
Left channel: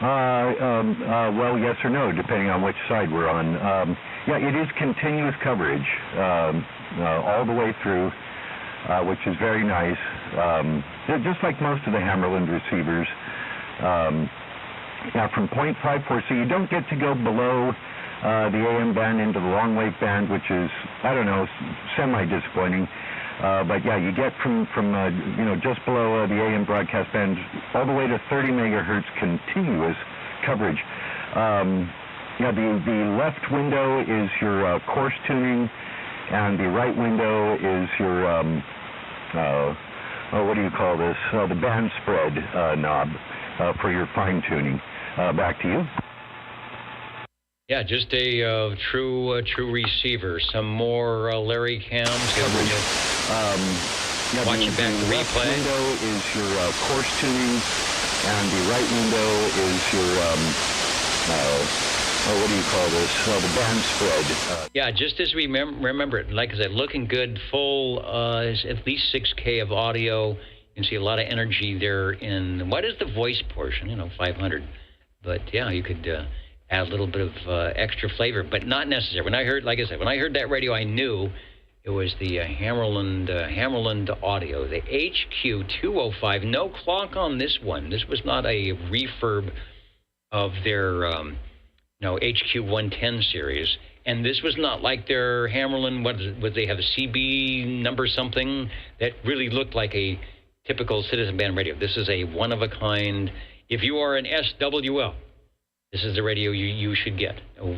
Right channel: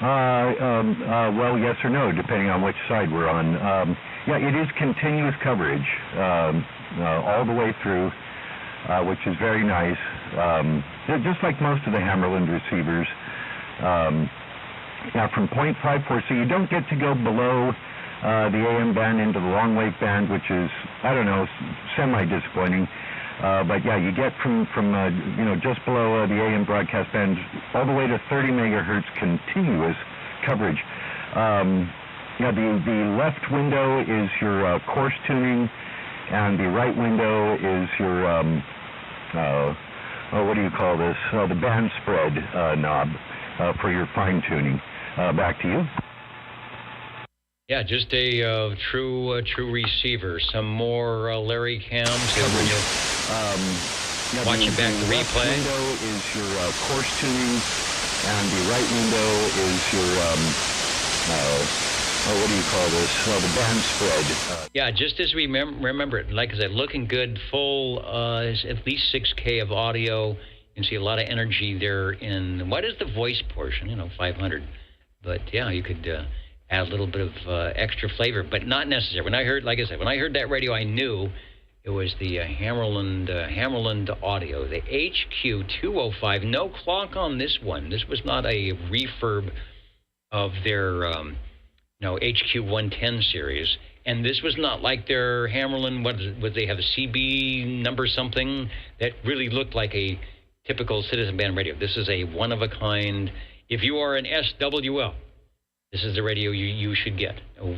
Well, yes or no, depending on which side we're on. Yeah, it is continuous coverage all the way through, which is very nice. They're just like most of the Hammerland receivers. Now, from 0.54, so you don't get to go below the AM band into the long wave band, which is, I don't know, semi-disappointing. But yeah, you get from just below the AM broadcast band all the way to 30 megahertz continuous coverage. The left window is your coarse tuning, and the right window is your what do you call this? The band spread knob for your fine tuning. Back to you. Yeah, just a true receiver. Some more Larry cams. Watching back the replay. The left window is your coarse tuning, and the right window is your what do you call this? The band spread. Yeah, just as we remember it, like I said, looking good, full, at least 6K of audio. You can see a lot of energy there in, what is the voice portion? 500. But yeah, you could add a little bit of extra flavor, but not necessary. When I heard, like I said, when I heard that radio, I knew it was the Hammerland audio, the HQ-205. No clock on this one. This was not a refurb of their HQ-110 series. And this was not like their Hammerland, what they have a CB number something that really looked like a typical citizen band radio. This is a one-of-a-kind. If you are an SWL, this is the radio you should get.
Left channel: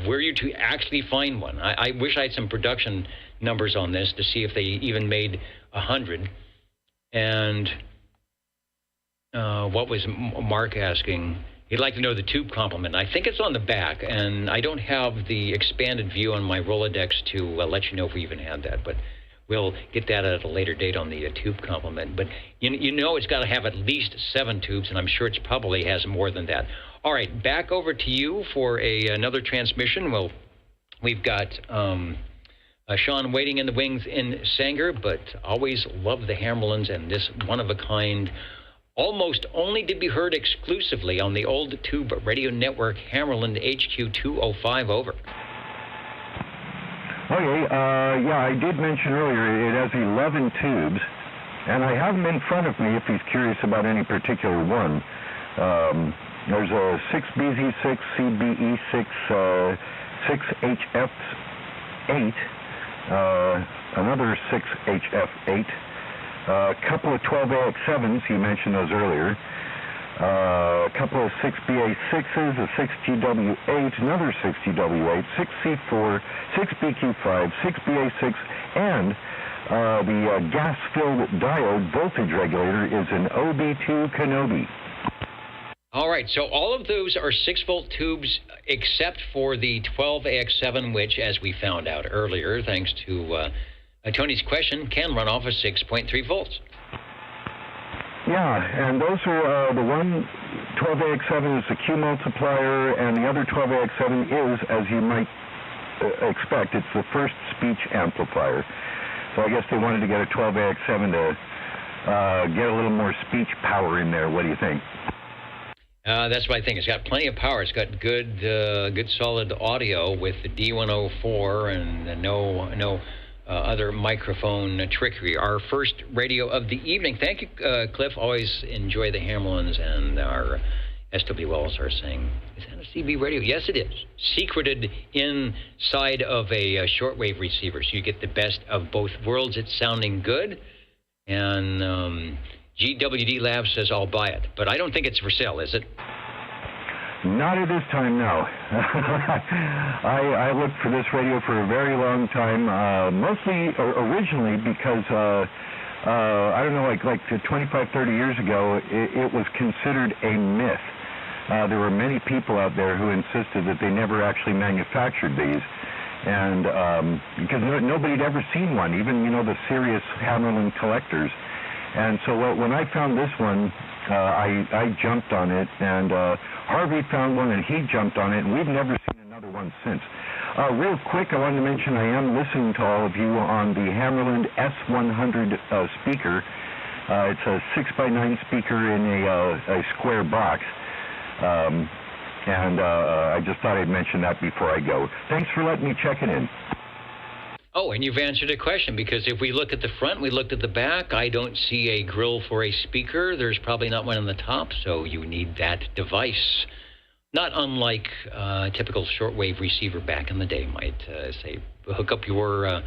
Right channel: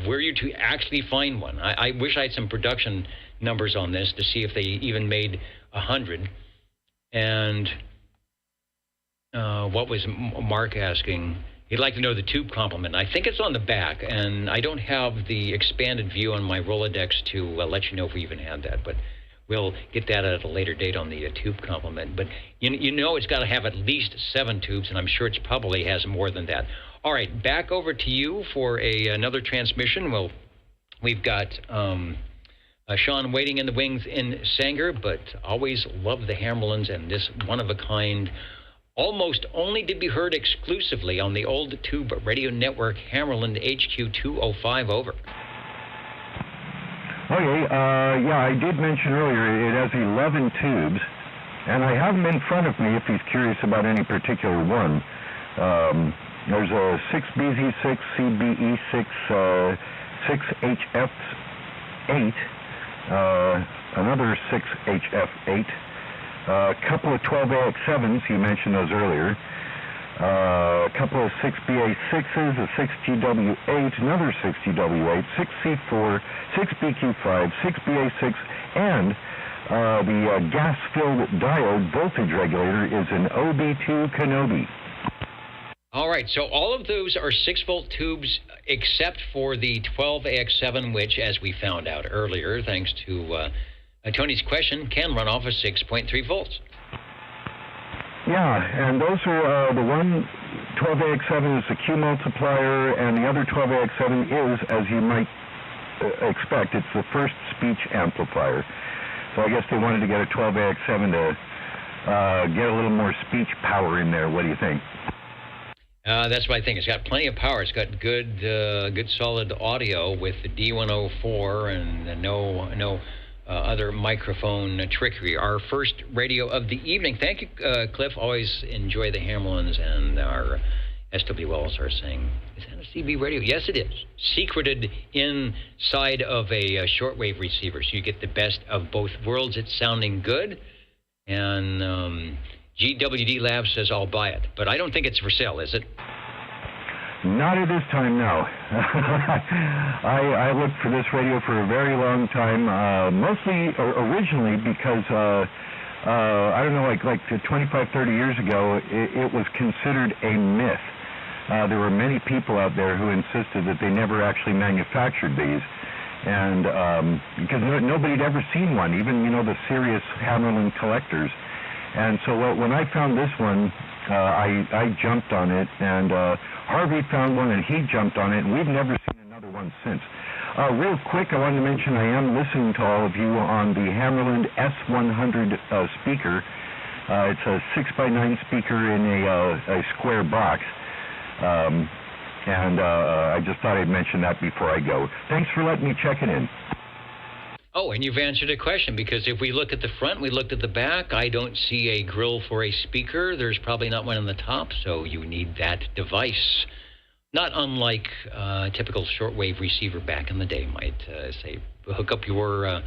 Were you to actually find one? I wish I had some production numbers on this to see if they even made 100. And what was Mark asking? He'd like to know the tube complement. I think it's on the back, and I don't have the expanded view on my Rolodex to let you know if we even had that. But we'll get that at a later date on the tube complement. But you know it's got to have at least 7 tubes, and I'm sure it probably has more than that. All right, back over to you for another transmission. Well, we've got Sean waiting in the wings in Sanger, but always love the Hammerlands and this one-of-a-kind, almost only to be heard exclusively on the Old Tube Radio Network, Hammerland HQ-205, over. Okay, yeah, I did mention earlier it has 11 tubes, and I have them in front of me if he's curious about any particular one. There's a 6BZ6, CBE6, 6HF8, another 6HF8, a couple of 12AX7s, he mentioned those earlier, a couple of 6BA6s, a 6GW8, another 6GW8, 6C4, 6BQ5, 6BA6, and the gas-filled diode voltage regulator is an OB2 Kenobi. All right, so all of those are 6-volt tubes except for the 12AX7, which, as we found out earlier, thanks to Tony's question, can run off of 6.3 volts. Yeah, and those are the one 12AX7 is the Q multiplier, and the other 12AX7 is, as you might expect, it's the first speech amplifier. So I guess they wanted to get a 12AX7 to get a little more speech power in there. What do you think? That's what I think. It's got plenty of power. It's got good solid audio with the D104 and no other microphone trickery. Our first radio of the evening. Thank you, Cliff. Always enjoy the Hammerlands, and our S.W. Wells are saying, is that a CB radio? Yes, it is. Secreted inside of a shortwave receiver, so you get the best of both worlds. It's sounding good, and GWD Labs says I'll buy it, but I don't think it's for sale, is it? Not at this time, no. I looked for this radio for a very long time, mostly originally because, I don't know, like 25, 30 years ago, it was considered a myth. There were many people out there who insisted that they never actually manufactured these, and because nobody had ever seen one, even, the serious Hammerland collectors. And so when I found this one, I jumped on it, and Harvey found one, and he jumped on it, and we've never seen another one since. Real quick, I wanted to mention I am listening to all of you on the Hammerland S100 speaker. It's a 6x9 speaker in a square box, and I just thought I'd mention that before I go. Thanks for letting me check it in. Oh, and you've answered a question, because if we look at the front, we looked at the back, I don't see a grill for a speaker. There's probably not one on the top, so you need that device. Not unlike a typical shortwave receiver back in the day might say, hook up your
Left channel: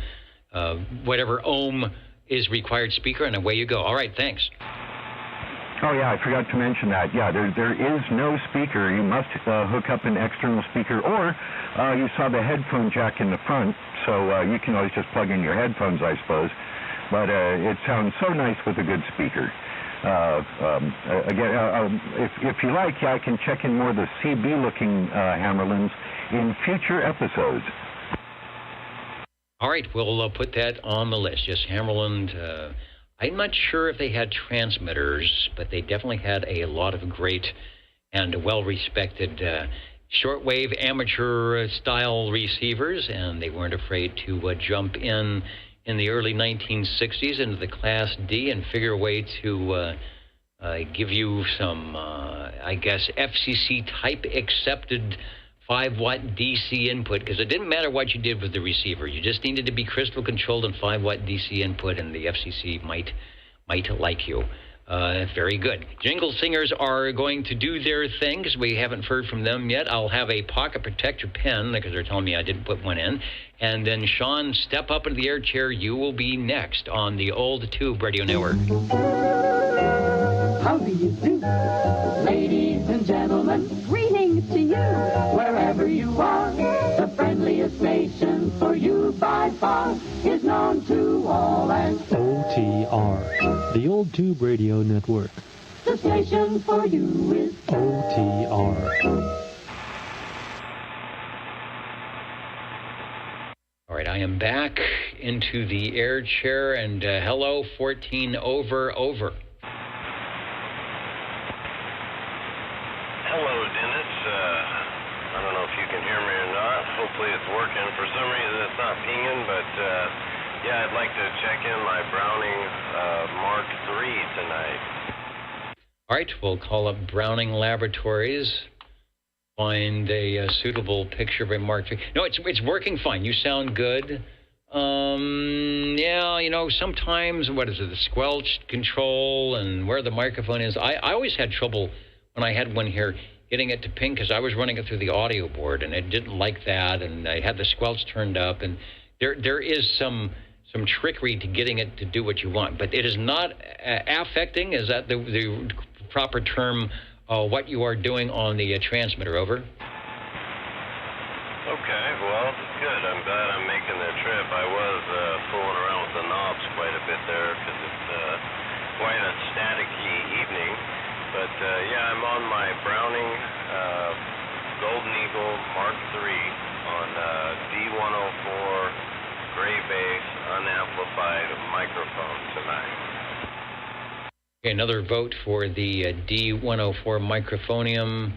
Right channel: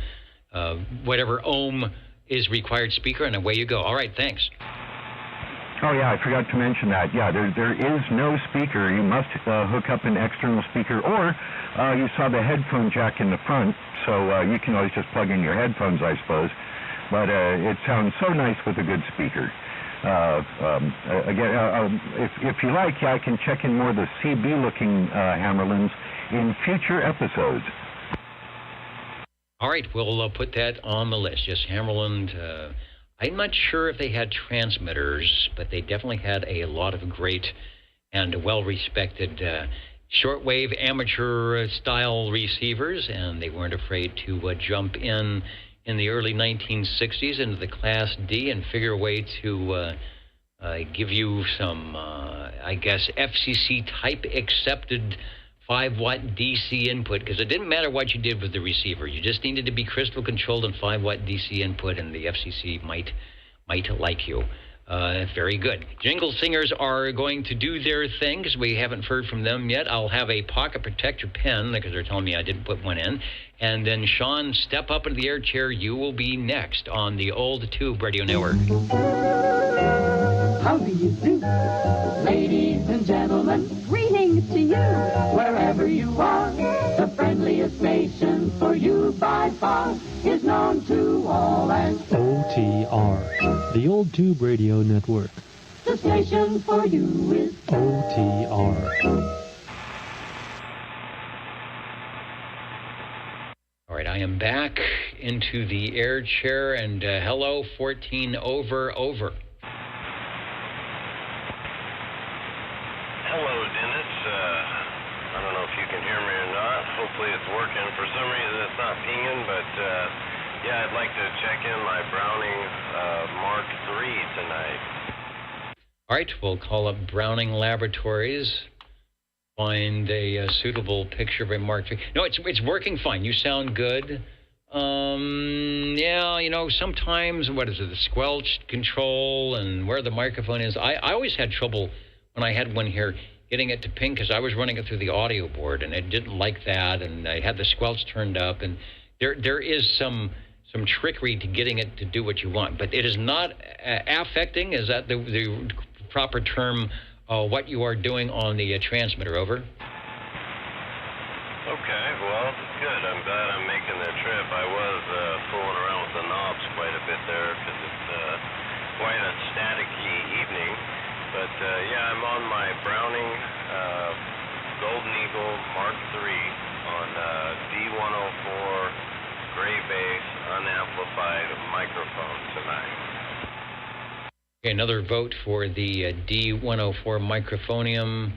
whatever ohm is required speaker, and away you go. All right, thanks. Oh, yeah, I forgot to mention that. Yeah, there is no speaker. You must hook up an external speaker, or you saw the headphone jack in the front, so you can always just plug in your headphones, I suppose. But it sounds so nice with a good speaker. Again, if you like, I can check in more of the CB-looking Hammerlands in future episodes. All right, we'll put that on the list. Yes, Hammerland. I'm not sure if they had transmitters, but they definitely had a lot of great and well-respected shortwave amateur-style receivers, and they weren't afraid to jump in the early 1960s into the Class D and figure a way to give you some, I guess, FCC-type accepted 5-watt DC input, because it didn't matter what you did with the receiver. You just needed to be crystal controlled and 5-watt DC input, and the FCC might like you. Very good. Jingle Singers are going to do their thing, because we haven't heard from them yet. I'll have a pocket protector pen, because they're telling me I didn't put one in. And then, Sean, step up into the air chair. You will be next on the Old Tube Radio Network. How do you do? Ladies and gentlemen, greetings to you. Wherever you are, the friendliest nation for you by far is known to all as OTR, the Old Tube Radio Network. The station for you is OTR. All right, I am back into the air chair. And hello, 14 over. Hello, Dennis. I don't know if you can hear me or not. Hopefully it's working. For some reason it's not pinging, but yeah, I'd like to check in my Browning Mark III tonight. All right, we'll call up Browning Laboratories. Find a suitable picture of a Mark III. No, it's working fine. You sound good. Yeah, you know, sometimes, what is it, the squelch control and where the microphone is. I always had trouble when I had one here getting it to ping because I was running it through the audio board and it didn't like that, and I had the squelch turned up, and there is some trickery to getting it to do what you want, but it is not affecting. Is that the proper term? What you are doing on the transmitter, over. Okay, well, good. I'm glad I'm making the trip. I was fooling around with the knobs quite a bit there because it's quite a staticky evening. But yeah, I'm on my Browning Golden Eagle Mark III on D104 gray bass unamplified microphone tonight. Another vote for the D104 microphonium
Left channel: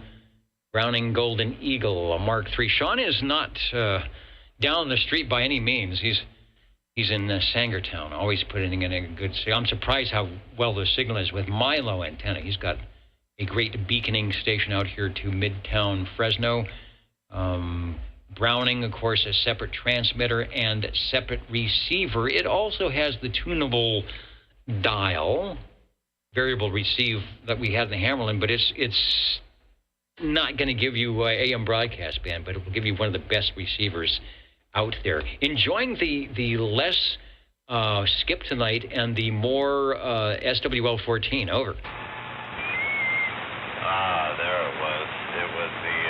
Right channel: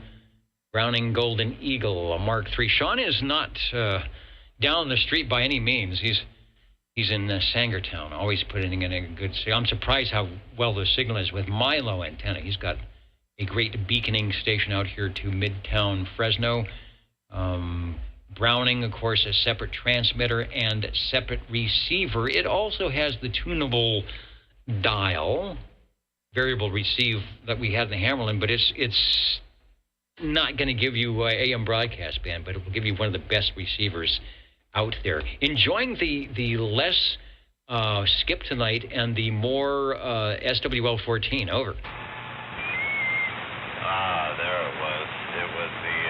Browning Golden Eagle Mark III. Sean is not down the street by any means. He's in Sangertown, always putting in a good signal. I'm surprised how well the signal is with my low antenna. He's got a great beaconing station out here to Midtown Fresno. Browning, of course, a separate transmitter and separate receiver. It also has the tunable dial, variable receive that we had in the Hammerland, but it's not going to give you AM broadcast band, but it will give you one of the best receivers out there. Enjoying the less skip tonight and the more SWL14, over. There it was. It was the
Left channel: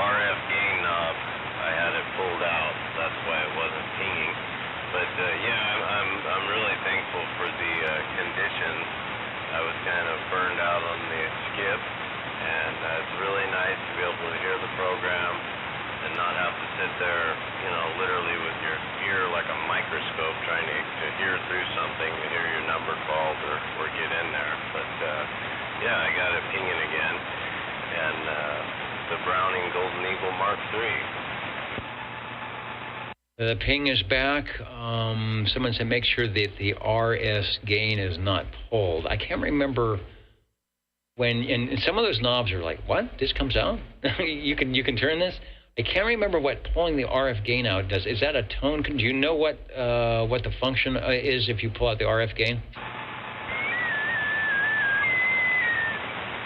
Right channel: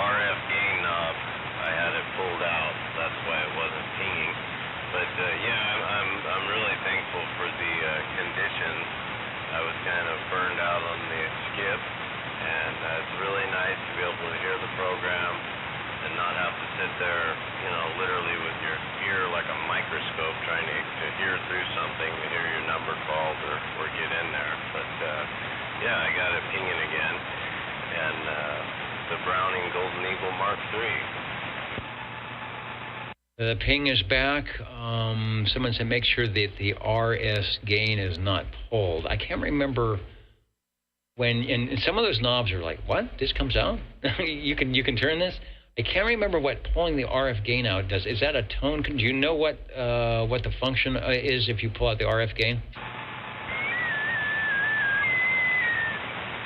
RF gain knob. I had it pulled out. That's why it wasn't pinging. But yeah, I'm really thankful for the conditions. I was kind of burned out on the skip, and it's really nice to be able to hear the program and not have to sit there, you know, literally with your ear like a microscope trying to hear through something to hear your number called or get in there. But yeah, I got it pinging again, and the Browning Golden Eagle Mark III. The ping is back. Someone said make sure that the RS gain is not pulled. I can't remember when, and some of those knobs are like, what? This comes out? you can turn this? I can't remember what pulling the RF gain out does. Is that a tone? Do you know what the function is if you pull out the RF gain?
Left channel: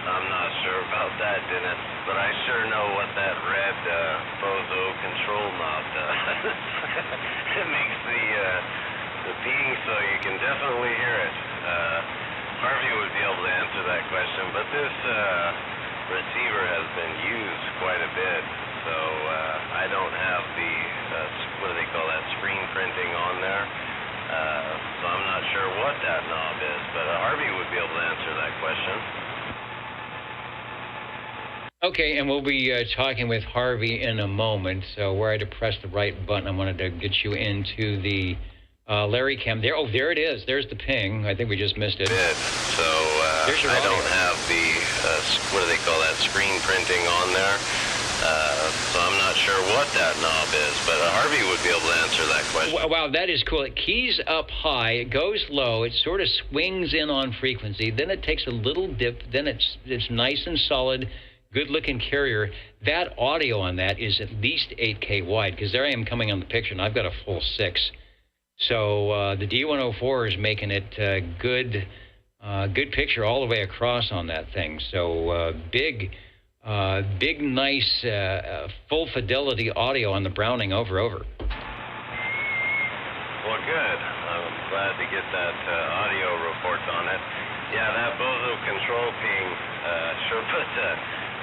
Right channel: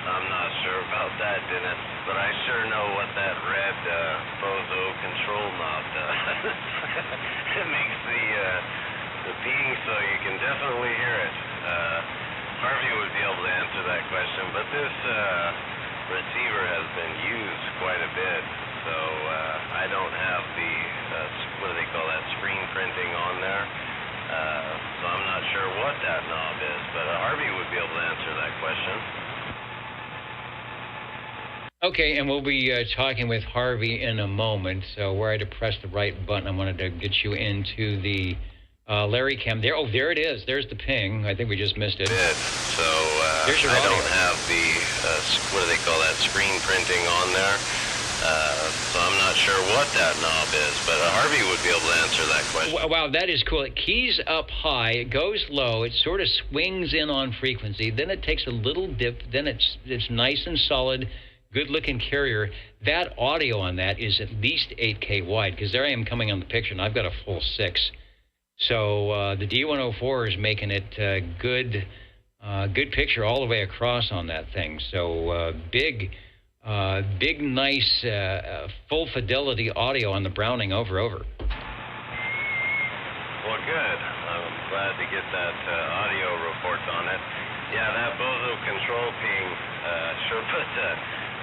I'm not sure about that, Dennis, but I sure know what that red Bozo control knob does. It makes the ping so you can definitely hear it. Harvey would be able to answer that question, but this receiver has been used quite a bit, so I don't have the, what do they call that, screen printing on there, so I'm not sure what that knob is, but Harvey would be able to answer that question. Okay, and we'll be talking with Harvey in a moment. So where I had to press the right button, I wanted to get you into the Larry Cam. There, oh, there it is. There's the ping. I think we just missed it. So there's your I audio. don't have the, what do they call that, screen printing on there, so I'm not sure what that knob is, but Harvey would be able to answer that question. Wow, that is cool. It keys up high, it goes low, it sort of swings in on frequency, then it takes a little dip, then it's nice and solid. Good-looking carrier. That audio on that is at least 8K wide, because there I am coming on the picture, and I've got a full 6. So the D104 is making it good picture all the way across on that thing. So big, nice, full fidelity audio on the Browning over. Well, good. I'm glad to get that audio report on it. Yeah, that Bozo control ping sure puts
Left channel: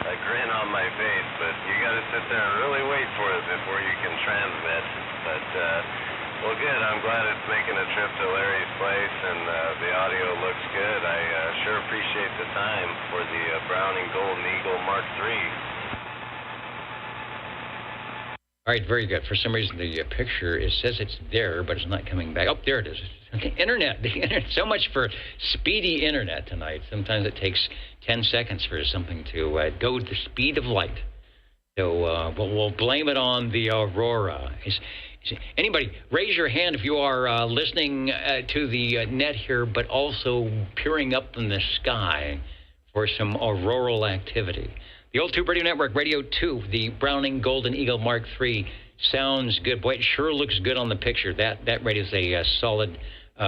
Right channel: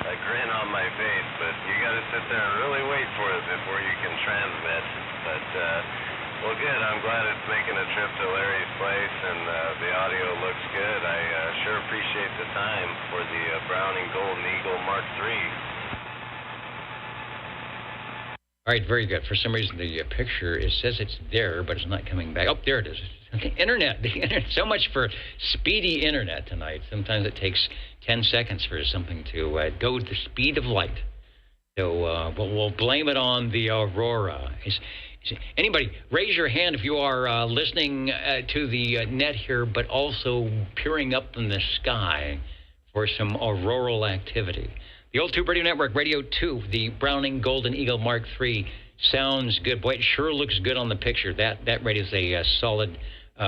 a grin on my face, but you got to sit there and really wait for it before you can transmit. But, well, good. I'm glad it's making a trip to Larry's place, and the audio looks good. I sure appreciate the time for the Browning Golden Eagle Mark III. All right, very good. For some reason, the picture, it says it's there, but it's not coming back. Oh, there it is. The internet. So much for speedy internet tonight. Sometimes it takes 10 seconds for something to go at the speed of light. So we'll blame it on the aurora. Anybody, raise your hand if you are listening to the net here, but also peering up in the sky for some auroral activity. The Old Tube Radio Network, Radio 2, the Browning Golden Eagle Mark III, sounds good. Boy, it sure looks good on the picture. That radio is a solid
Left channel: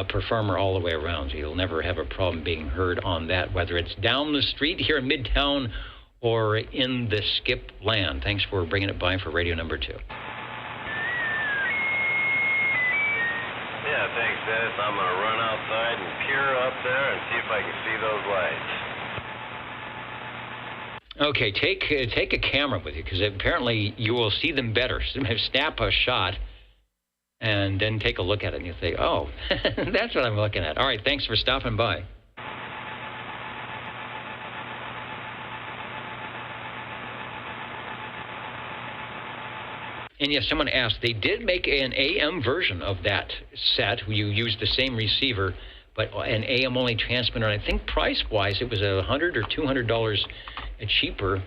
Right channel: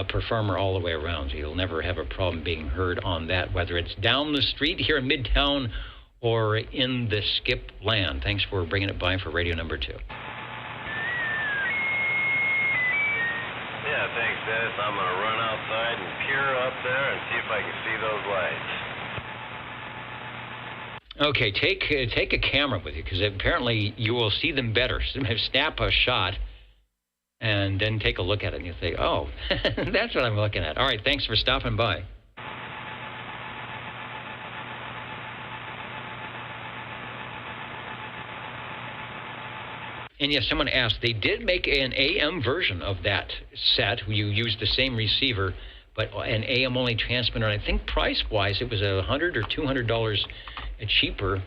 performer all the way around. So you'll never have a problem being heard on that, whether it's down the street here in Midtown or in the skip land. Thanks for bringing it by for radio number 2. Yeah, thanks, Dennis. I'm going to run outside and peer up there and see if I can see those lights. Okay, take a camera with you, because apparently you will see them better. Snap a shot and then take a look at it, and you say, oh, that's what I'm looking at. All right, thanks for stopping by. And yes, someone asked, they did make an AM version of that set. You used the same receiver, but an AM-only transmitter. And I think price-wise, it was $100 or $200 cheaper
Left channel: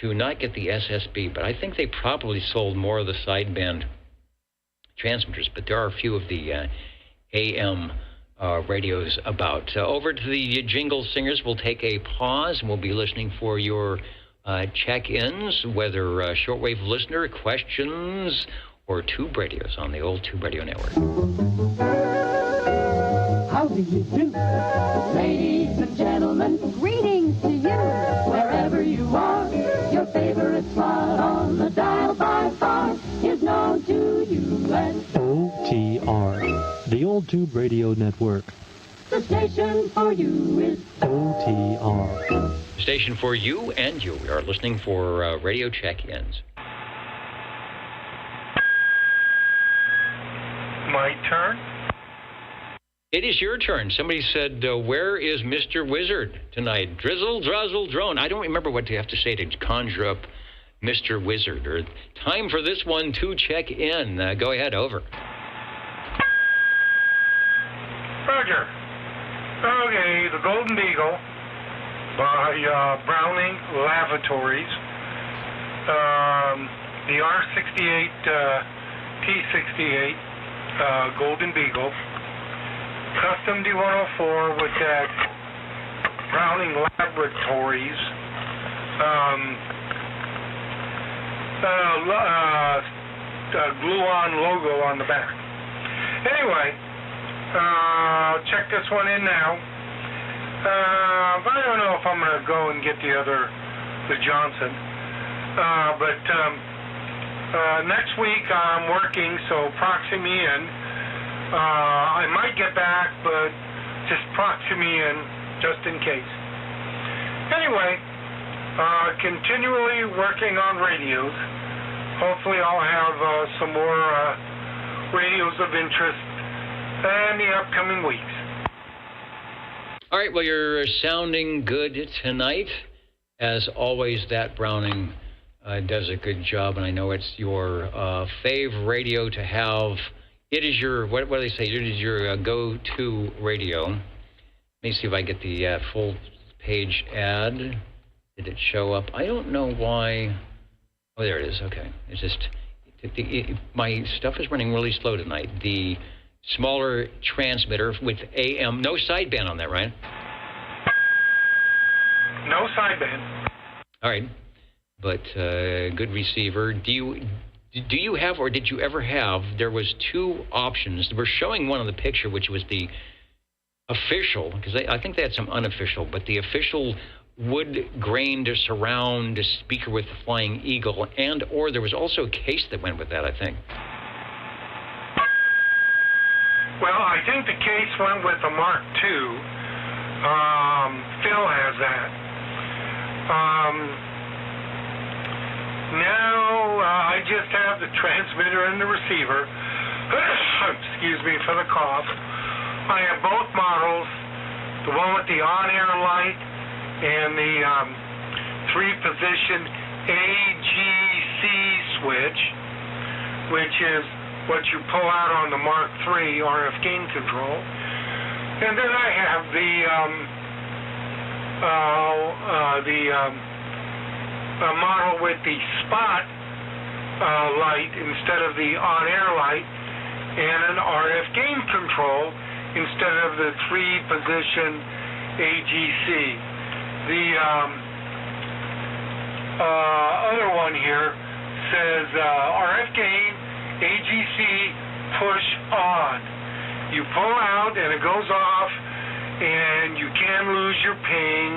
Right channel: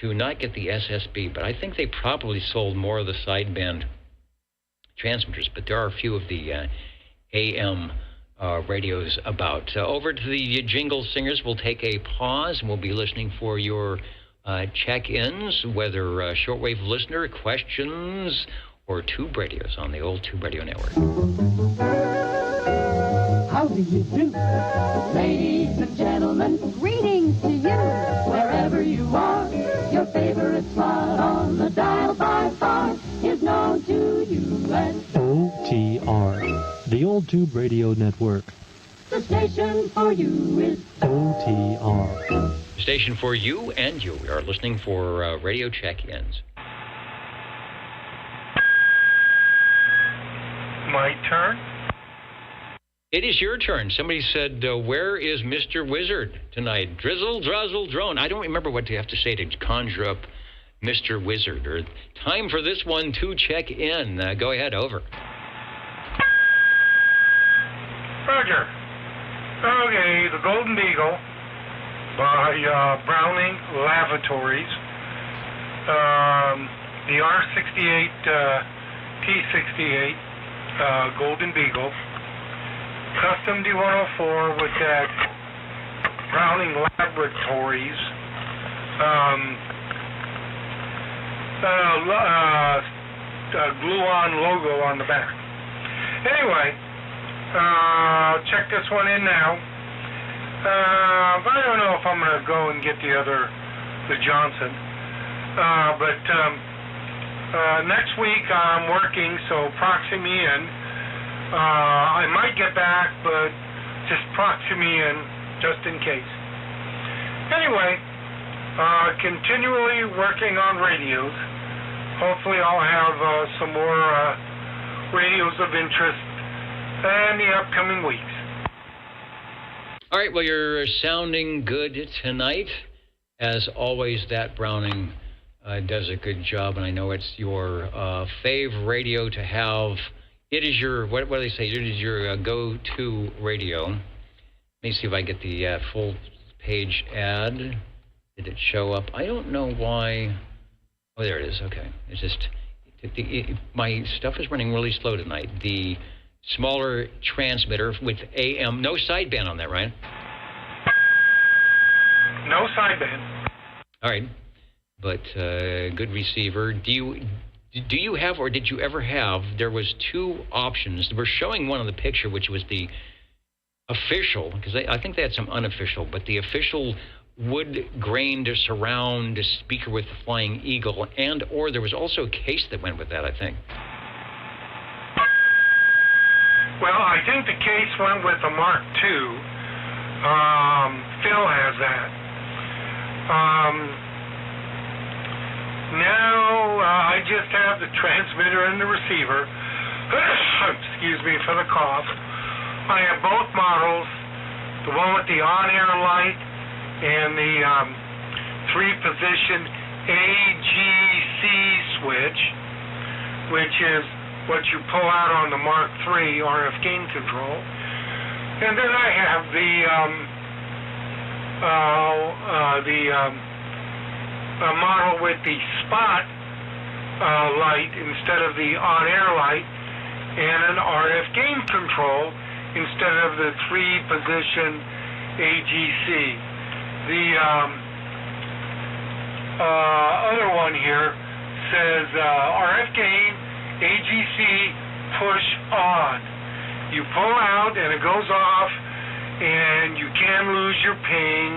to not get the SSB. But I think they probably sold more of the sideband transmitters. But there are a few of the AM radios about. Over to the Jingle Singers. We'll take a pause, and we'll be listening for your check-ins, whether shortwave listener questions or tube radios on the Old Tube Radio Network. How do you do? Ladies and gentlemen, greetings to you. Wherever you are, your favorite slot on the dial by far is known to you as OTR, the Old Tube Radio Network. the station for you is OTR. Station for you and you. We are listening for radio check-ins. My turn? It is your turn. Somebody said, where is Mr. Wizard tonight? Drizzle, drazzle, drone. I don't remember what you have to say to conjure up Mr. Wizard. Or time for this one to check in. Go ahead, over. Roger. Okay, the Golden Eagle by Browning Lavatories. The R68 T68 Golden Beagle. Custom D104 with that Browning Laboratories glue-on logo on the back. Anyway, check this one in now. I don't know if I'm going to go and get the Johnson. But next week I'm working, so proxy me in. I might get back, but just proxy me in just in case. Anyway, continually working on radios. Hopefully I'll have some more radios of interest in the upcoming weeks. All right, well, you're sounding good tonight. As always, that Browning does a good job, and I know it's your fave radio to have. It is your, what do they say? It is your go-to radio. Let me see if I get the full page ad. Did it show up? I don't know why. Oh, there it is. Okay. It's just, my stuff is running really slow tonight. The smaller transmitter with AM, no sideband on that, right? No sideband. All right. But good receiver. Do you have, or did you ever have, there was two options. We're showing one on the picture, which was the official, because I think they had some unofficial, but the official wood-grained surround speaker with the Flying Eagle, and or there was also a case that went with that, I think. Well, I think the case went with the Mark II. Phil has that. Now, I just have the transmitter and the receiver. Excuse me for the cough. I have both models, the one with the on-air light and the three-position AGC switch. which is what you pull out on the Mark III RF gain control. And then I have the model with the spot light instead of the on-air light, and an RF gain control instead of the 3-position AGC. The other one here says RF gain, AGC, push on. You pull out and it goes off, and you can lose your ping,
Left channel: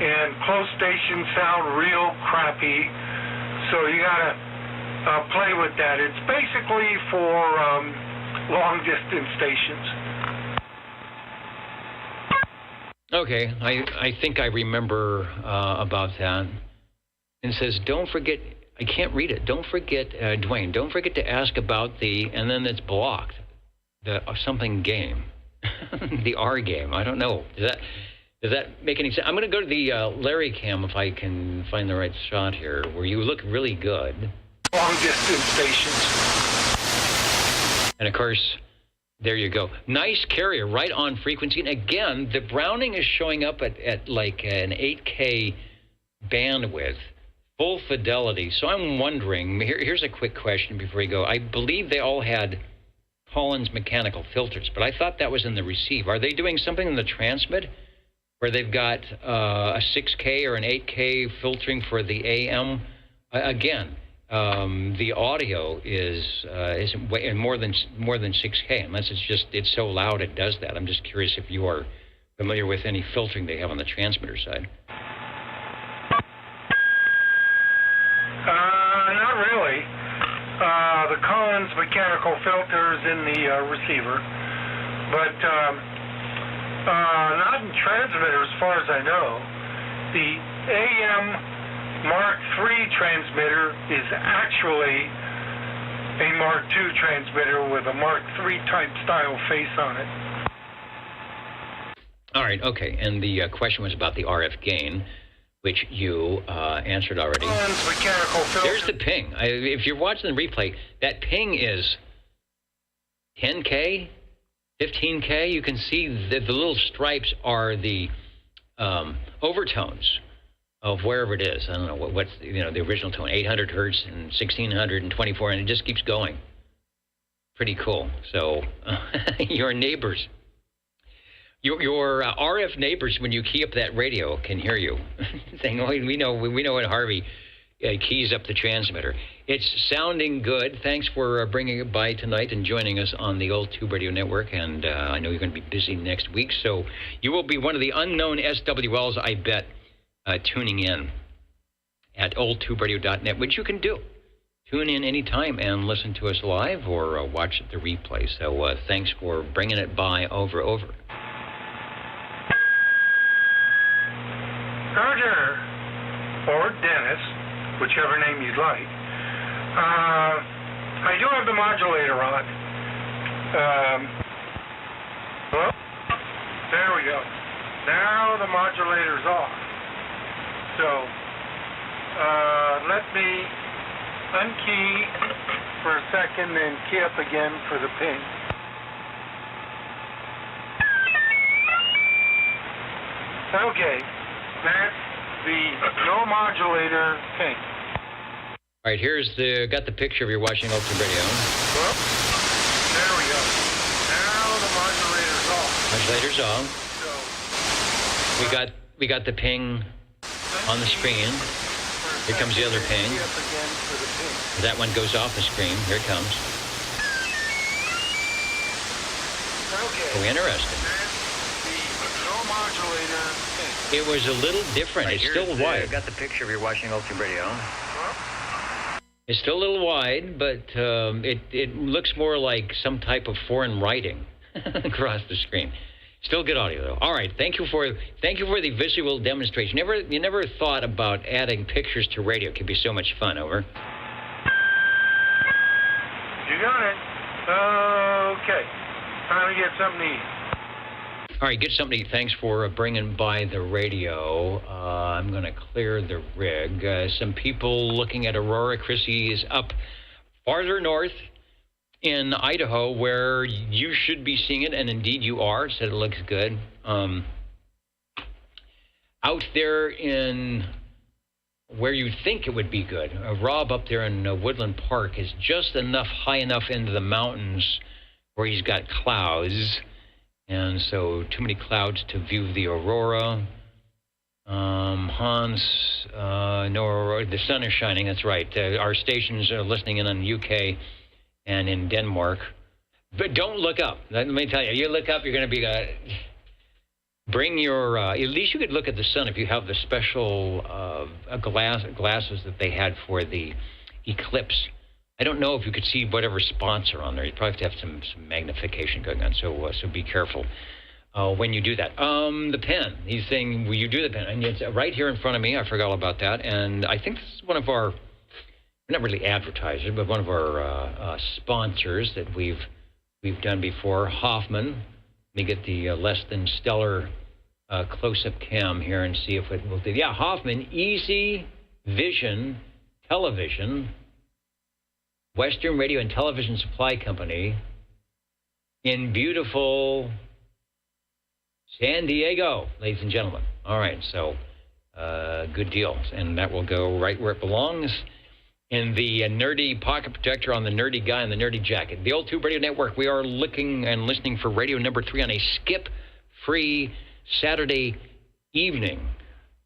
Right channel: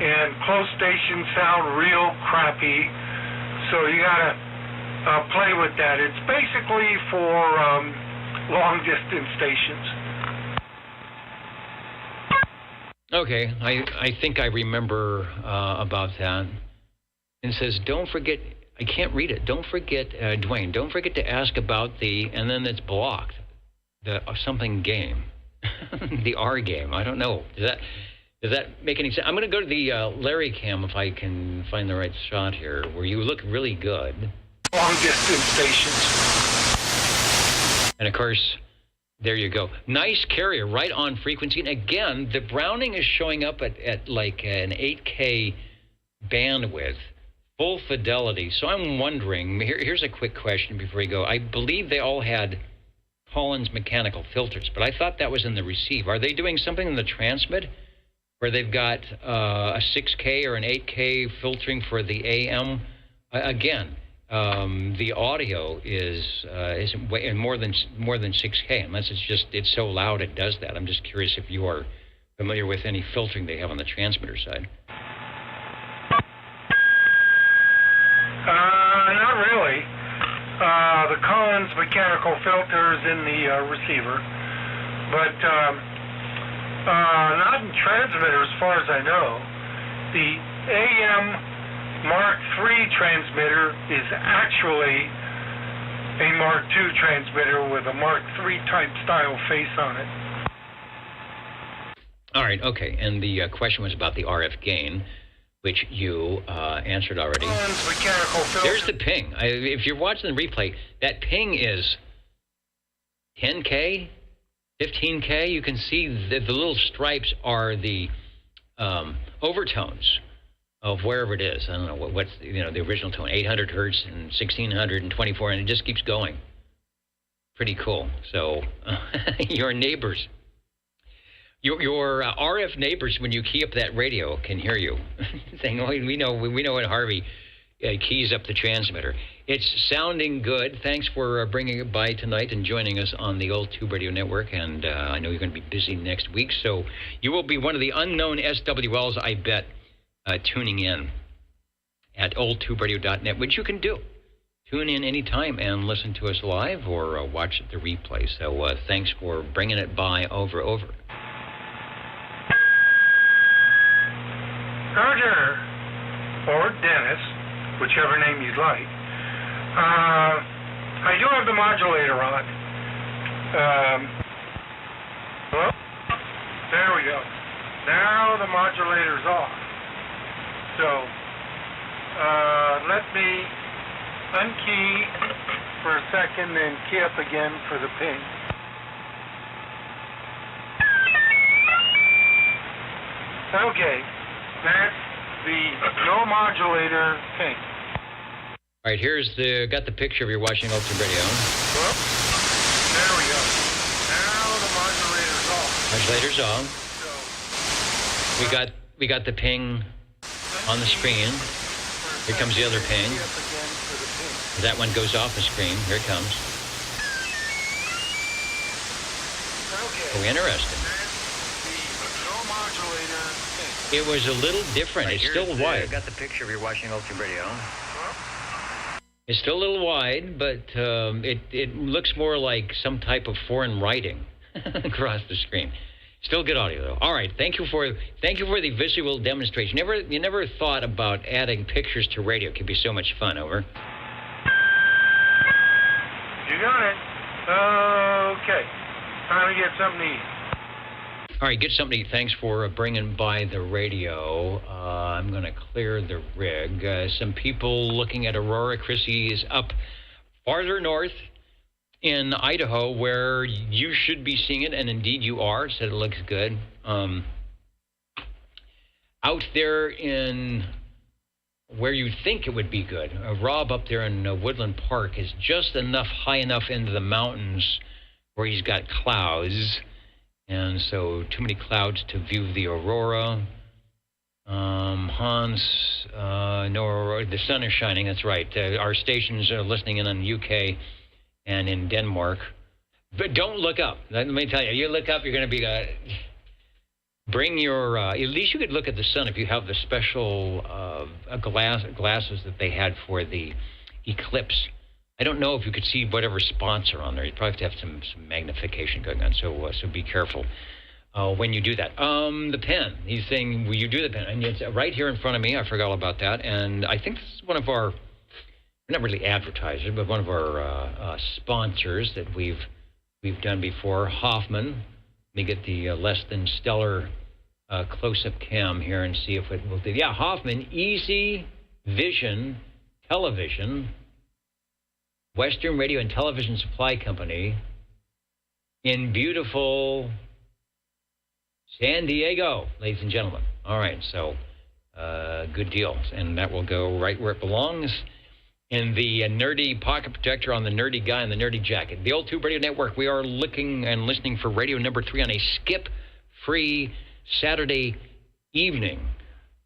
and close stations sound real crappy, so you gotta play with that. It's basically for long distance stations. Okay, I think I remember about that. And it says, don't forget, I can't read it. Don't forget, Dwayne, don't forget to ask about the, and then it's blocked, the something game. The R game. I don't know. Does that make any sense? I'm going to go to the Larry Cam if I can find the right shot here, where you look really good. Long distance stations. And of course, there you go. Nice carrier, right on frequency. And again, the Browning is showing up at like an 8K bandwidth, full fidelity. So I'm wondering, here's a quick question before we go. I believe they all had Collins mechanical filters, but I thought that was in the receive. Are they doing something in the transmit where they've got a 6K or an 8K filtering for the AM? Again, the audio is more than 6K, unless it's so loud it does that. I'm just curious if you are familiar with any filtering they have on the transmitter side. Not really. The Collins mechanical filters in the receiver, but not in transmitter as far as I know. The AM Mark III transmitter is actually a Mark II transmitter with a Mark III type style face on it. All right, okay. And the question was about the RF gain, which you answered already. There's the ping. If you're watching the replay, that ping is 10K, 15K. You can see the little stripes are the overtones of wherever it is. I don't know what's the original tone, 800 hertz and 1624, and it just keeps going. Pretty cool. So your neighbors, your RF neighbors, when you key up that radio, can hear you saying, "Oh, we know when Harvey keys up the transmitter." It's sounding good. Thanks for bringing it by tonight and joining us on the Old Tube Radio Network. And I know you're going to be busy next week, so you will be one of the unknown SWLs, I bet, tuning in at oldtuberadio.net, which you can do. Tune in anytime and listen to us live or watch the replay. So thanks for bringing it by over. Roger, or Dennis, whichever name you'd like. I do have the modulator on. Well, there we go. Now the modulator's off. So, let me unkey for a second and key up again for the ping. Okay, that's the no modulator ping. All right, got the picture of your watching Old Tube Radio. Well, there we go. Now the modulator's off. Modulator's off. We got the ping on the screen. Here comes the other ping. That one goes off the screen. Here it comes. Oh, interesting. It was a little different. It's still wide. Got the picture of your watching Old Tube Radio. It's still a little wide, but it looks more like some type of foreign writing across the screen. Still good audio, though. All right, thank you for the visual demonstration. You never thought about adding pictures to radio. It could be so much fun. Over. You got it. Okay. Time to get something to eat. All right, get something to eat. Thanks for bringing by the radio. I'm going to clear the rig. Some people looking at Aurora. Chrissy is up farther north in Idaho, where you should be seeing it, and indeed you are, said it looks good. Out there in where you think it would be good, Rob up there in Woodland Park is just high enough into the mountains where he's got clouds, and so too many clouds to view the aurora. Hans, no aurora. The sun is shining, that's right. Our stations are listening in UK and in Denmark. But don't look up. Let me tell you, you look up, you're going to be... bring your... at least you could look at the sun if you have the special glasses that they had for the eclipse. I don't know if you could see whatever spots are on there. You probably have to have some magnification going on, so be careful when you do that. The pen. He's saying, will you do the pen? And it's right here in front of me. I forgot all about that. And I think this is one of our... not really advertisers, but one of our sponsors that we've done before, Hoffman. Let me get the less than stellar close-up cam here and see if it will do. Yeah, Hoffman, Easy Vision Television, Western Radio and Television Supply Company in beautiful San Diego, ladies and gentlemen. All right, so good deal. And that will go right where it belongs. In the nerdy pocket protector on the nerdy guy in the nerdy jacket. The Old Tube Radio Network, we are looking and listening for radio number 3 on a skip-free Saturday evening,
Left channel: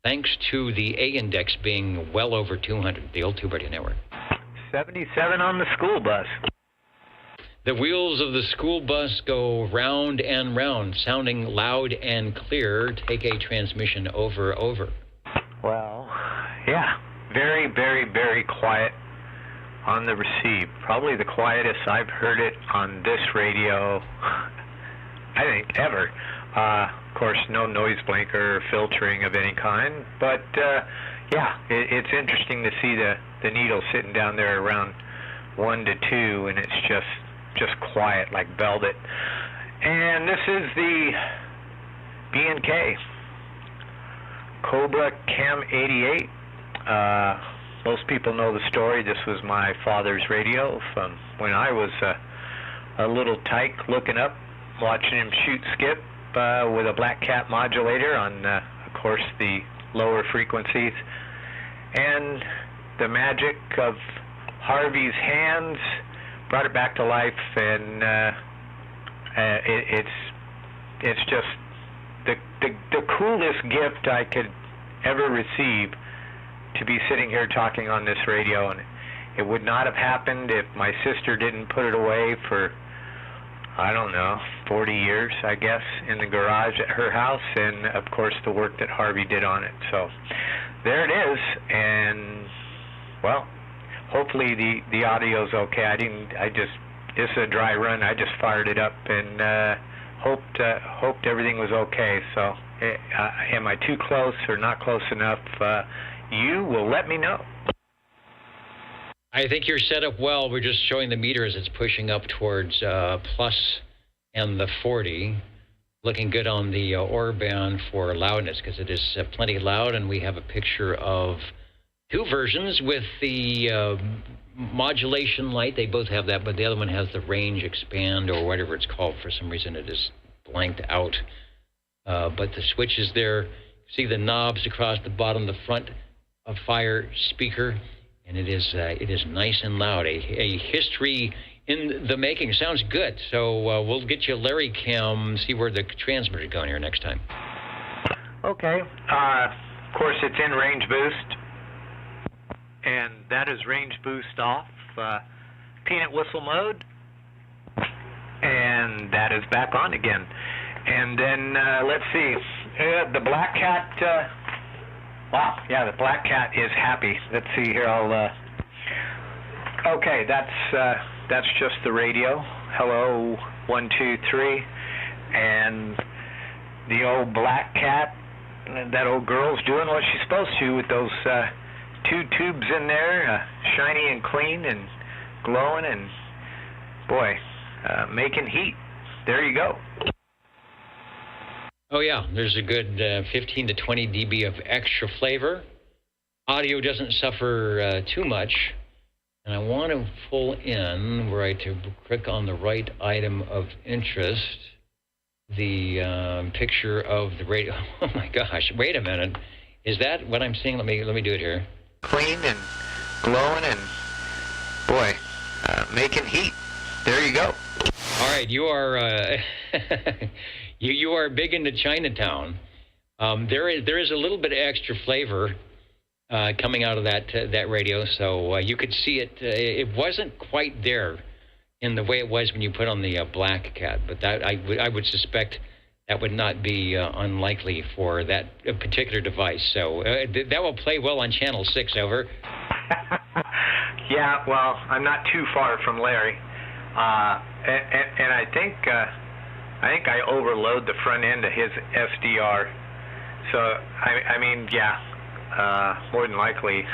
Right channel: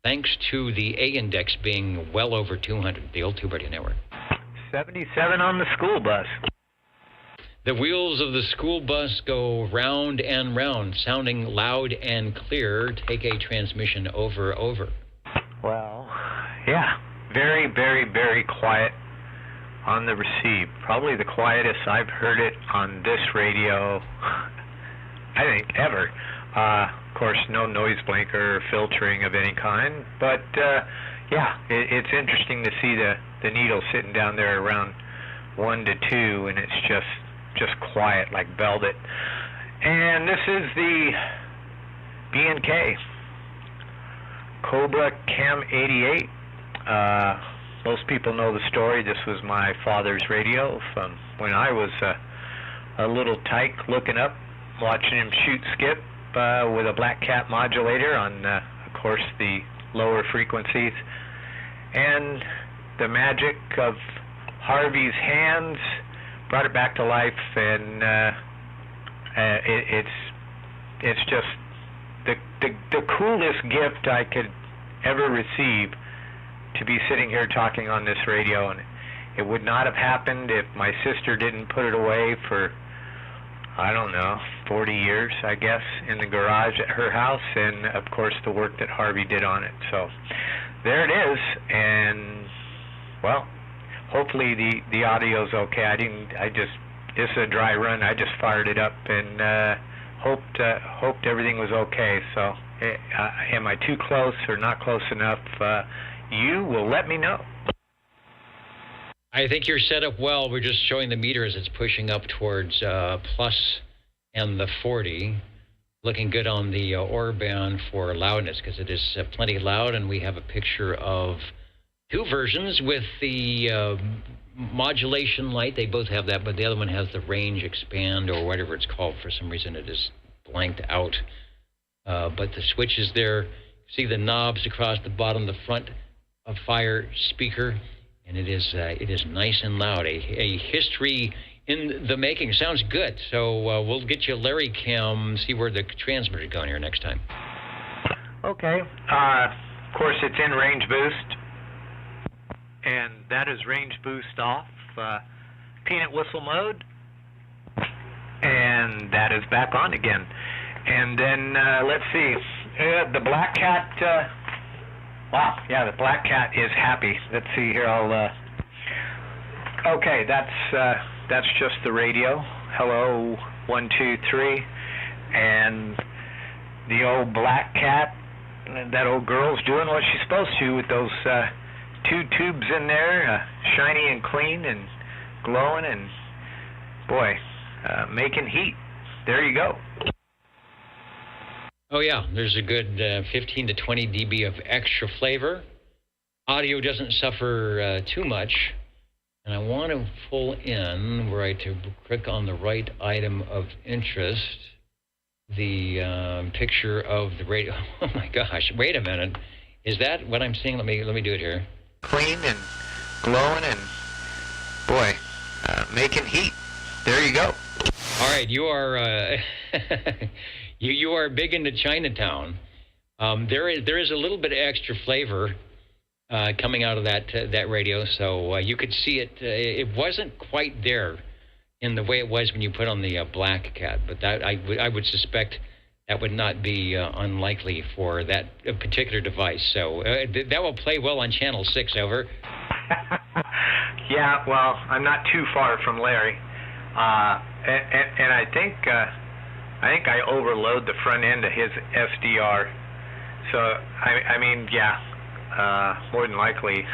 thanks to the A index being well over 200. The Old Tube Radio Network. 77 on the school bus. The wheels of the school bus go round and round, sounding loud and clear. Take a transmission over. Well, yeah. Very, very, very quiet on the receive. Probably the quietest I've heard it on this radio, I think, ever. Of course, no noise blanker or filtering of any kind. But, yeah, it's interesting to see the needle sitting down there around 1 to 2, and it's just quiet like velvet. And this is the B&K Cobra Cam 88. Most people know the story. This was my father's radio from when I was a little tyke looking up, watching him shoot skip with a Black Cat modulator on, of course, the lower frequencies. And the magic of Harvey's hands brought it back to life, and it's just the coolest gift I could ever receive, to be sitting here talking on this radio. And it would not have happened if my sister didn't put it away for, I don't know, 40 years, I guess, in the garage at her house, and of course the work that Harvey did on it. So there it is, and well, hopefully the audio's okay. This is a dry run. I just fired it up and hoped everything was okay. So am I too close or not close enough? You will let me know. I think you're set up well. We're just showing the meter as it's pushing up towards plus and the 40. Looking good on the OR band for loudness, because it is plenty loud, and we have a picture of 2 versions with the modulation light. They both have that, but the other one has the range expand or whatever it's called. For some reason it is blanked out. But the switch is there. See the knobs across the bottom, the front of fire speaker, and it is nice and loud. A history in the making. Sounds good. So we'll get you Larry Cam, see where the transmitter is going here next time. Okay. Of course, it's in range boost, and that is range boost off. Peanut whistle mode, and that is back on again. And then let's see. The Black Cat, wow, yeah, the Black Cat is happy. Let's see here, okay, that's just the radio. Hello, 1, 2, 3, and the old Black Cat, that old girl's doing what she's supposed to with those 2 tubes in there, shiny and clean and glowing, and boy, making heat. There you go. Oh, yeah, there's a good 15 to 20 dB of extra flavor. Audio doesn't suffer too much. And I want to pull in where I to click on the right item of interest, the picture of the radio. Oh my gosh! Wait a minute. Is that what I'm seeing? Let me do it here. Clean and glowing and, boy, making heat. There you go. All right, you are you are big into Chinatown. There is a little bit of extra flavor coming out of that radio, so you could see it. It wasn't quite there in the way it was when you put on the Black Cat, but that I would suspect that would not be unlikely for that particular device. So that will play well on Channel 6. Over. Yeah, well, I'm not too far from Larry, and I think I overload the front end of his SDR. So I mean, yeah, more than likely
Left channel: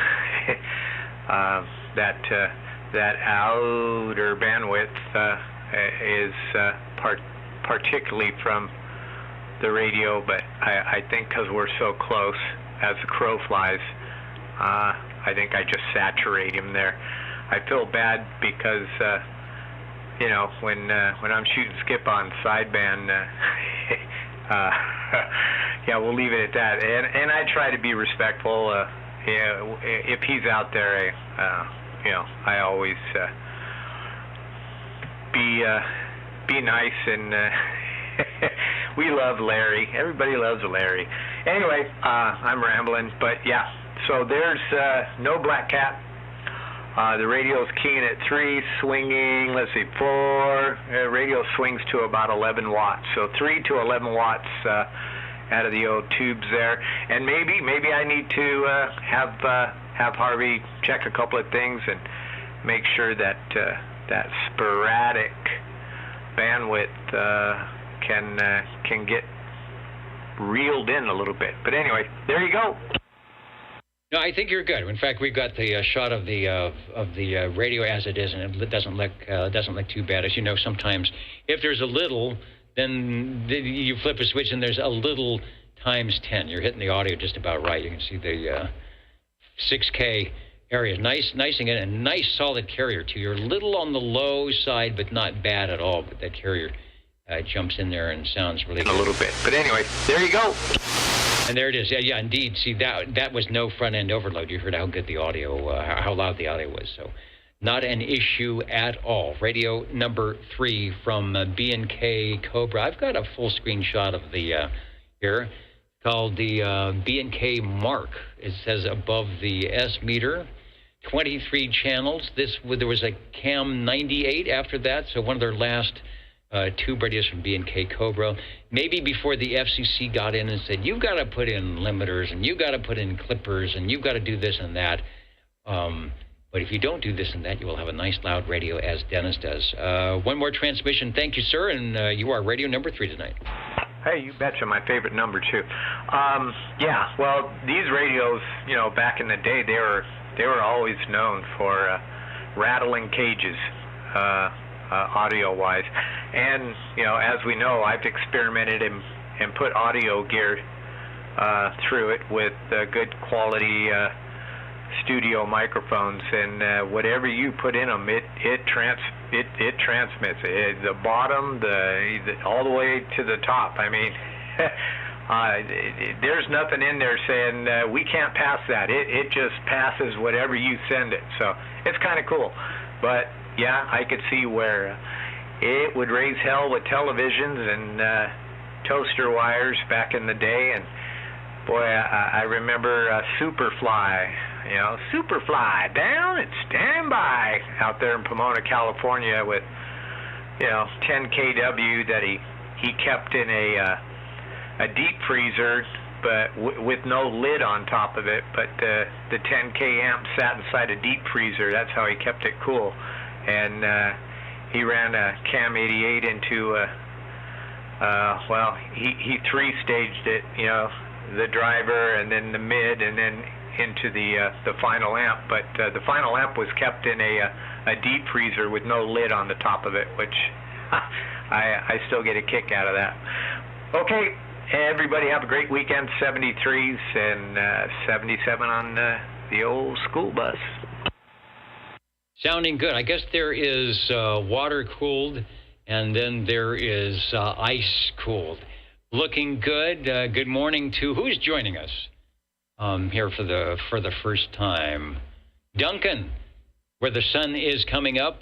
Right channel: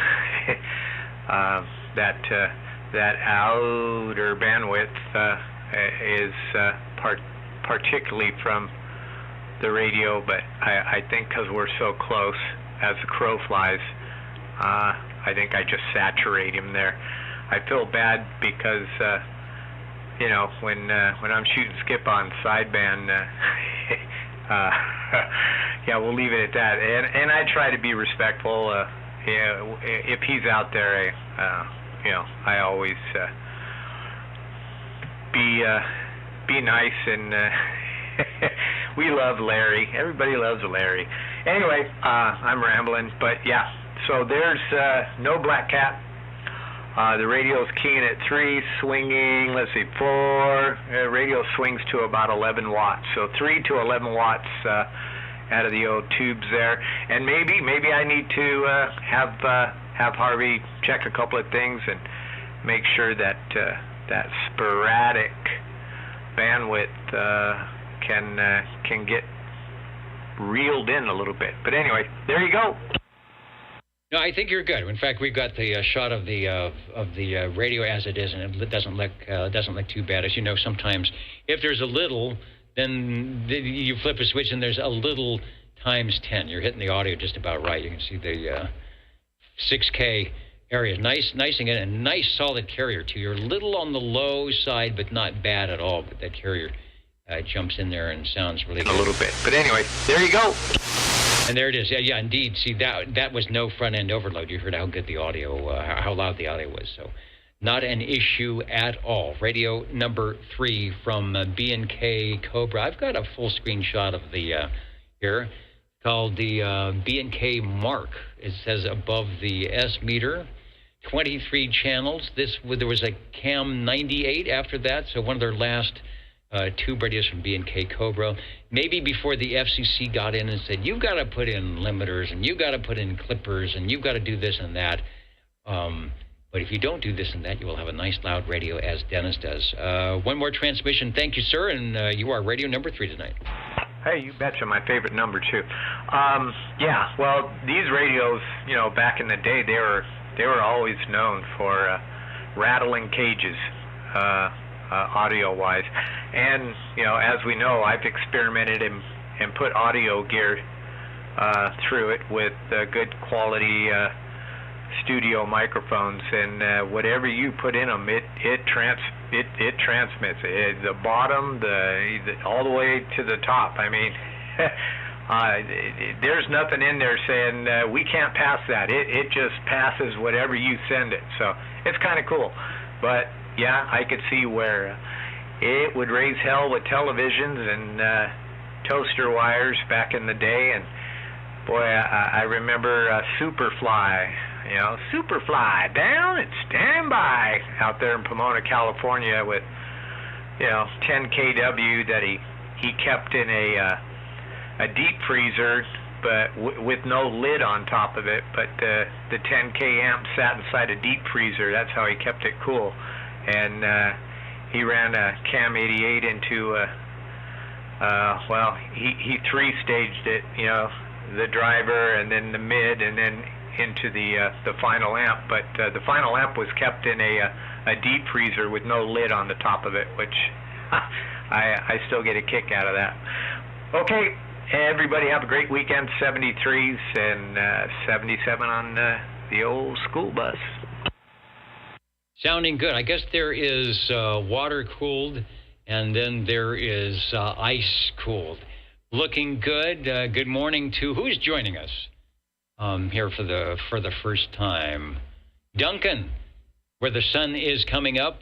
that outer bandwidth is particularly from the radio, but I think because we're so close as the crow flies, I think I just saturate him there. I feel bad because you know, when I'm shooting skip on sideband, yeah, we'll leave it at that. And I try to be respectful. If he's out there, you know, I always be nice, and we love Larry. Everybody loves Larry. Anyway, I'm rambling, but yeah. So there's no Black Cat. The radio's keying at 3, swinging, let's see, 4. Radio swings to about 11 watts. So 3 to 11 watts out of the old tubes there. And maybe I need to have Harvey check a couple of things and make sure that that sporadic bandwidth can get reeled in a little bit. But anyway, there you go. No, I think you're good. In fact, we've got the shot of the radio as it is, and it doesn't look too bad. As you know, sometimes if there's a little, then you flip a switch and there's a little times 10. You're hitting the audio just about right. You can see the 6K area, nice and a nice solid carrier too. You're a little on the low side, but not bad at all. But that carrier jumps in there and sounds really good. A little bit, but anyway, there you go. And there it is. Yeah, indeed. See, that was no front-end overload. You heard how good the audio, how loud the audio was. So not an issue at all. Radio number 3 from B&K Cobra. I've got a full screen shot of the here called the B&K Mark. It says above the S meter, 23 channels. There was a Cam 98 after that, so one of their last tube radios from B&K Cobra. Maybe before the FCC got in and said, you've got to put in limiters, and you've got to put in clippers, and you've got to do this and that. But if you don't do this and that, you will have a nice loud radio, as Dennis does. One more transmission. Thank you, sir, and you are radio number 3 tonight. Hey, you betcha, my favorite number 2. Yeah, well, these radios, you know, back in the day, they were always known for rattling cages, audio-wise. And, you know, as we know, I've experimented and put audio gear through it with good quality studio microphones, and whatever you put in them, it transmits. The bottom, all the way to the top. I mean, there's nothing in there saying we can't pass that. It just passes whatever you send it. So it's kind of cool. But yeah, I could see where it would raise hell with televisions and toaster wires back in the day. And boy, I remember Superfly. You know, Superfly, down and stand by, out there in Pomona, California, with, you know, 10 kW that he kept in a deep freezer, but with no lid on top of it. But the 10K amp sat inside a deep freezer. That's how he kept it cool. And he ran a Cam 88 into well, he 3-staged it, you know, the driver and then the mid and then into the final amp. But the final amp was kept in a deep freezer with no lid on the top of it, which I still get a kick out of that. Okay, everybody have a great weekend. 73s and 77 on the old school bus. Sounding good. I guess there is water-cooled, and then there is ice-cooled. Looking good. Good morning to who's joining us here for the first time. Duncan, where the sun is coming up,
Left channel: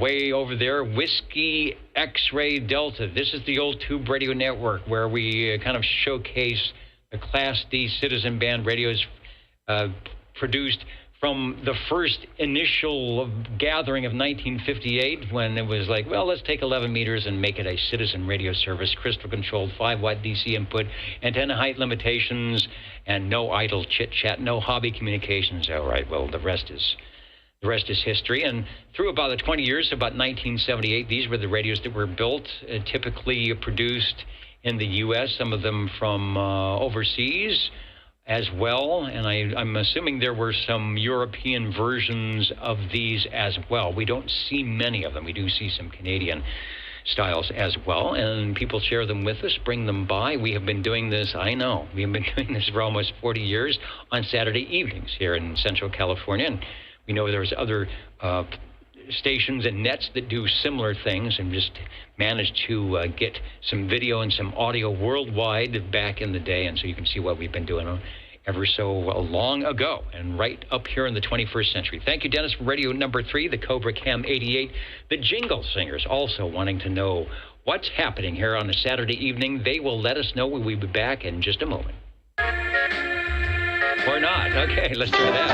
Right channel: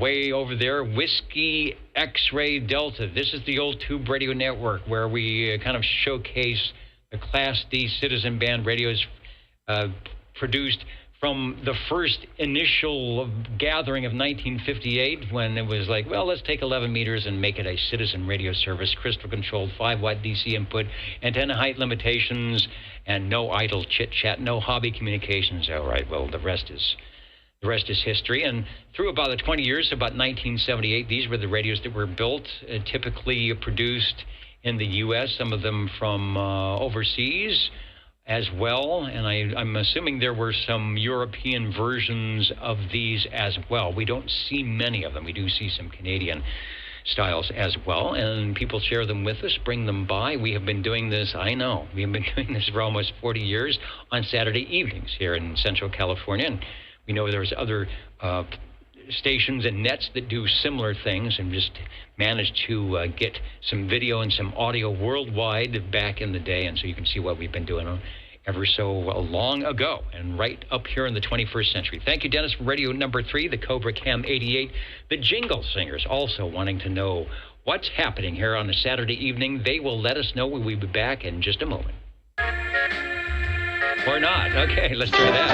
way over there. Whiskey X-Ray Delta. This is the old Tube Radio Network, where we kind of showcase the Class D citizen band radios produced from the first initial gathering of 1958, when it was like, well, let's take 11 meters and make it a citizen radio service, crystal-controlled, 5-watt DC input, antenna height limitations, and no idle chit-chat, no hobby communications. All right, well, the rest is history. And through about the 20 years, about 1978, these were the radios that were built, typically produced in the U.S., some of them from overseas as well, and I'm assuming there were some European versions of these as well. We don't see many of them. We do see some Canadian styles as well, and people share them with us, bring them by. We have been doing this, I know, we have been doing this for almost 40 years on Saturday evenings here in Central California, and we know there's other stations and nets that do similar things and just managed to get some video and some audio worldwide back in the day, and so you can see what we've been doing ever so long ago and right up here in the 21st century. Thank you, Dennis, for radio number 3, the Cobra Cam 88. The Jingle Singers also wanting to know what's happening here on a Saturday evening. They will let us know when we'll be back in just a moment. Or not. Okay, let's try that.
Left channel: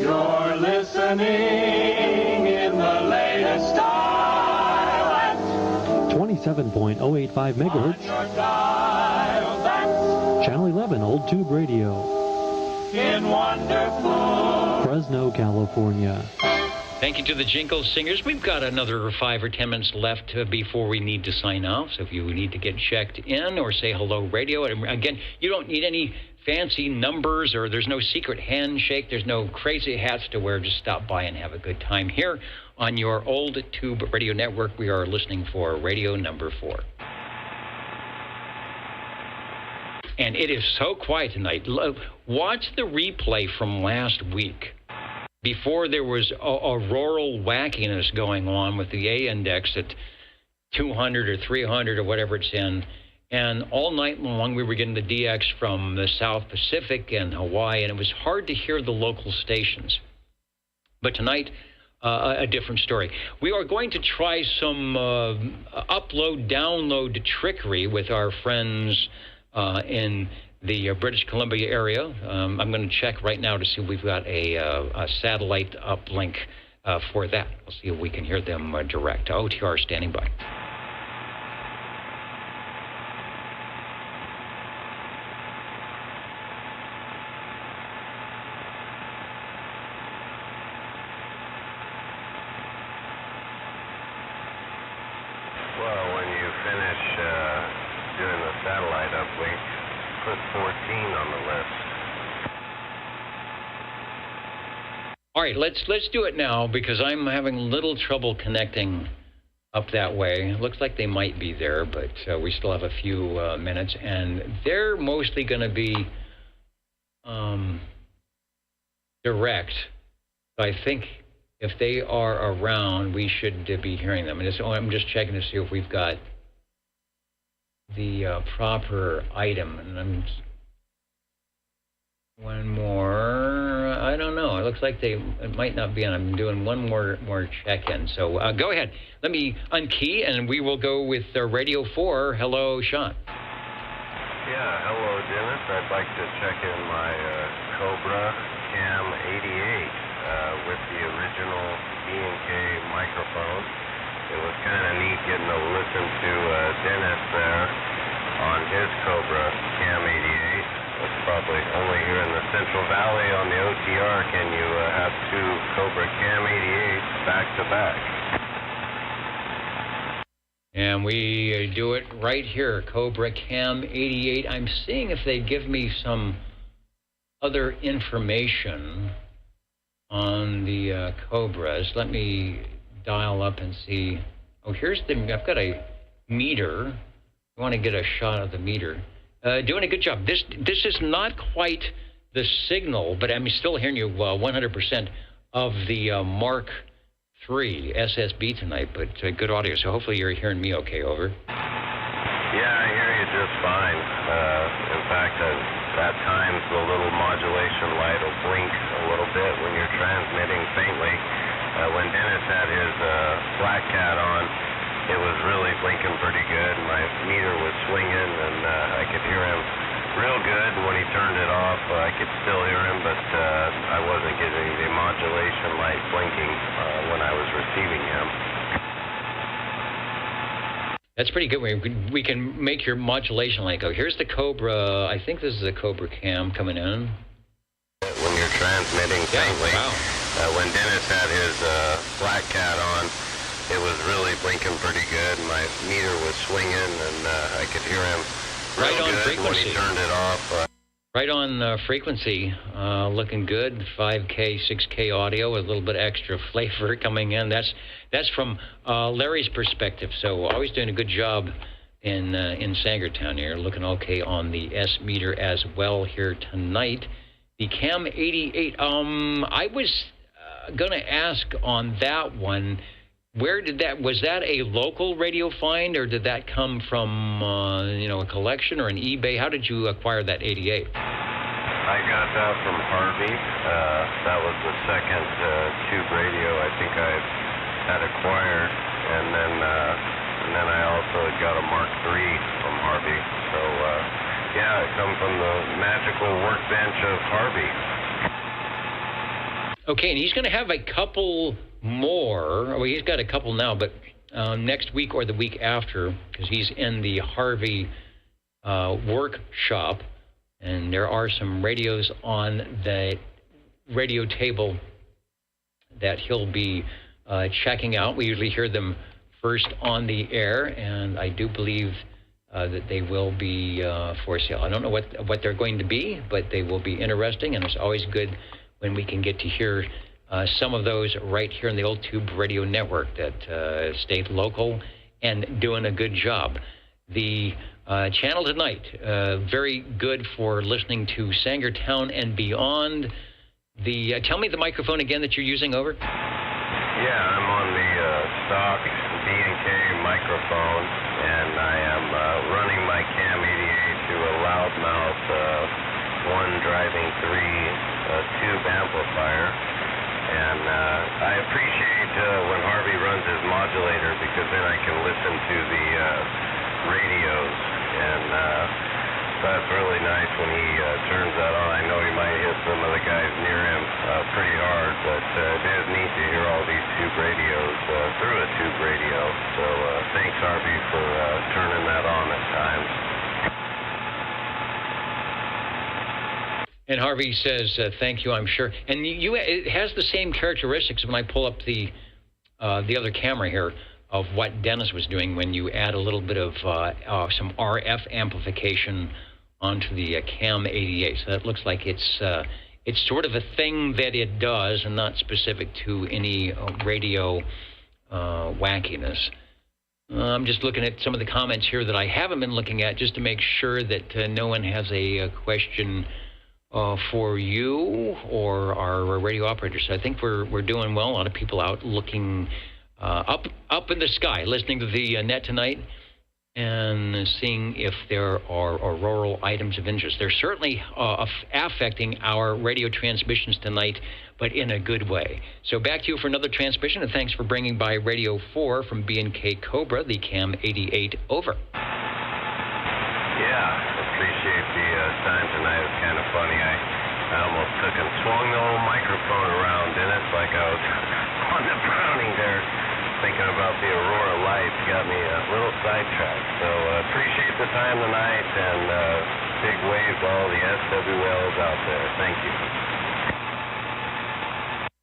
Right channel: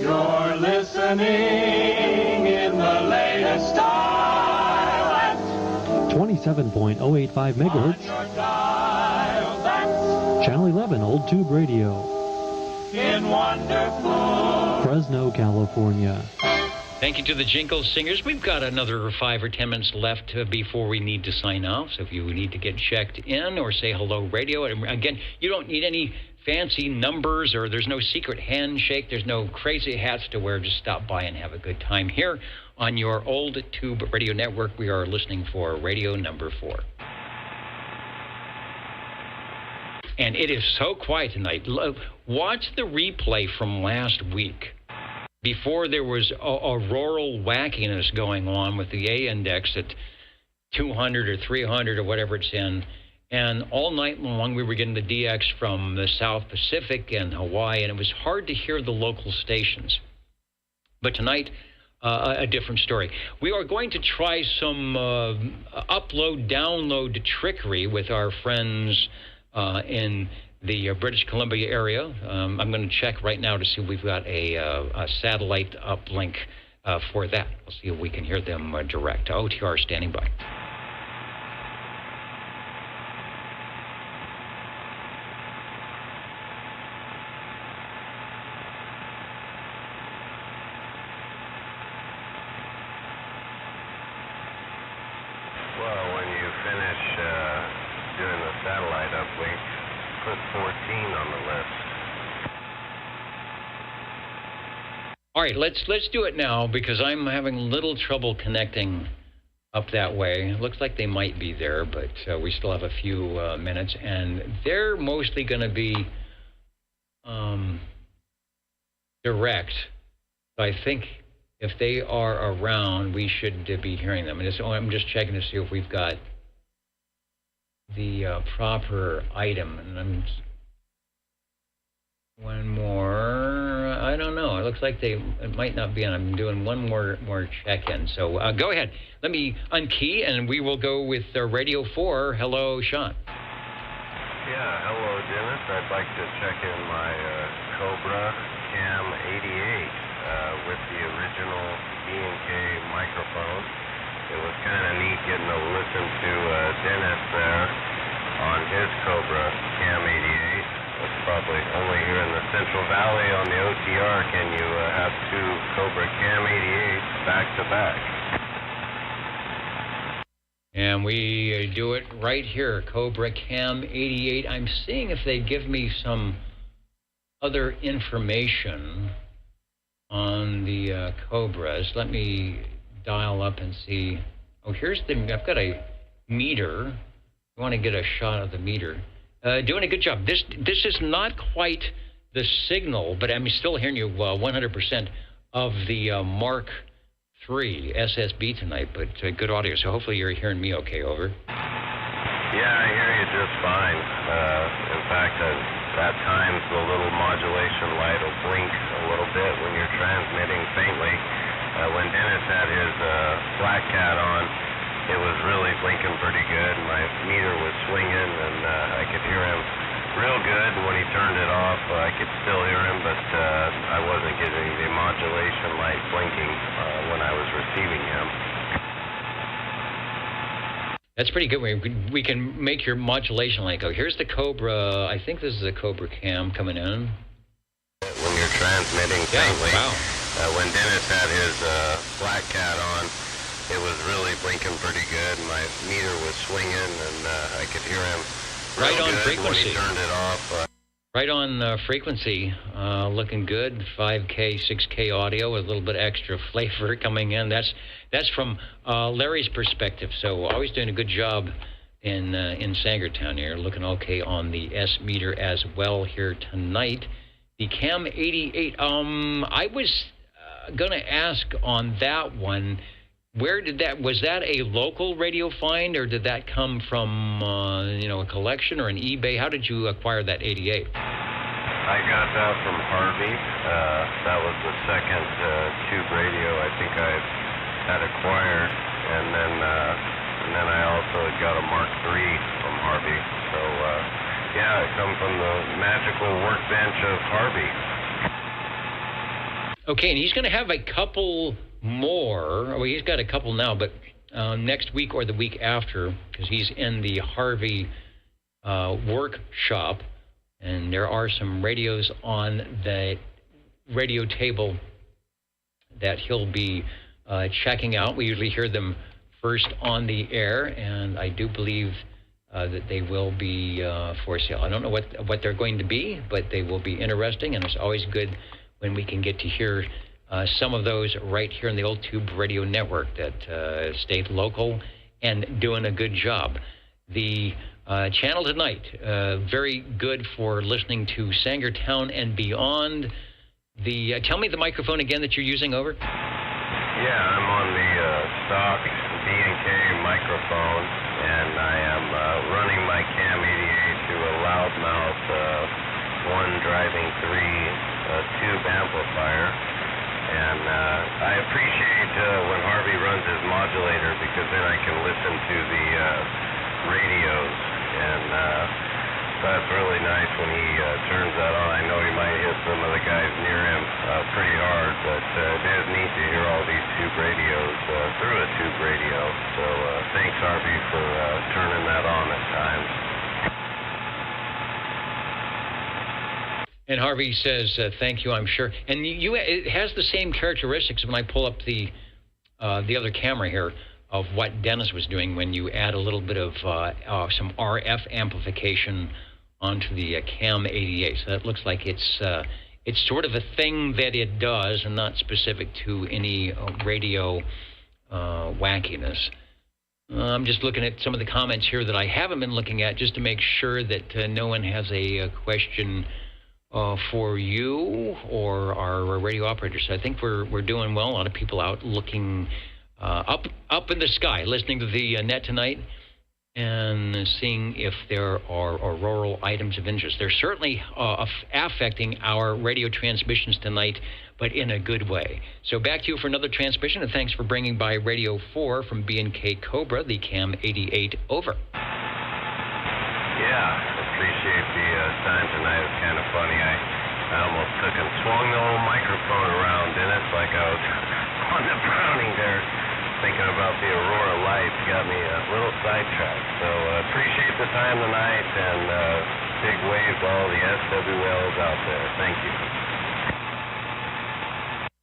You're listening in the latest style. 27.085 megahertz. Channel 11, Old Tube Radio. In wonderful Fresno, California. Thank you to the Jingle Singers. We've got another 5 or 10 minutes left before we need to sign off. So if you need to get checked in or say hello radio, and again, you don't need any fancy numbers, or there's no secret handshake. There's no crazy hats to wear. Just stop by and have a good time here on your Old Tube Radio Network. We are listening for radio number 4. And it is so quiet tonight. Watch the replay from last week. Before there was auroral wackiness going on with the A index at 200 or 300 or whatever it's in. And all night long, we were getting the DX from the South Pacific and Hawaii, and it was hard to hear the local stations. But tonight, a different story. We are going to try some upload-download trickery with our friends in the British Columbia area. I'm going to check right now to see if we've got a satellite uplink for that. We'll see if we can hear them direct. OTR standing by. All right, let's do it now because I'm having a little trouble connecting up that way. It looks like they might be there, but we still have a few minutes, and they're mostly going to be direct. So I think if they are around, we should be hearing them. And I'm just checking to see if we've got the proper item. And one more. I don't know. It looks like it might not be, and I'm doing one more check-in. So go ahead. Let me unkey, and we will go with Radio 4. Hello, Sean. Yeah, hello, Dennis. I'd like to check in my Cobra Cam 88 with the original B&K microphone. It was kind of neat getting to listen to Dennis there on his Cobra Cam 88. It's probably only here in the Central Valley on the OTR can you have 2 Cobra Cam 88s back to back. And we do it right here, Cobra Cam 88. I'm seeing if they give me some other information on the Cobras. Let me dial up and see. Oh, I've got a meter. I want to get a shot of the meter. Doing a good job. This is not quite the signal, but I'm still hearing you 100% of the Mark III SSB tonight, but good audio, so hopefully you're hearing me okay, over. Yeah, I hear you just fine. In fact, at times the little modulation light will blink a little bit when you're transmitting faintly. When Dennis had his Black Cat on, it was really blinking pretty good. My meter was swinging, and I could hear him real good. When he turned it off, I could still hear him, but I wasn't getting the modulation light blinking when I was receiving him. That's pretty good. We can make your modulation light go. Here's the Cobra. I think this is a Cobra Cam coming in. When you're transmitting faintly, when Dennis had his Black Cat on, it was really blinking pretty good. My meter was swinging, and I could hear him right on frequency. When he turned it off. Right on frequency, looking good. 5K, 6K audio with a little bit extra flavor coming in. That's from Larry's perspective. So always doing a good job in Sangertown here. Looking okay on the S meter as well here tonight. The Cam 88. I was gonna ask on that one. Where did that, was that a local radio find, or did that come from, a collection or an eBay? How did you acquire that 88? I got that from Harvey. That was the second tube radio I think I had acquired, and then I also got a Mark III from Harvey. So yeah, it comes from the magical workbench of Harvey. Okay, and he's going to have a couple more. Well, he's got a couple now, but next week or the week after, because he's in the Harvey workshop, and there are some radios on the radio table that he'll be checking out. We usually hear them first on the air, and I do believe that they will be for sale. I don't know what they're going to be, but they will be interesting, and it's always good when we can get to hear some of those right here in the Old Tube Radio Network that stayed local and doing a good job. The channel tonight, very good for listening to Sangertown and beyond. Tell me the microphone again that you're using, over. Yeah, I'm on the stock B&K microphone, and I am running my Cam 88 to a loudmouth 1 driving 3 tube amplifier. And I appreciate when Harvey runs his modulator, because then I can listen to the radios, and that's really nice when he turns that on. I know he might hit some of the guys near him pretty hard, but it is neat to hear all these tube radios through a tube radio. So thanks, Harvey, for turning that on at times. And Harvey says, thank you, I'm sure. And it has the same characteristics when I pull up the other camera here of what Dennis was doing when you add a little bit of some RF amplification onto the Cam 88. So that looks like it's sort of a thing that it does and not specific to any radio wackiness. I'm just looking at some of the comments here that I haven't been looking at just to make sure that no one has a question for you or our radio operators. So I think we're doing well. A lot of people out looking up in the sky, listening to the net tonight and seeing if there are auroral items of interest. They're certainly affecting our radio transmissions tonight, but in a good way. So back to you for another transmission, and thanks for bringing by Radio 4 from B&K Cobra, the Cam 88, over. Appreciate the time tonight. It's kind of funny. I almost took and swung the old microphone around, Dennis, like I was on the Browning there, thinking about the aurora lights. Got me a little sidetracked. So appreciate the time tonight, and big wave to all the SWLs out there. Thank you.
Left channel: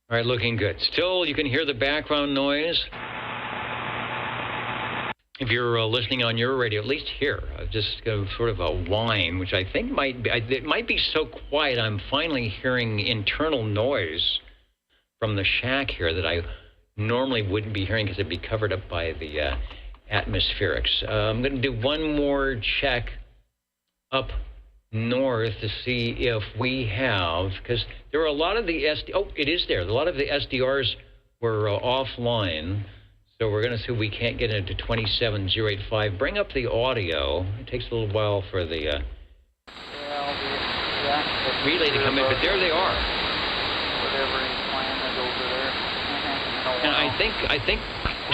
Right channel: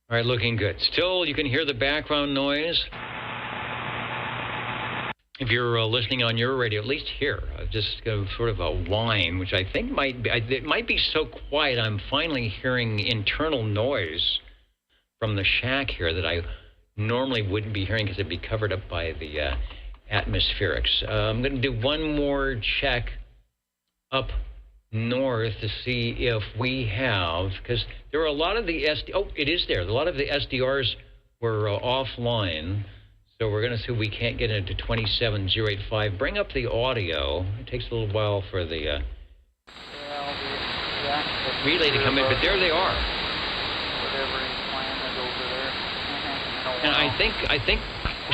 All right, looking good. Still, you can hear the background noise. If you're listening on your radio, at least here, just sort of a whine, which I think it might be so quiet I'm finally hearing internal noise from the shack here that I normally wouldn't be hearing because it'd be covered up by the atmospherics. I'm going to do one more check up north to see if we have, because there are a lot of the it is there. A lot of the SDRs were offline, so we're going to see if we can't get into 27085. Bring up the audio. It takes a little while for the relay to come in, but there they are. And I think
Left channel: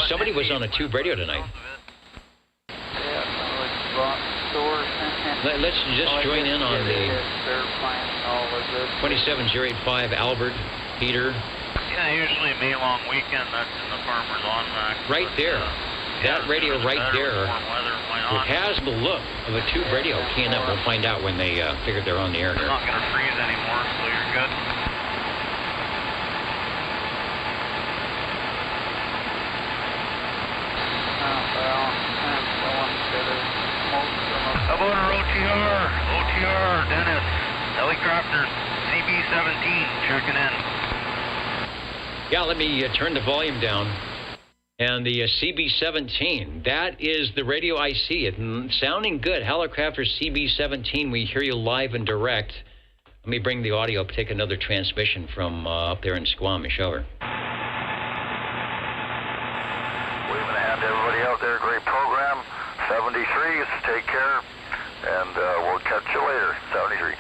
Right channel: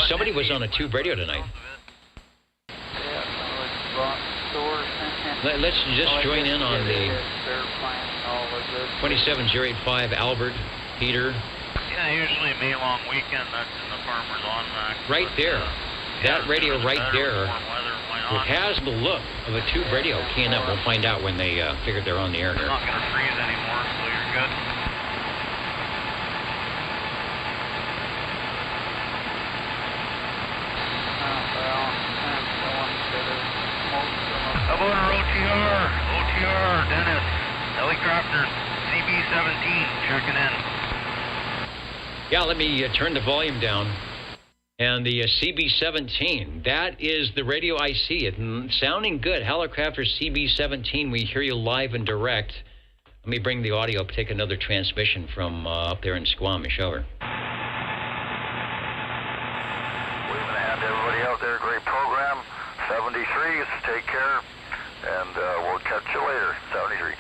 somebody was on a tube radio tonight. Let's just join in on the 27085 Albert, Peter. Yeah, usually me long weekend, that's in the farmer's almanac. Right there. That radio right there. It has the look of a tube radio keying up. We'll find out when they figure they're on the air here. It's not going to freeze anymore, so you're good. How about our OTR, Dennis, Hallicrafters, CB17, checking in. Yeah, let me turn the volume down. And the CB17, that is the radio I see. It sounding good. Hallicrafters CB17, we hear you live and direct. Let me bring the audio up, take another transmission from up there in Squamish. Over. Waving a hand to everybody out there. Great program. 73s, take care. And we'll catch you later. 73.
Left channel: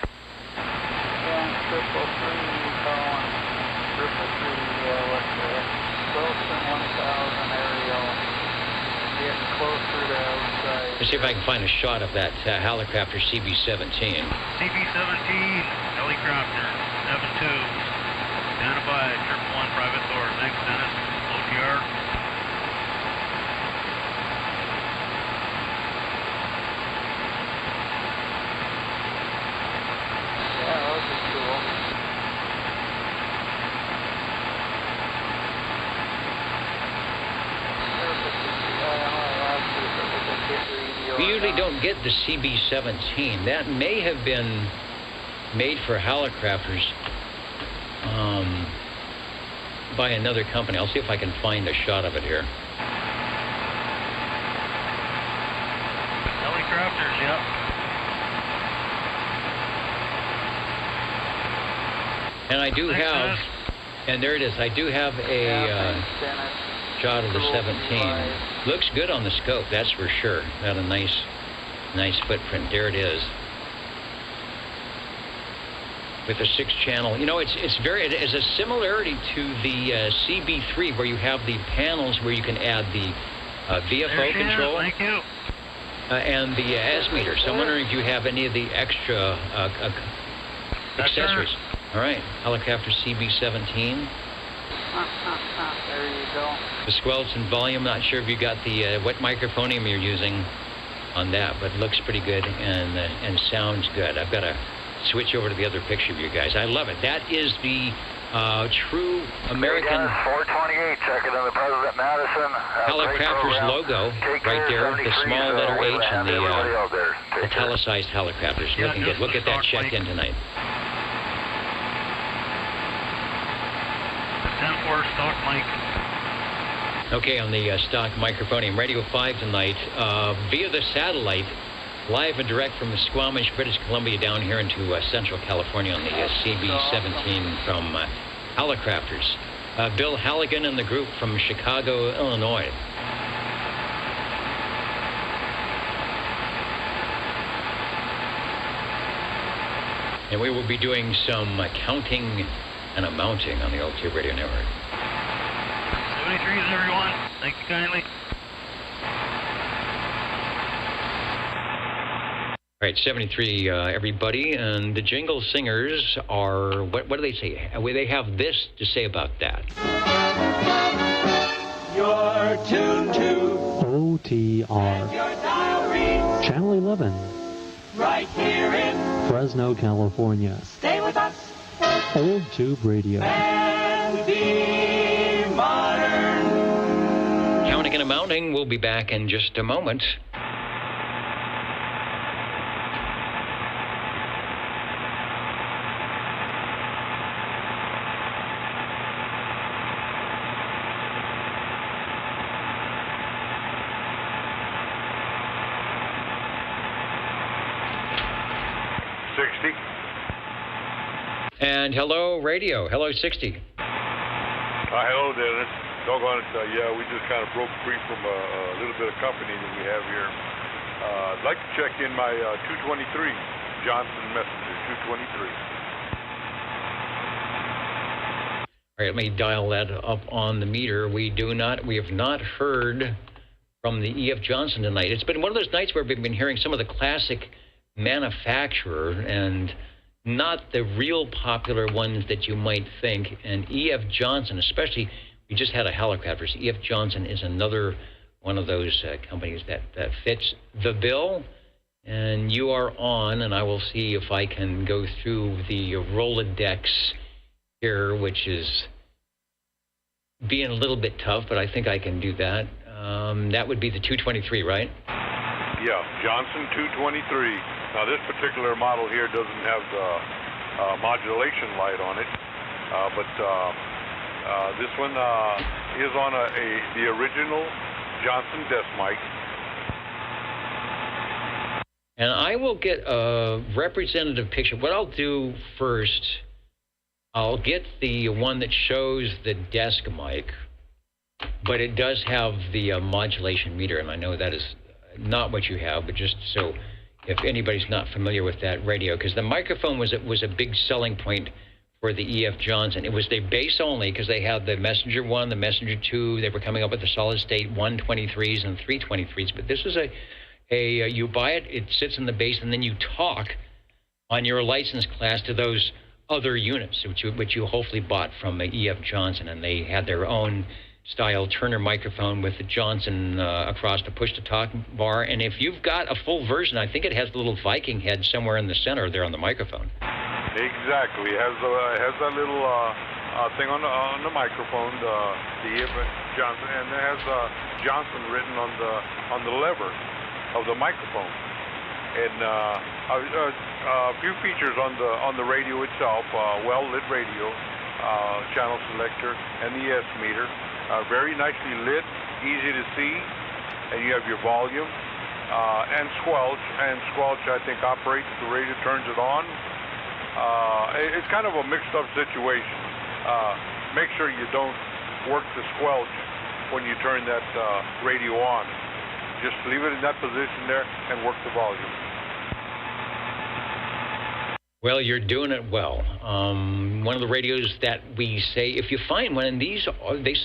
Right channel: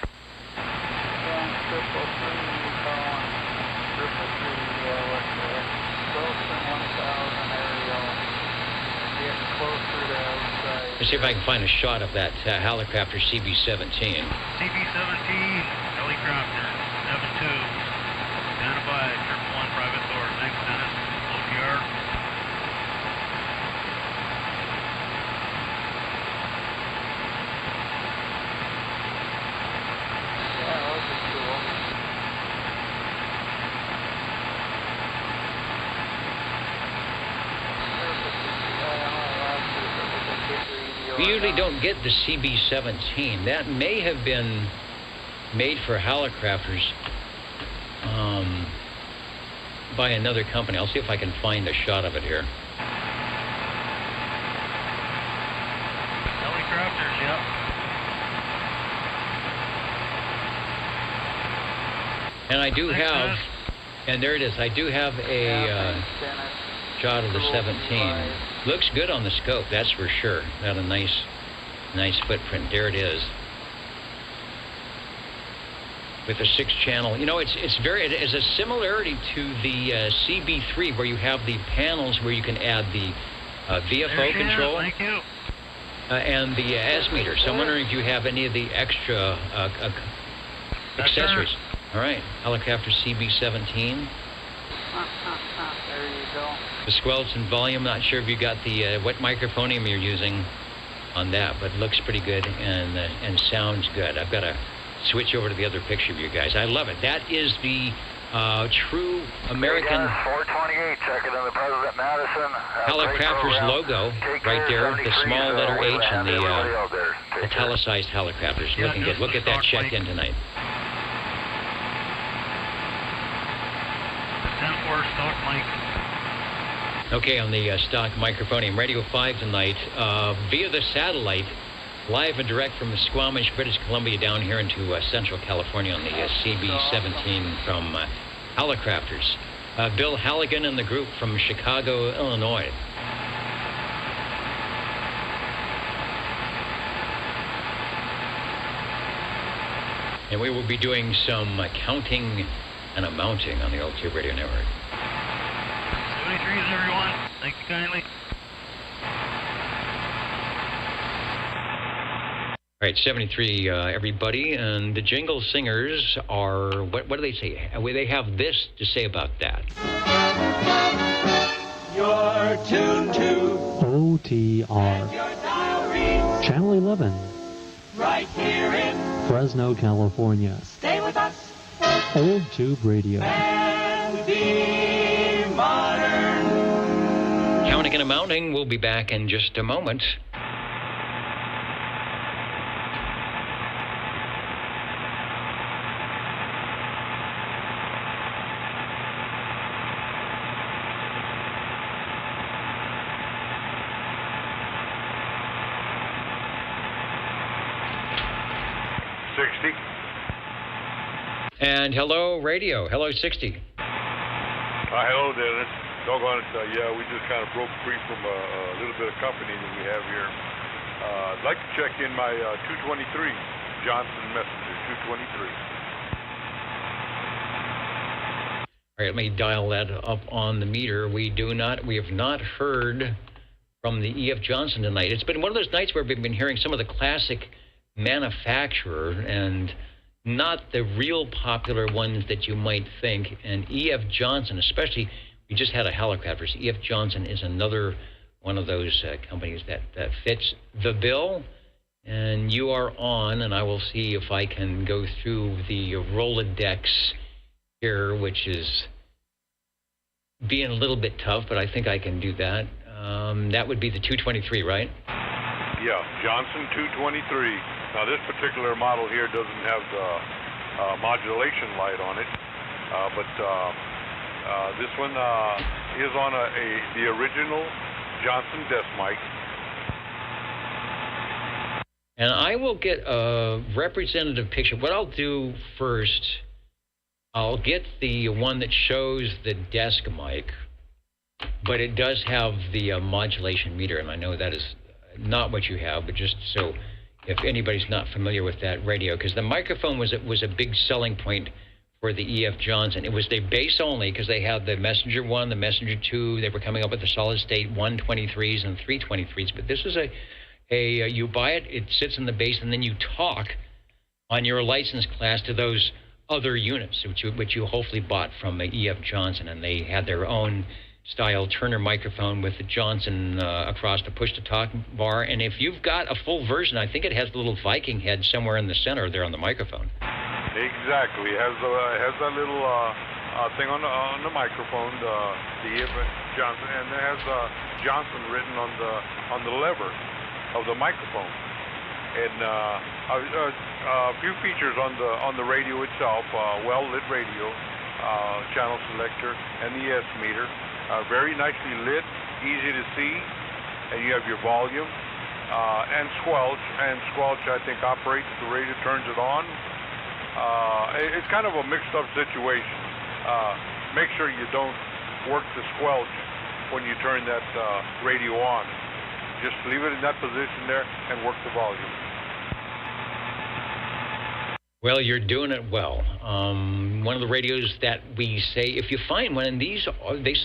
Let's see if I can find a shot of that Hallicrafter CB17. CB17, Hallicrafter, 7-2. Standing by, 111 private floor. Thanks, Dennis. OTR. We usually don't get the CB17. That may have been made for Hallicrafters by another company. I'll see if I can find a shot of it here. Hallicrafters, yep. And I do have, and there it is, I do have a shot of the 17. Looks good on the scope, that's for sure. Got a nice footprint. There it is. With a 6-channel. You know, it's a similarity to the CB3 where you have the panels where you can add the VFO control. Thank you. And the S-meter. So I'm wondering if you have any of the extra accessories. All right, Hallicrafter CB17. There you go. The squelch and volume, not sure if you got the what microphonium you're using on that, but looks pretty good and sounds good. I've got to switch over to the other picture of you guys. I love it. That is the true American 428, checking in the President Madison. Hallicrafters logo right there, the small letter H and the italicized Hallicrafters. Looking good. We'll get that checked in tonight. Stock mic. Okay, on the stock microphonium, Radio 5 tonight, via the satellite, live and direct from Squamish, British Columbia, down here into Central California on the CB17 from Hallicrafters. Bill Halligan and the group from Chicago, Illinois. And we will be doing some counting and amounting on the Altitude Radio Network. 73s, everyone. Thank you kindly. All right, 73, everybody. And the jingle singers are, what do they say? They have this to say about that. You're tuned to OTR. your dial reads Channel 11. right here in Fresno, California. Stay with us Old Tube Radio. and be modern. Counting and amounting. We'll be back in just a moment. And hello, radio. Hello, 60. Hello, Dennis. Doggone it. Yeah, we just kind of broke free from a little bit of company that we have here. I'd like to check in my 223 Johnson Messenger 223. All right, let me dial that up on the meter. We have not heard from the E.F. Johnson tonight. It's been one of those nights where we've been hearing some of the classic manufacturer and not the real popular ones that you might think. And E.F. Johnson, especially, we just had a Hallicrafters. E.F. Johnson is another one of those companies that fits the bill. And you are on, and I will see if I can go through the Rolodex here, which is being a little bit tough, but I think I can do that. That would be the 223, right? Yeah, Johnson 223. Now, this particular model here doesn't have the modulation light on it, but this one is on the original Johnson desk mic. And I will get a representative picture. What I'll do first, I'll get the one that shows the desk mic, but it does have the modulation meter, and I know that is not what you have, but just so if anybody's not familiar with that radio, because the microphone was a big selling point for the E.F. Johnson. It was the bass only, because they had the Messenger 1, the Messenger 2. They were coming up with the solid state 123s and 323s, but this is you buy it, it sits in the bass, and then you talk on your license class to those other units, which you hopefully bought from the E.F. Johnson, and they had their own style Turner microphone with the Johnson across the push-to-talk bar. And if you've got a full version, I think it has the little Viking head somewhere in the center there on the microphone. Exactly. It has that little thing on the microphone, the E.F. Johnson, and it has Johnson written on the lever of the microphone. And a few features on the radio itself: well-lit radio, channel selector, and the S meter. Very nicely lit, easy to see, and you have your volume and squelch. And squelch, I think, operates the radio, turns it on. It's kind of a mixed-up situation. Make sure you don't work the squelch when you turn that radio on. Just leave it in that position there and work the volume. Well, you're doing it well. One of the radios that we say, if you find one, and they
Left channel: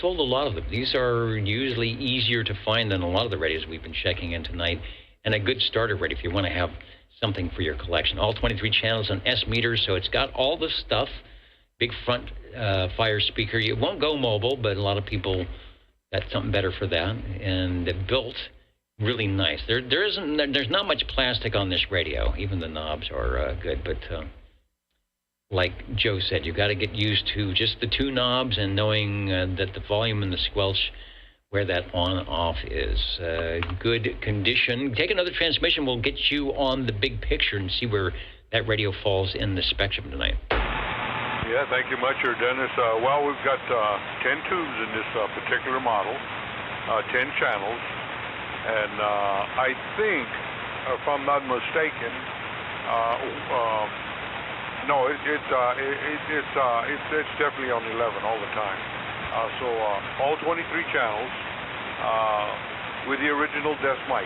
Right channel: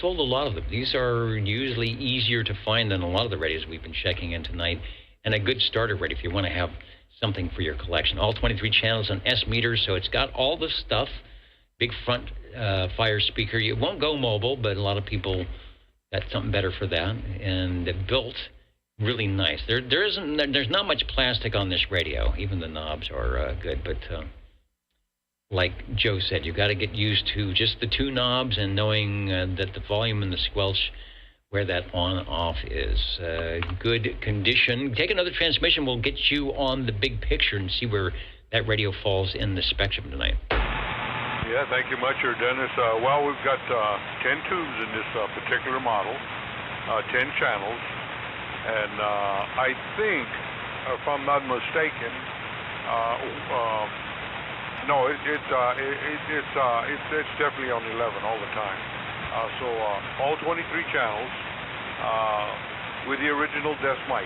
sold a lot of them. These are usually easier to find than a lot of the radios we've been checking in tonight. And a good starter radio if you want to have something for your collection. All 23 channels on S meters, so it's got all the stuff. Big front fire speaker. It won't go mobile, but a lot of people got something better for that. And built really nice. There's not much plastic on this radio. Even the knobs are good, but like Joe said, you got to get used to just the two knobs and knowing that the volume and the squelch, where that on-off is. Good condition. Take another transmission. We'll get you on the big picture and see where that radio falls in the spectrum tonight. Yeah, thank you much, Dennis. Well, we've got 10 tubes in this particular model, 10 channels. And I think, if I'm not mistaken, no, it's definitely on 11 all the time. So all 23 channels with the original desk mic.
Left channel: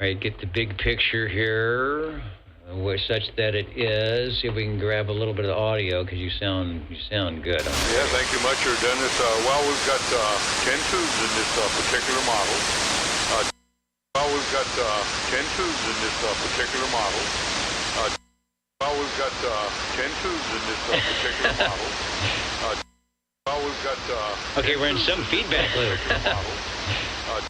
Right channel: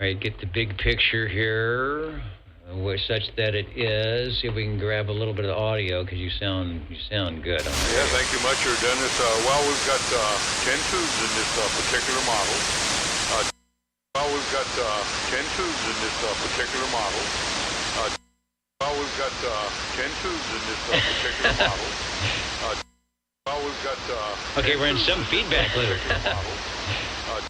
All right, get the big picture here, such that it is. See if we can grab a little bit of audio, because you sound good. Yeah, thank you much, Dennis. Well, we've got 10 tubes in this particular model. Well, we've got 10 tubes in this particular model. Well, we've got 10 tubes in this particular model. Well, we've got 10 we're in some feedback loop.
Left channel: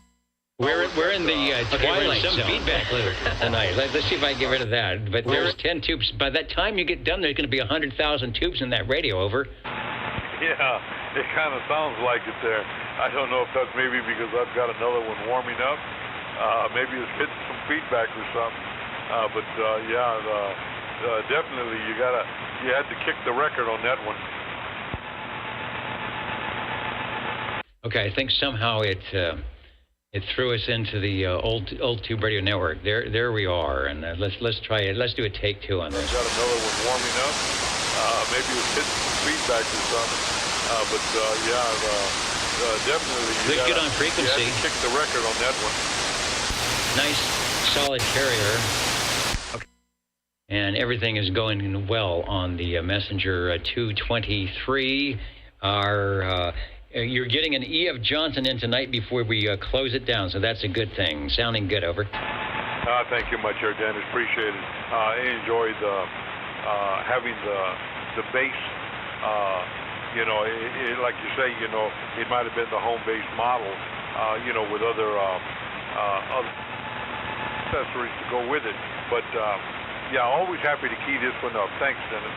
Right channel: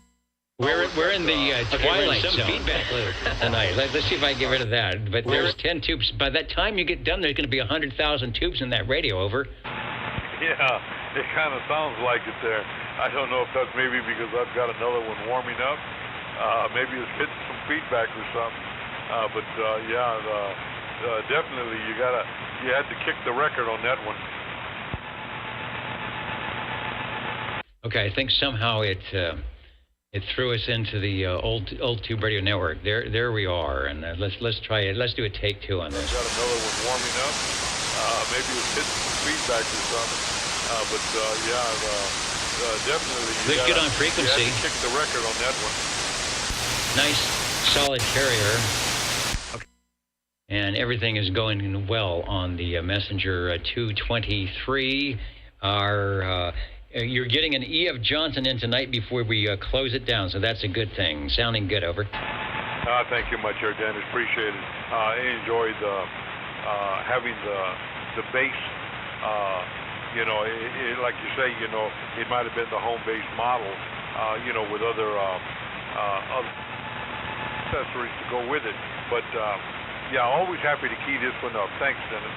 We're in the we're in some zone feedback loop tonight. Let's see if I can get rid of that. But those 10 tubes, by that time you get done, there's going to be 100,000 tubes in that radio. Over. Yeah, it kind of sounds like it there. I don't know if that's maybe because I've got another one warming up. Maybe it's hitting some feedback or something. But definitely you had to kick the record on that one. Okay, I think somehow it It threw us into the old Tube Radio Network. There we are, and let's try it. Let's do a take two on this. Got another one warming up. Maybe it was hitting some feedback or something. But definitely. Let's get on frequency. You kick the record on that one. Nice, solid carrier. Okay. And everything is going well on the Messenger 223. You're getting an E.F. Johnson in tonight before we close it down, so that's a good thing. Sounding good, over. Thank you much, Dennis. Appreciate it. I enjoyed having the base. Like you say, it might have been the home base model, with other accessories to go with it. But, always happy to key this one up. Thanks, Dennis.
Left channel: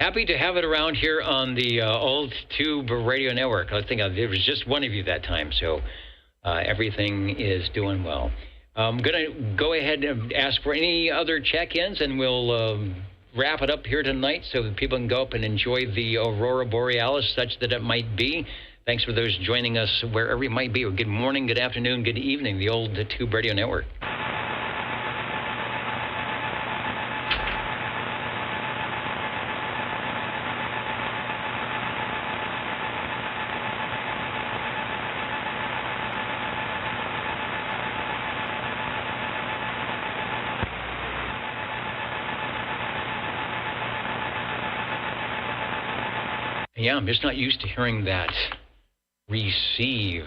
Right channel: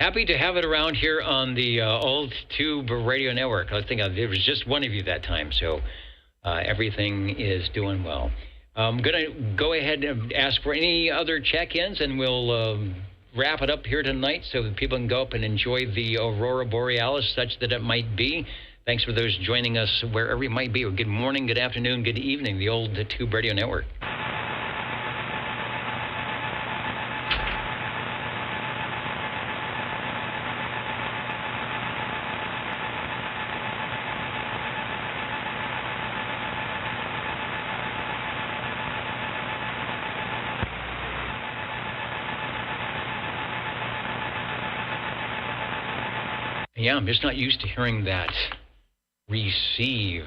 Happy to have it around here on the old Tube Radio Network. I think there was just one of you that time, so everything is doing well. I'm going to go ahead and ask for any other check-ins, and we'll wrap it up here tonight so that people can go up and enjoy the Aurora Borealis, such that it might be. Thanks for those joining us wherever you might be. Good morning, good afternoon, good evening, the old Tube Radio Network. Yeah, I'm just not used to hearing that receive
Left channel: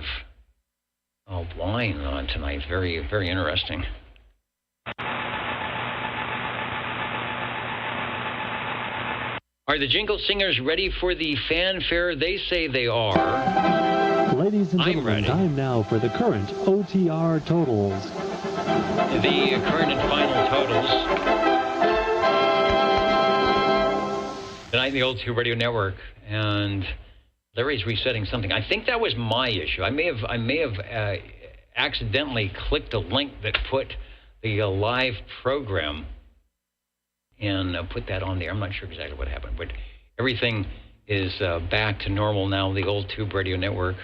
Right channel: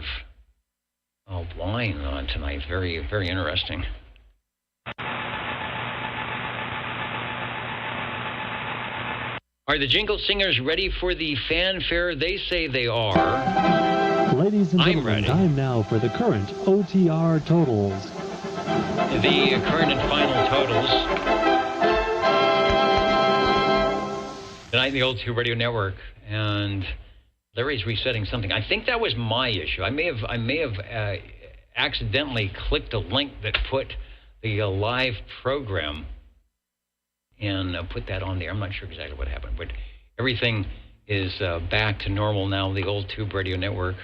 line on tonight. Very, very interesting. Are the Jingle Singers ready for the fanfare? They say they are. Ladies and gentlemen, time now for the current OTR totals. The current and final totals. Tonight, the old Tube Radio Network. And Larry's resetting something. I think that was my issue. I may have accidentally clicked a link that put the live program and put that on there. I'm not sure exactly what happened, but everything is back to normal now. The old Tube Radio Network.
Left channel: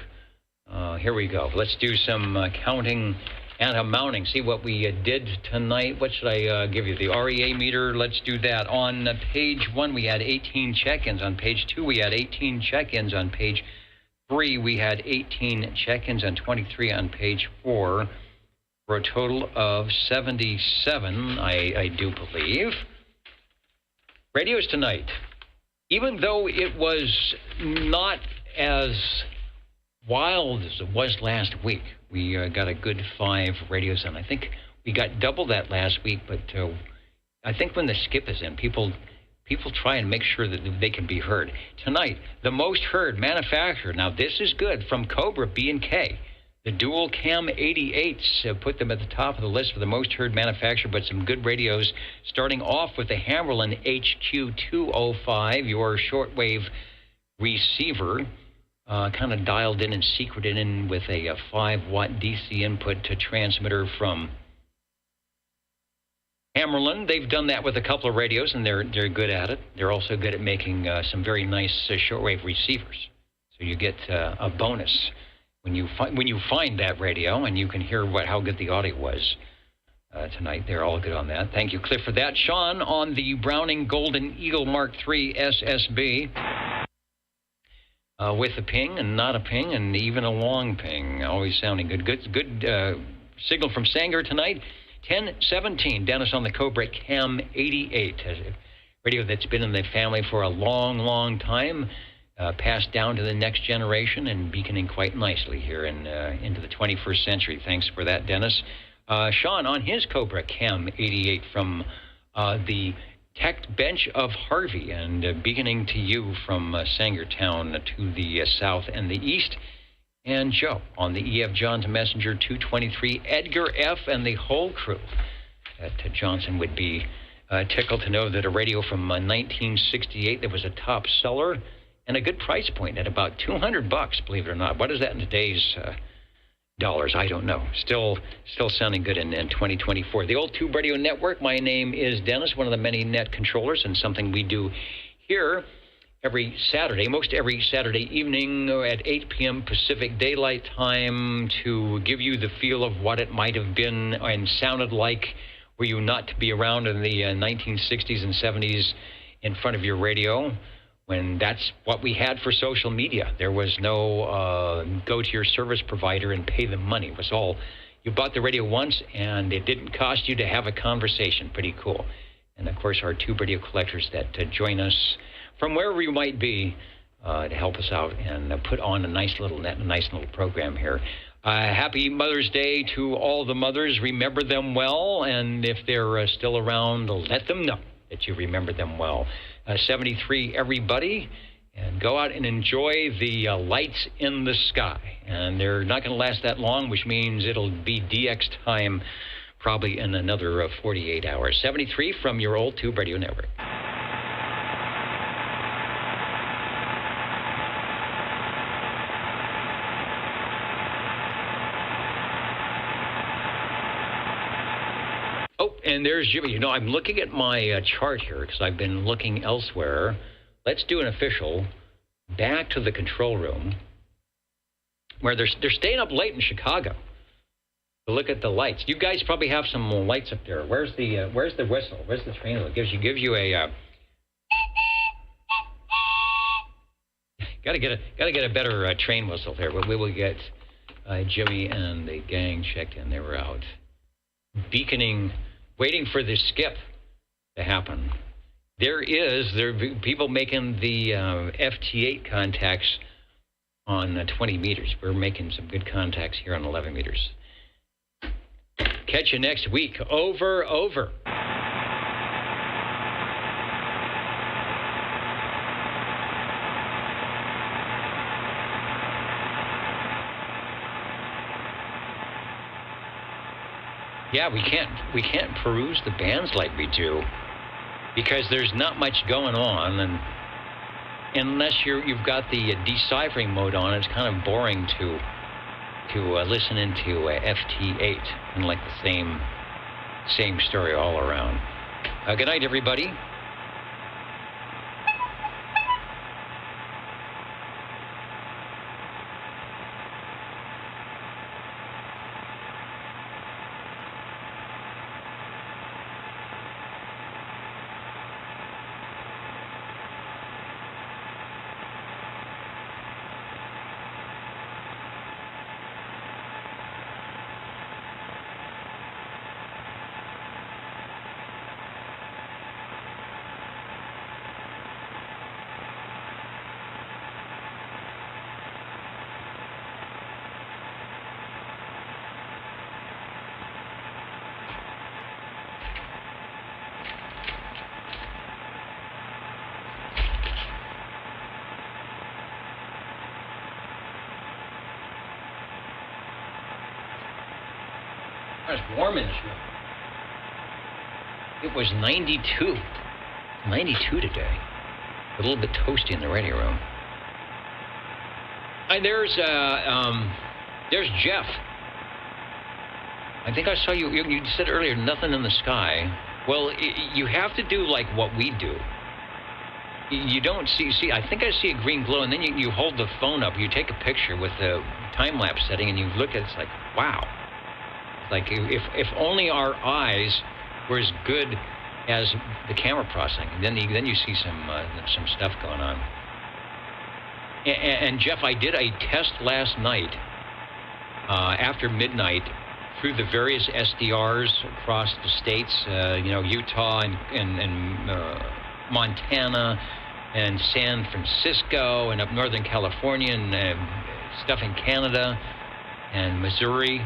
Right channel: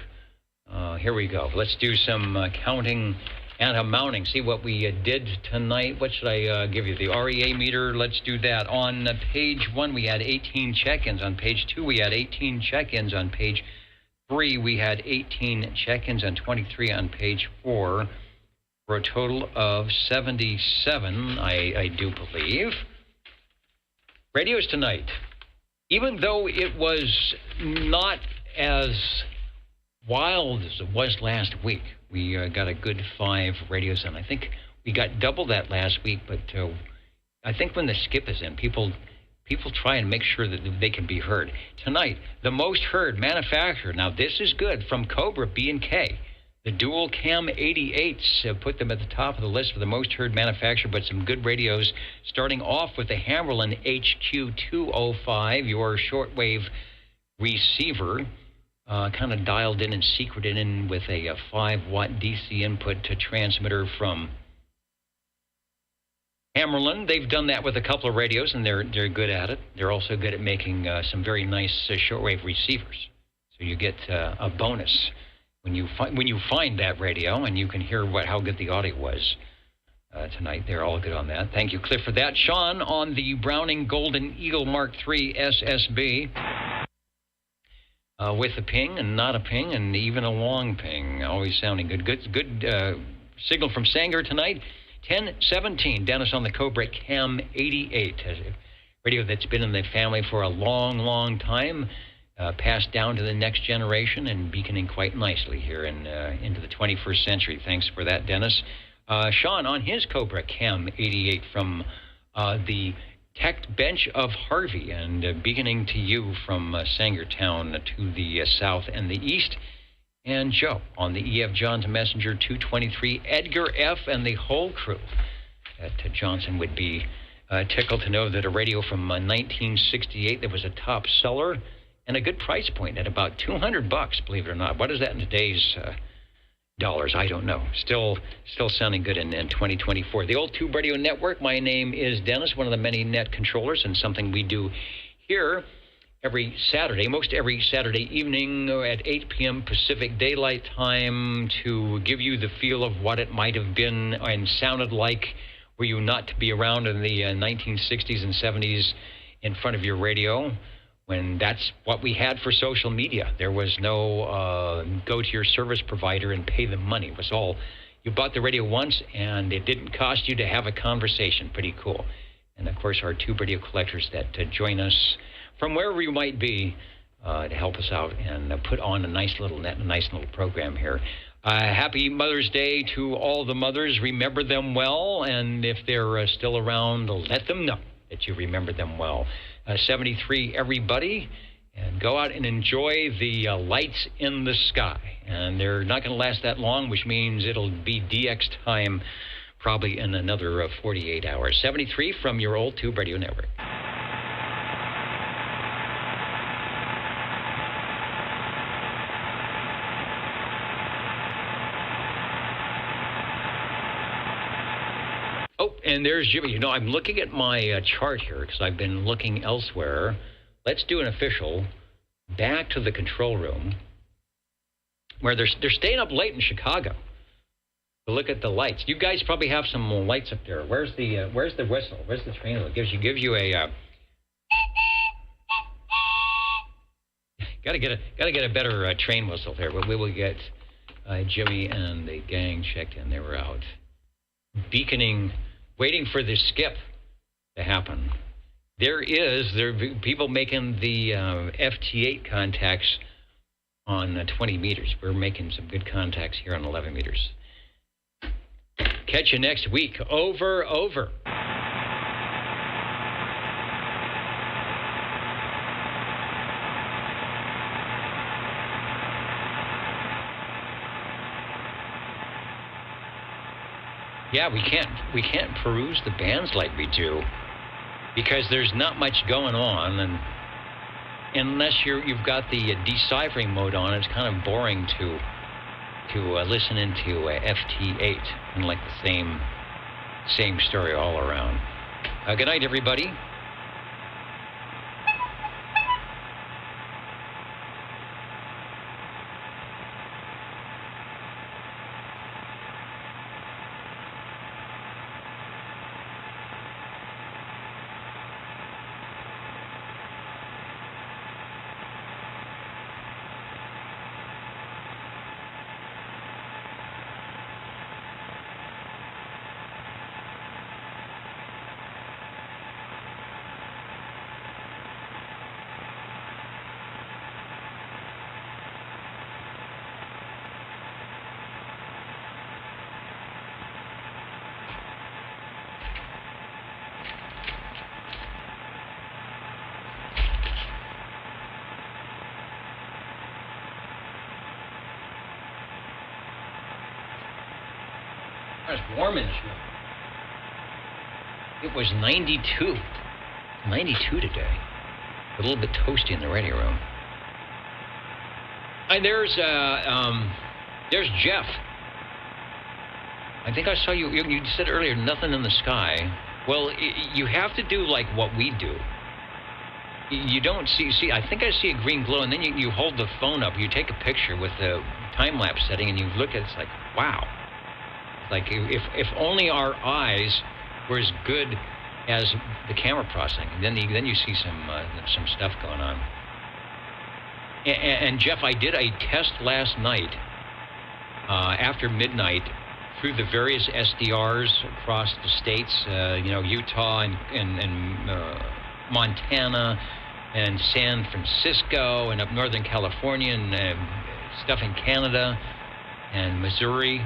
Here we go. Let's do some counting and mounting. See what we did tonight. What should I give you? The REA meter. Let's do that. On page 1, we had 18 check-ins. On page 2, we had 18 check-ins. On page 3, we had 18 check-ins, and 23 on page 4, for a total of 77, I do believe. Radios tonight. Even though it was not as wild as it was last week, we got a good 5 radios on. I think we got double that last week, but I think when the skip is in, people try and make sure that they can be heard. Tonight, the most heard manufacturer. Now, this is good, from Cobra B&K. The dual cam 88s put them at the top of the list for the most heard manufacturer, but some good radios, starting off with the Hammerland HQ-205, your shortwave receiver. Kind of dialed in and secreted in with a 5-watt DC input to transmitter from Hammerland. They've done that with a couple of radios, and they're good at it. They're also good at making some very nice shortwave receivers. So you get a bonus when you find that radio, and you can hear how good the audio was tonight. They're all good on that. Thank you, Cliff, for that. Sean on the Browning Golden Eagle Mark III SSB. With a ping and not a ping and even a long ping. Always sounding good. Good signal from Sanger tonight. 1017. Dennis on the Cobra Cam 88. A radio that's been in the family for a long, long time. Passed down to the next generation and beaconing quite nicely here into the 21st century. Thanks for that, Dennis. Sean on his Cobra Cam 88 from the Tech Bench of Harvey, and beginning to you from Sangertown to the south and the east. And Joe on the E.F. Johns Messenger 223, Edgar F. and the whole crew. That Johnson would be tickled to know that a radio from 1968 that was a top seller and a good price point at about $200, believe it or not. What is that in today's dollars? I don't know. Still sounding good in 2024. The old Tube Radio Network. My name is Dennis, one of the many net controllers, and something we do here every Saturday, most every Saturday evening at 8 p.m. Pacific Daylight Time to give you the feel of what it might have been and sounded like were you not to be around in the 1960s and 70s in front of your radio, when that's what we had for social media. There was no go to your service provider and pay them money. It was all, you bought the radio once and it didn't cost you to have a conversation. Pretty cool. And of course our tube radio collectors that join us from wherever you might be to help us out and put on a nice little program here. Happy Mother's Day to all the mothers. Remember them well, and if they're still around, let them know that you remember them well. 73, everybody, and go out and enjoy the lights in the sky. And they're not going to last that long, which means it'll be DX time probably in another 48 hours. 73 from your old Tube Radio Network. Oh, and there's Jimmy. You know, I'm looking at my chart here because I've been looking elsewhere. Let's do an official back to the control room where they're staying up late in Chicago to look at the lights. You guys probably have some lights up there. Where's the whistle? Where's the train whistle? Gives you a gotta get a better train whistle there. We will get Jimmy and the gang checked in. They were out beaconing, waiting for the skip to happen. There are people making the FT8 contacts on 20 meters. We're making some good contacts here on 11 meters. Catch you next week. Over. Yeah, we can't peruse the bands like we do because there's not much going on, and unless you've got the deciphering mode on, it's kind of boring to listen into FT8 and like the same story all around. Good night, everybody. It's warm in this room. It was 92. 92 today. A little bit toasty in the radio room. And there's Jeff. I think I saw you said earlier, nothing in the sky. Well, you have to do like what we do. You don't see, I think I see a green glow, and then you hold the phone up, you take a picture with the time-lapse setting, and you look at it, it's like, wow. Like if only our eyes were as good as the camera processing, then you see some stuff going on. And Jeff, I did a test last night after midnight through the various SDRs across the states, Utah and Montana and San Francisco and up Northern California and stuff in Canada and Missouri,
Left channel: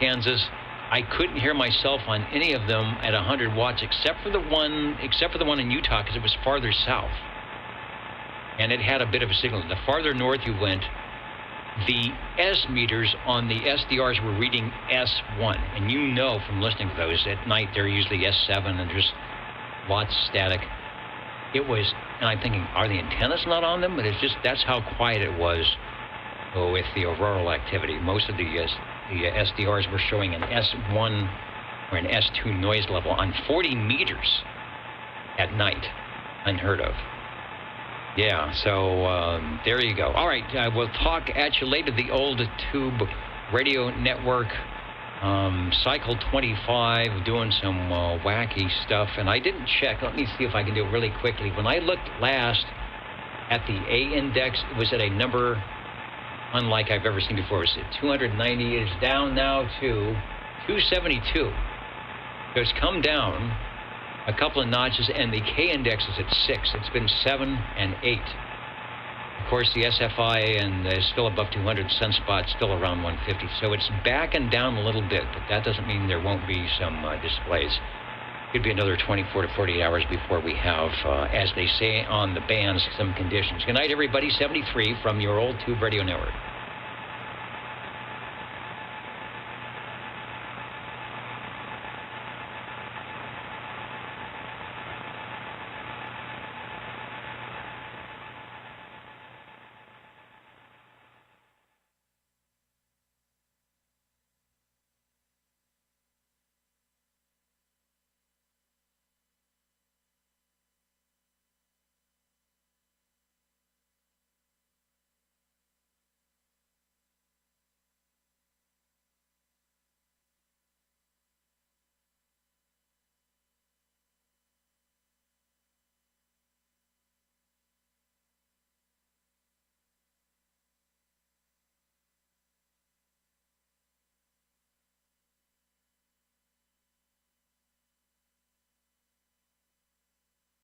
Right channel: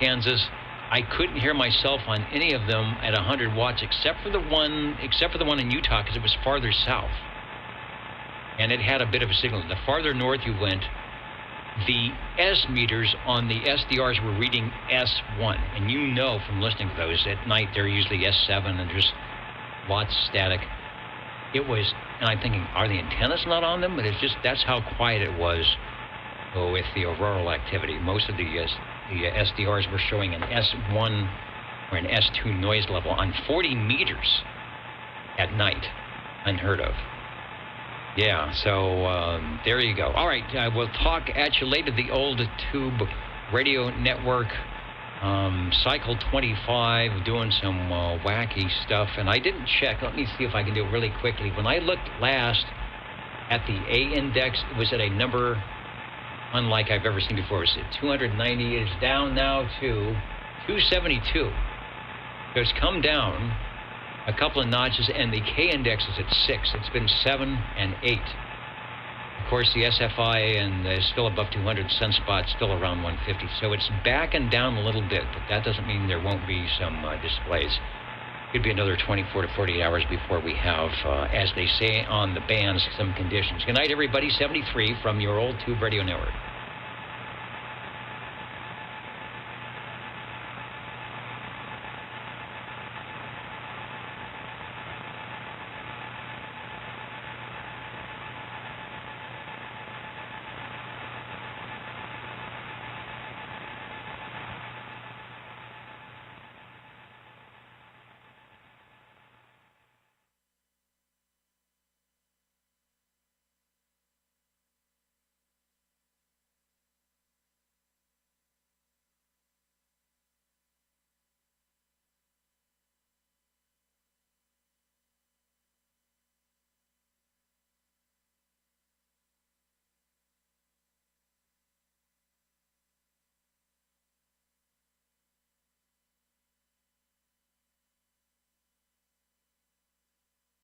Kansas. I couldn't hear myself on any of them at 100 watts except for the one in Utah because it was farther south. And it had a bit of a signal. The farther north you went, the S meters on the SDRs were reading S1. And you know from listening to those, at night they're usually S7 and there's lots of static. It was, and I'm thinking, are the antennas not on them? But it's just, that's how quiet it was with the auroral activity. Most of the SDRs were showing an S1 or an S2 noise level on 40 meters at night. Unheard of. Yeah, so there you go. All right, we'll talk at you later. The old Tube Radio Network, Cycle 25, doing some wacky stuff. And I didn't check. Let me see if I can do it really quickly. When I looked last at the A index, it was at a number unlike I've ever seen before. It's at 290. It is down now to 272. So it's come down a couple of notches, and the K index is at 6. It's been 7 and 8. Of course, the SFI and is still above 200. Sunspot still around 150. So it's backing down a little bit, but that doesn't mean there won't be some displays. Could be another 24 to 48 hours before we have, as they say on the bands, some conditions. Good night, everybody. 73 from your old Tube Radio Network.